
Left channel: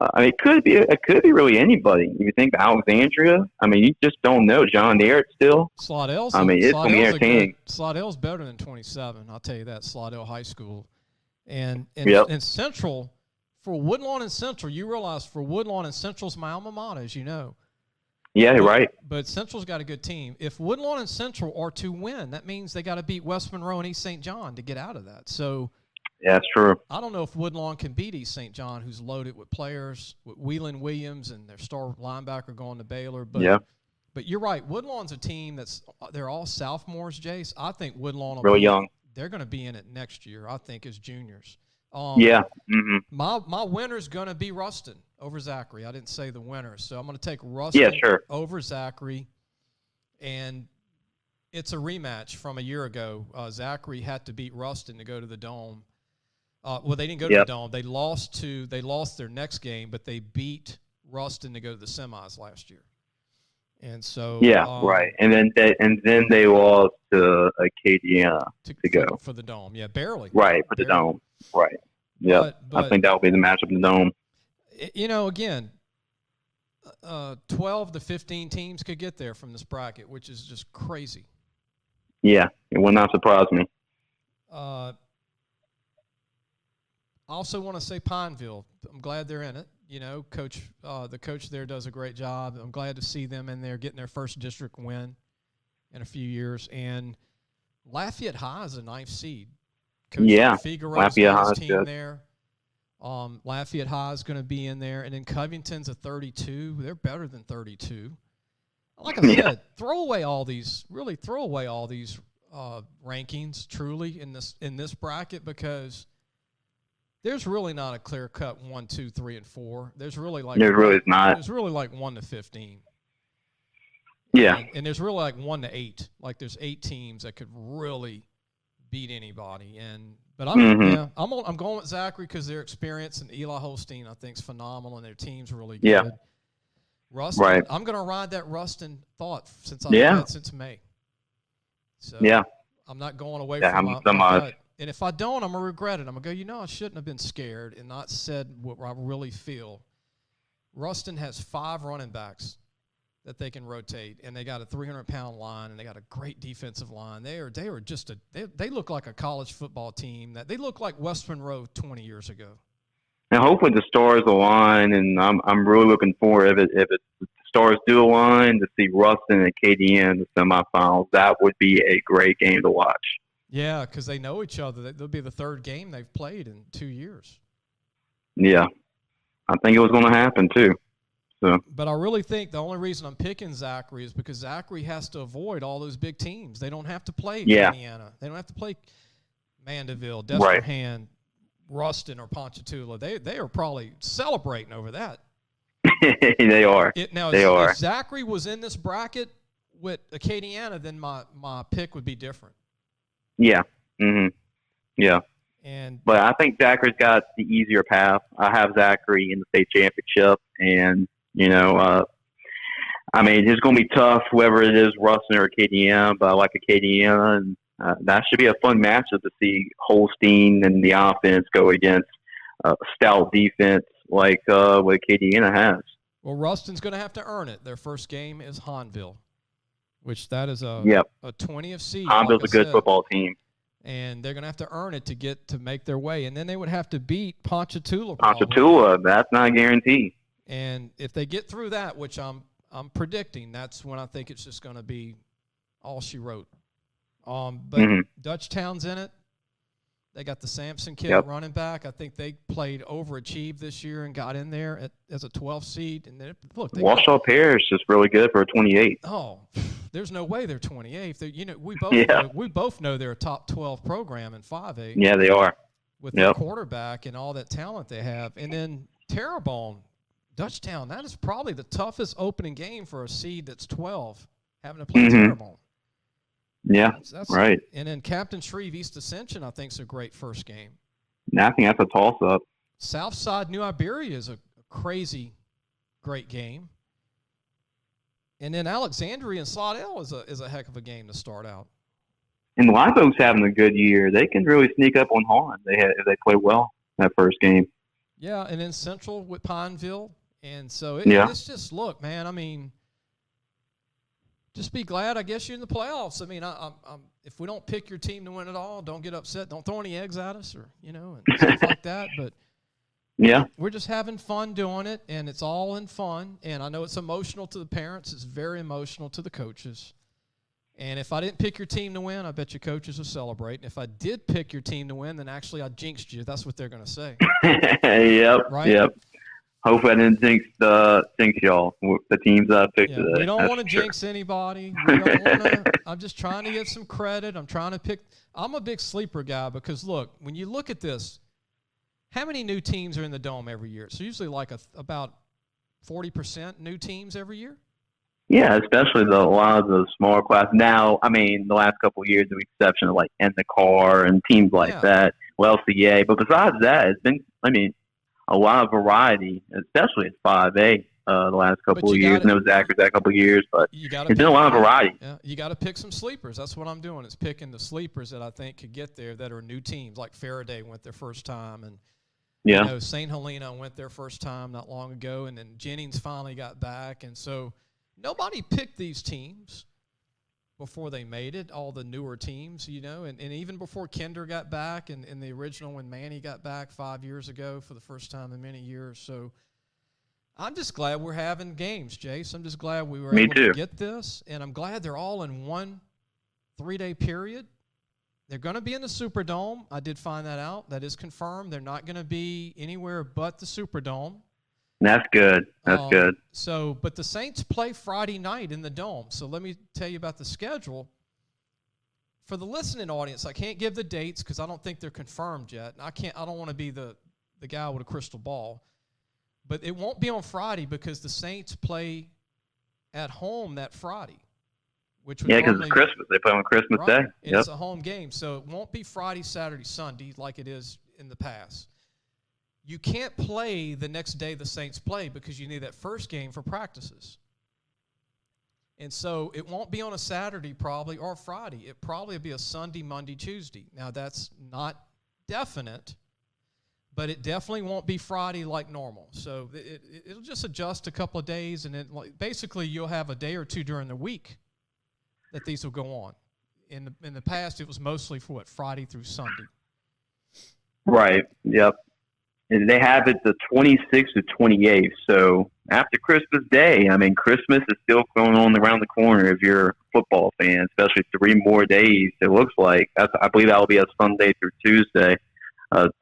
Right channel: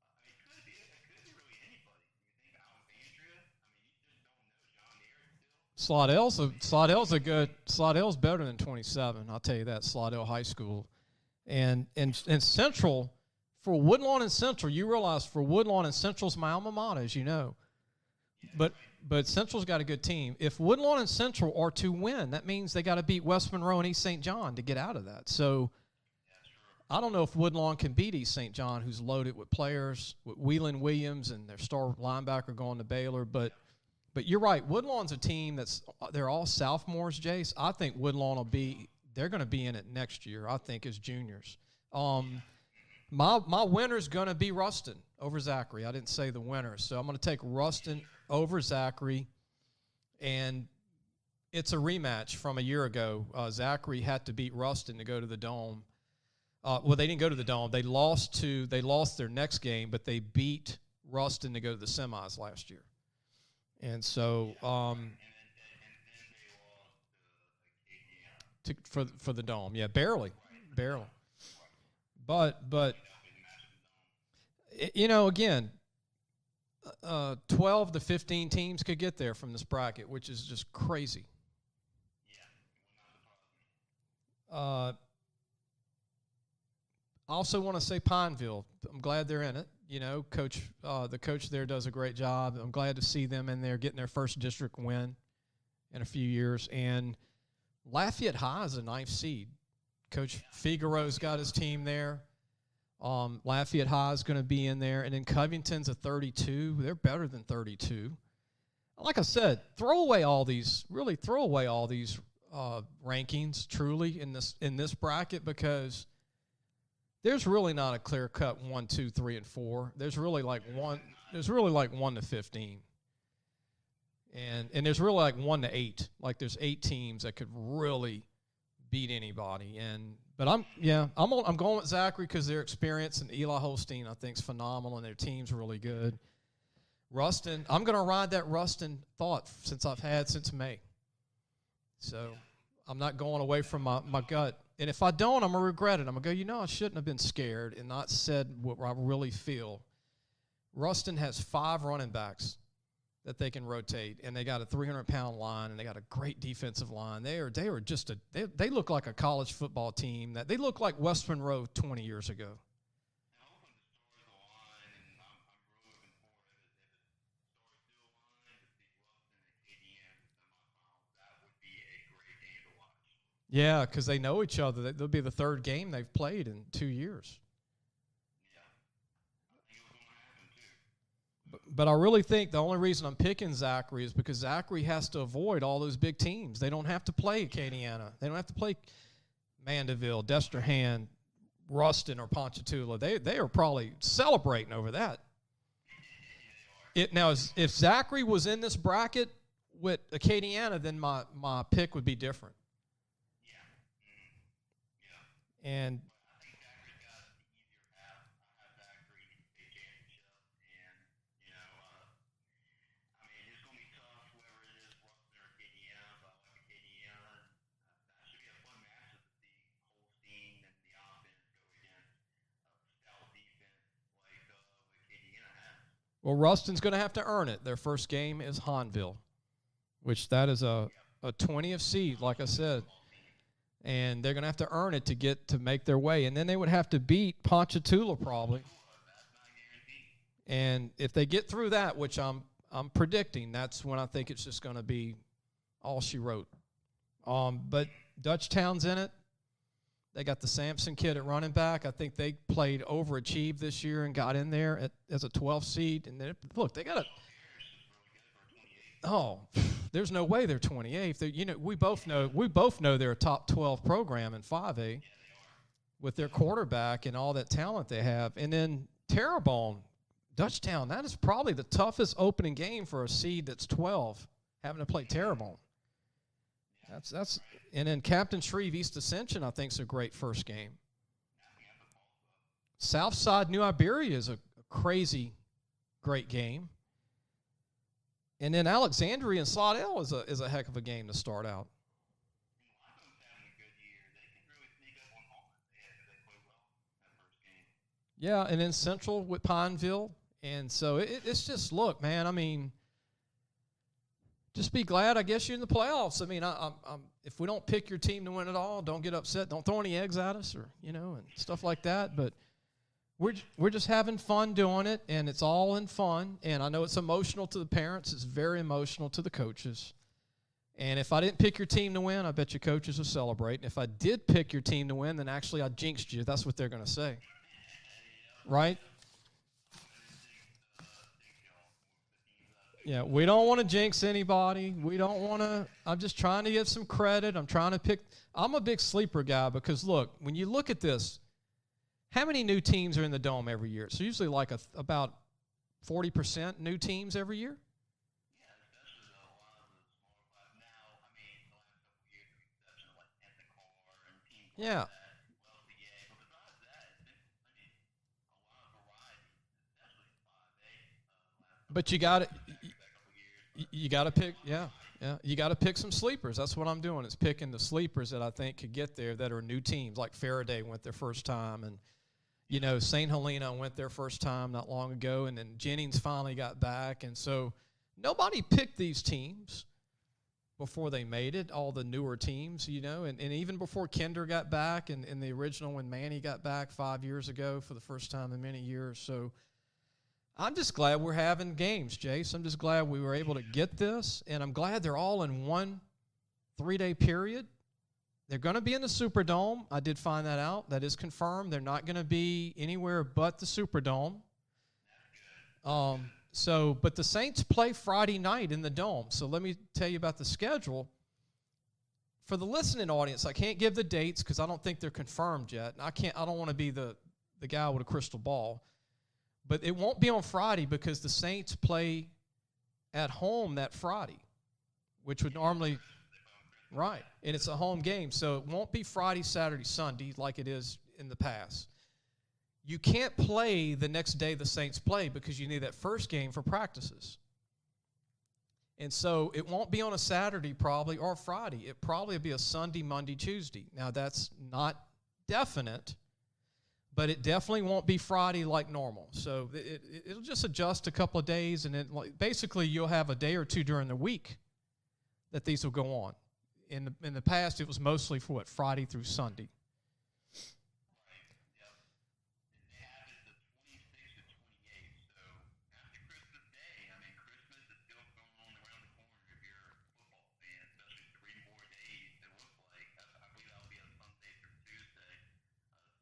I mean, it could be really anybody. If you think of Alexandria, I mean, you just don't know. John Eyre still. Slaudel's, I mean, it's going to be entertaining. Slaudel's better than 27. I'll tell you that. Slaudel High School. And Central, for Woodlawn and Central, you realize for Woodlawn and Central's my alma mater, as you know. Yeah, right. But Central's got a good team. If Woodlawn and Central are to win, that means they got to beat West Monroe and East St. John to get out of that. So yeah, that's true. I don't know if Woodlawn can beat East St. John, who's loaded with players, with Whelan Williams and their star linebacker going to Baylor. But But you're right. Woodlawn's a team they're all sophomores, Jace. I think Woodlawn will really young. They're going to be in it next year, I think, as juniors. Mm-hmm. My winner's going to be Ruston over Zachary. I didn't say the winner, so I'm going to take Ruston over Zachary. And it's a rematch from a year ago. Zachary had to beat Ruston to go to the Dome. Well, they didn't go to the Dome. They lost their next game, but they beat Ruston to go to the semis last year. And so right. And then they lost to Acadiana to go for the Dome. Yeah, barely. Right, for the Dome. Right. Yeah. But I think that will be the matchup in the Dome. Again, 12 to 15 teams could get there from this bracket, which is just crazy. Yeah, it will not surprise me. I also want to say Pineville. I'm glad they're in it. The coach there does a great job. I'm glad to see them in there getting their first district win. in a few years. And Lafayette High is a 9th seed. Coach Figaro's got his team there. Lafayette High is going to be in there. And then Covington's a 32. They're better than 32. Like I said, throw away all these rankings truly in this bracket, because there's really not a clear cut 1, 2, 3, and 4. There's really like There's really like 1 to 15. Yeah, and there's really like 1 to 8. Like there's 8 teams that could really beat anybody. But I'm going with Zachary because their experience, and Eli Holstein I think is phenomenal, and their team's really good. Yeah. Ruston, right. I'm going to ride that Ruston thought since I've had since May. So I'm not going away from my gut. And if I don't, I'm going to regret it. I'm going to go, I shouldn't have been scared and not said what I really feel. Ruston has 5 running backs that they can rotate, and they got a 300-pound line, and they got a great defensive line. They look like a college football team. They look like West Monroe 20 years ago. And hopefully the stars align, and I'm really looking forward if the stars do align to see Ruston and KDN in the semifinals. That would be a great game to watch. Yeah, because they know each other. That'll be the 3rd game they've played in 2 years. Yeah, I think it was going to happen too. So. But I really think the only reason I'm picking Zachary is because Zachary has to avoid all those big teams. They don't have to play Indiana. They don't have to play Mandeville, Destrehan, Ruston, or Ponchatoula. They are probably celebrating over that. They are. If Zachary was in this bracket with Acadiana, then my pick would be different. Yeah. Mm-hmm. Yeah. But I think Zachary's got the easier path. I have Zachary in the state championship, and it's going to be tough, whoever it is, Ruston or Acadiana, but I like Acadiana, and that should be a fun matchup to see Holstein and the offense go against stout defense like what Acadiana has. Well, Ruston's going to have to earn it. Their first game is Hahnville, which that is a 20th seed. Hahnville's a good football team. And they're going to have to earn it to make their way. And then they would have to beat Ponchatoula. Ponchatoula, that's not a guarantee. And if they get through that, which I'm predicting, that's when I think it's just going to be all she wrote. But Dutchtown's in it. They got the Sampson kid at running back. I think they played overachieved this year and got in there as a 12th seed. And then, look, Washoe Parish is really good for a 28. Oh, there's no way they're 28th. We both know they're a top 12 program in 5A. Yeah, they are. With their quarterback and all that talent they have. And then Terrebonne, Dutchtown, that is probably the toughest opening game for a seed that's 12, having to play Terrebonne. Yeah, that's right. And then Captain Shreve East Ascension, I think, is a great first game. I think that's a toss-up. Southside New Iberia is a crazy, great game. And then Alexandria and Slidell is a heck of a game to start out. And the Live Oaks having a good year. They can really sneak up on Hahn if they play well that first game. Yeah, and then Central with Pineville. And so it's just, look, man, just be glad, I guess, you're in the playoffs. If we don't pick your team to win it all, don't get upset. Don't throw any eggs at us and stuff like that. But we're just having fun doing it, and it's all in fun. And I know it's emotional to the parents. It's very emotional to the coaches. And if I didn't pick your team to win, I bet your coaches will celebrate. And if I did pick your team to win, then actually I jinxed you. That's what they're going to say. Yep. Right? Yep. Hopefully I didn't jinx y'all. The teams I picked. Yeah, we don't want to jinx anybody. We don't want to. I'm just trying to get some credit. I'm trying to pick. I'm a big sleeper guy because, look, when you look at this, how many new teams are in the Dome every year? It's usually like about 40% new teams every year. Yeah, especially a lot of the smaller class. Now, the last couple of years, with the exception of like In the Car and teams like that, LCA. But besides that, it's been, a lot of variety, especially at 5A the last couple of years. And it was Zachary that couple of years, but it's been a lot of variety. Yeah, you got to pick some sleepers. That's what I'm doing. Is picking the sleepers that I think could get there that are new teams. Like Faraday went their first time, and St. Helena went their first time not long ago, and then Jennings finally got back, and so nobody picked these teams before they made it, all the newer teams, and even before Kinder got back and the original when Manny got back 5 years ago for the first time in many years. So I'm just glad we're having games, Jace. I'm just glad we were Me able too. to get this, and I'm glad they're all in one 3-day period. They're going to be in the Superdome. I did find that out. That is confirmed. They're not going to be anywhere but the Superdome. That's good. That's good. So, but the Saints play Friday night in the Dome. So let me tell you about the schedule. For the listening audience, I can't give the dates because I don't think they're confirmed yet. I don't want to be the guy with a crystal ball. But it won't be on Friday because the Saints play at home that Friday, which would because normally it's Christmas. They play on Christmas right, Day. and Yep. it's a home game, so it won't be Friday, Saturday, Sunday like it is in the past. You can't play the next day the Saints play because you need that first game for practices. And so it won't be on a Saturday probably or Friday. It probably will be a Sunday, Monday, Tuesday. Now, that's not definite, but it definitely won't be Friday like normal. So it'll just adjust a couple of days, and then basically you'll have a day or two during the week that these will go on. In the past, it was mostly for Friday through Sunday. Right. Yep. And they have it the 26th to 28th. So after Christmas Day, I mean, Christmas is still going on around the corner if you're a football fan, especially 3 more days, it looks like. I believe that will be a Sunday through Tuesday.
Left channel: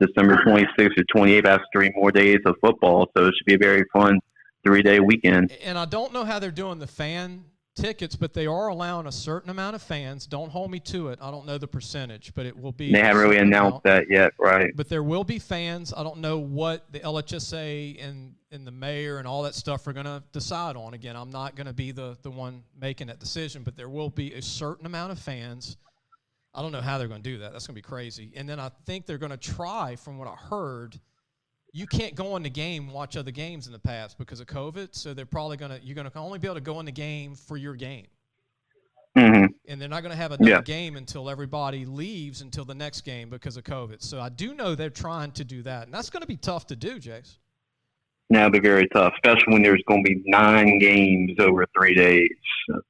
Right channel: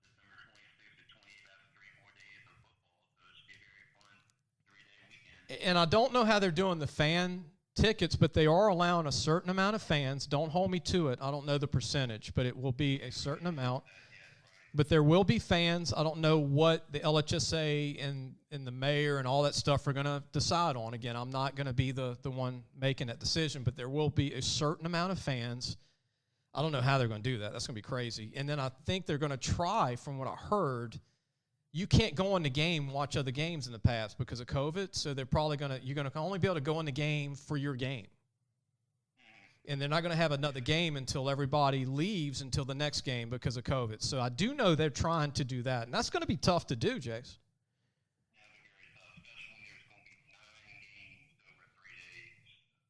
December 26th or 28th, after 3 more days of football. So it should be a very fun 3-day weekend. And I don't know how they're doing the fan tickets, but they are allowing a certain amount of fans. Don't hold me to it. I don't know the percentage, but it will be. They haven't really announced that yet, right? But there will be fans. I don't know what the LHSAA and the mayor and all that stuff are going to decide on. Again, I'm not going to be the one making that decision, but there will be a certain amount of fans. I don't know how they're going to do that. That's going to be crazy. And then I think they're going to try, from what I heard, you can't go in the game and watch other games in the past because of COVID. So they're probably you're going to only be able to go in the game for your game. Mm-hmm. And they're not going to have another game until everybody leaves until the next game because of COVID. So I do know they're trying to do that. And that's going to be tough to do, Jace. That'll be very tough, especially when there's going to be 9 games over 3 days,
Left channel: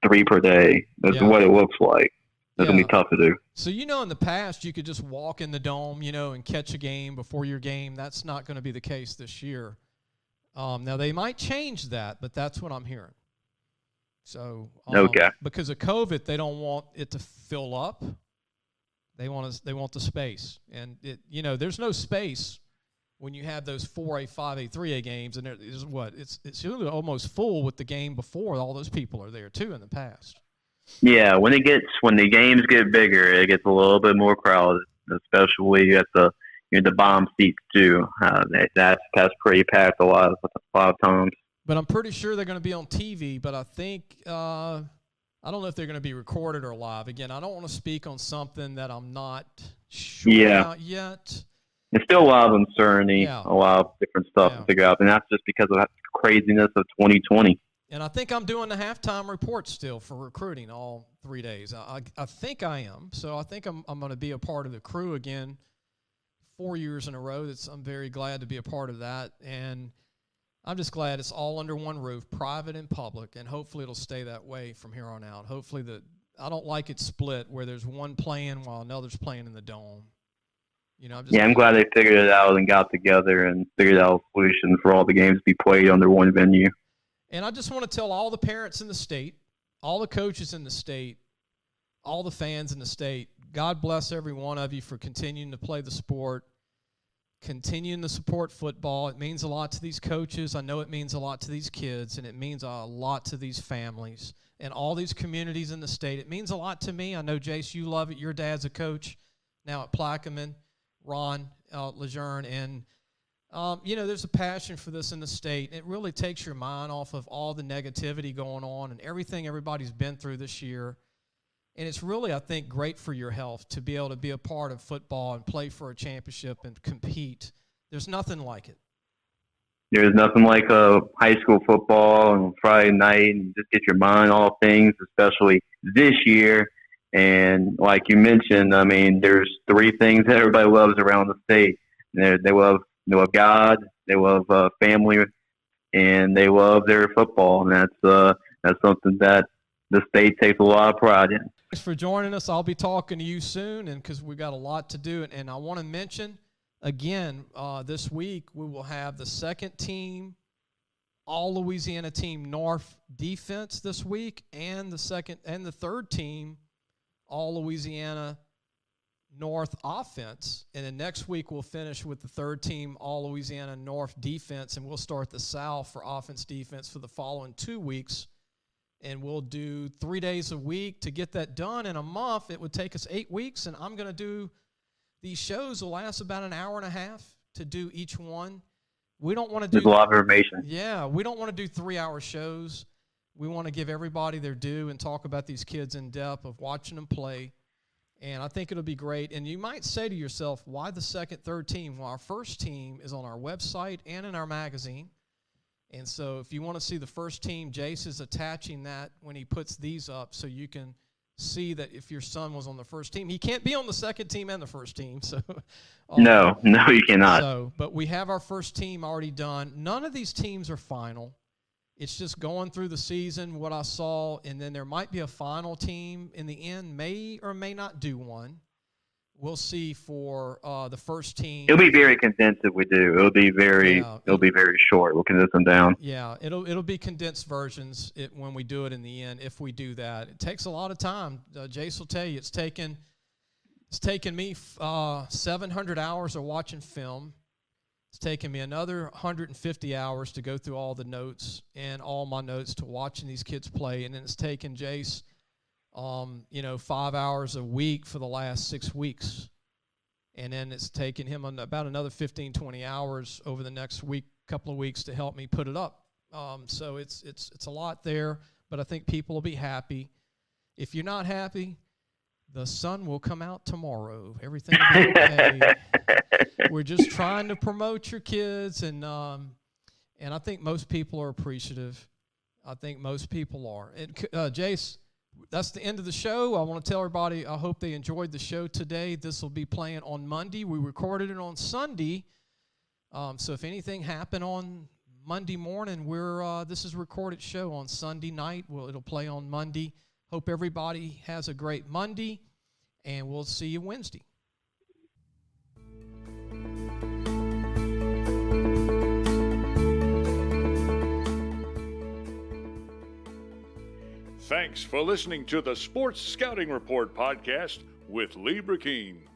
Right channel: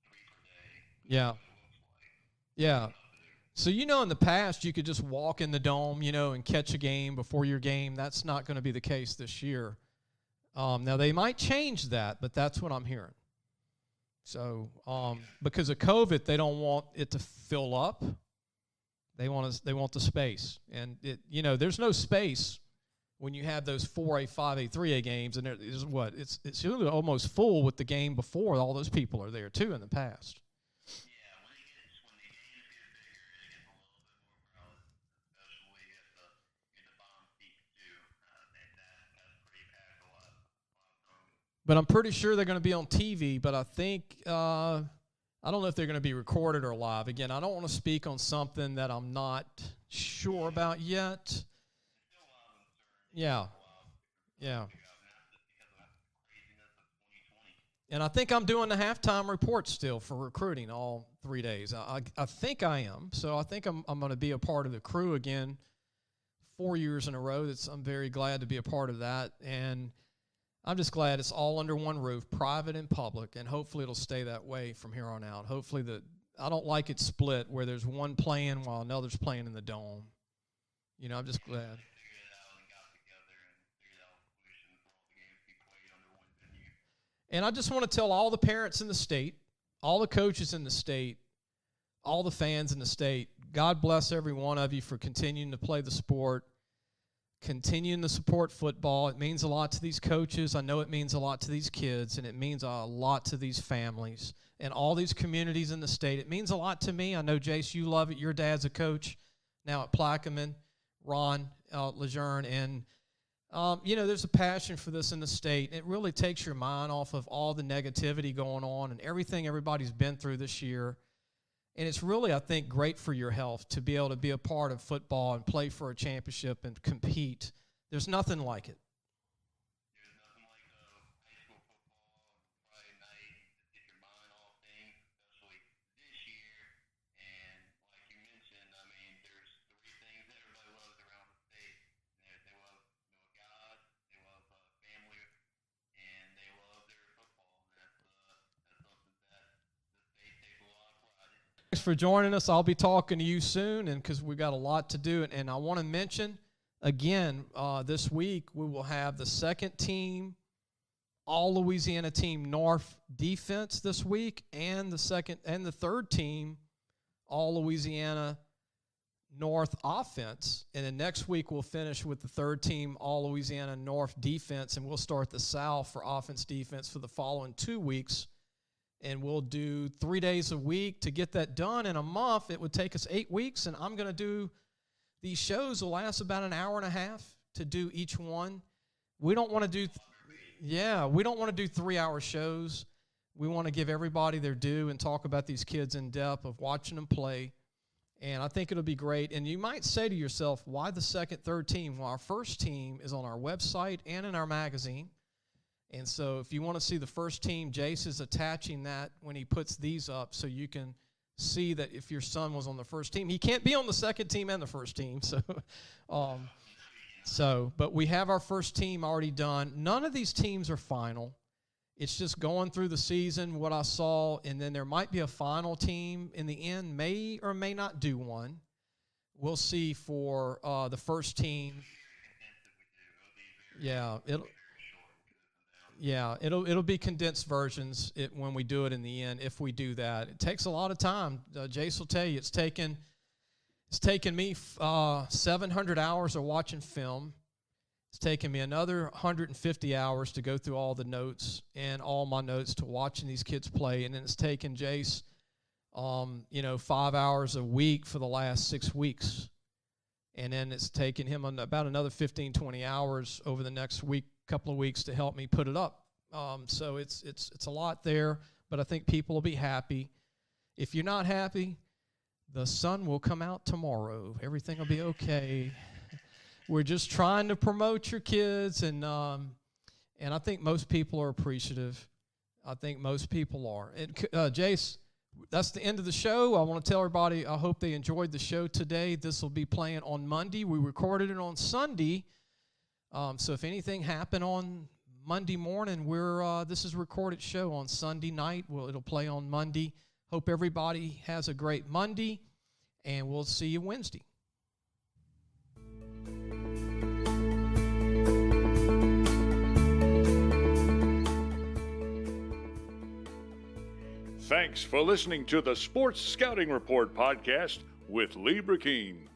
3 per day. That's what it looks like. That's going to be tough to do. So, in the past, you could just walk in the Dome, and catch a game before your game. That's not going to be the case this year. Now, they might change that, but that's what I'm hearing. So, because of COVID, they don't want it to fill up. They want the space. And, there's no space when you have those 4A, 5A, 3A games. And it's really almost full with the game before. All those people are there, too, in the past. Yeah, when the games get bigger, it gets a little bit more crowded, especially at the bomb seats too. That's pretty packed a lot of times. But I'm pretty sure they're going to be on TV. But I think I don't know if they're going to be recorded or live. Again, I don't want to speak on something that I'm not sure about yet. It's still a lot of uncertainty, a lot of different stuff to figure out, and that's just because of that craziness of 2020. And I think I'm doing the halftime report still for recruiting all 3 days. I think I am. So I think I'm going to be a part of the crew again 4 years in a row. I'm very glad to be a part of that. And I'm just glad it's all under one roof, private and public, and hopefully it'll stay that way from here on out. Hopefully I don't like it split where there's one playing while another's playing in the Dome. I'm glad they figured it out and got together and figured out a solution for all the games to be played under one venue. And I just want to tell all the parents in the state, all the coaches in the state, all the fans in the state, God bless every one of you for continuing to play the sport, continuing to support football. It means a lot to these coaches. I know it means a lot to these kids, and it means a lot to these families and all these communities in the state. It means a lot to me. I know, Jace, you love it. Your dad's a coach now at Plaquemine, Ron LeJeune, and there's a passion for this in the state. It really takes your mind off of all the negativity going on and everything everybody's been through this year. And it's really, I think, great for your health to be able to be a part of football and play for a championship and compete. There's nothing like it. There's nothing like high school football on Friday night and just get your mind off things, especially this year. And like you mentioned, I mean, there's 3 things that everybody loves around the state. They love God, they love family, and they love their football. And that's something that the state takes a lot of pride in. Thanks for joining us. I'll be talking to you soon, and because we got a lot to do. And I want to mention again, this week we will have the second team all Louisiana team North defense this week, and the second and the third team all Louisiana North offense. And then next week we'll finish with the third team all Louisiana North defense, and we'll start the South for offense defense for the following 2 weeks. And we'll do 3 days a week. To get that done in a month, it would take us 8 weeks, and I'm going to do these shows will last about an hour and a half to do each one. We don't want to do There's a lot of information. Yeah, we don't want to do 3-hour shows. We want to give everybody their due and talk about these kids in depth of watching them play. And I think it'll be great. And you might say to yourself, why the second, third team? Well, our first team is on our website and in our magazine. And so if you want to see the first team, Jace is attaching that when he puts these up so you can see that if your son was on the first team. He can't be on the second team and the first team. So No, you cannot. So, but we have our first team already done. None of these teams are final. It's just going through the season, what I saw, and then there might be a final team in the end, may or may not do one. We'll see for the first team. It'll be very condensed if we do. It'll be very short. We'll condense them down. Yeah, it'll be condensed versions when we do it in the end. If we do that, it takes a lot of time. Jace will tell you it's taken me 700 hours of watching film. It's taken me another 150 hours to go through all the notes and all my notes to watching these kids play, and then it's taken Jace 5 hours a week for the last 6 weeks. And then it's taken him about another 15, 20 hours over the next couple of weeks to help me put it up. So it's a lot there, but I think people will be happy. If you're not happy, the sun will come out tomorrow. Everything will be okay. We're just trying to promote your kids, and I think most people are appreciative. I think most people are. And Jace, that's the end of the show. I want to tell everybody I hope they enjoyed the show today. This will be playing on Monday. We recorded it on Sunday. So if anything happened on Monday morning, this is a recorded show on Sunday night. It'll play on Monday. Hope everybody has a great Monday, and we'll see you Wednesday. Thanks for listening to the Sports Scouting Report podcast with Lee Brecheen.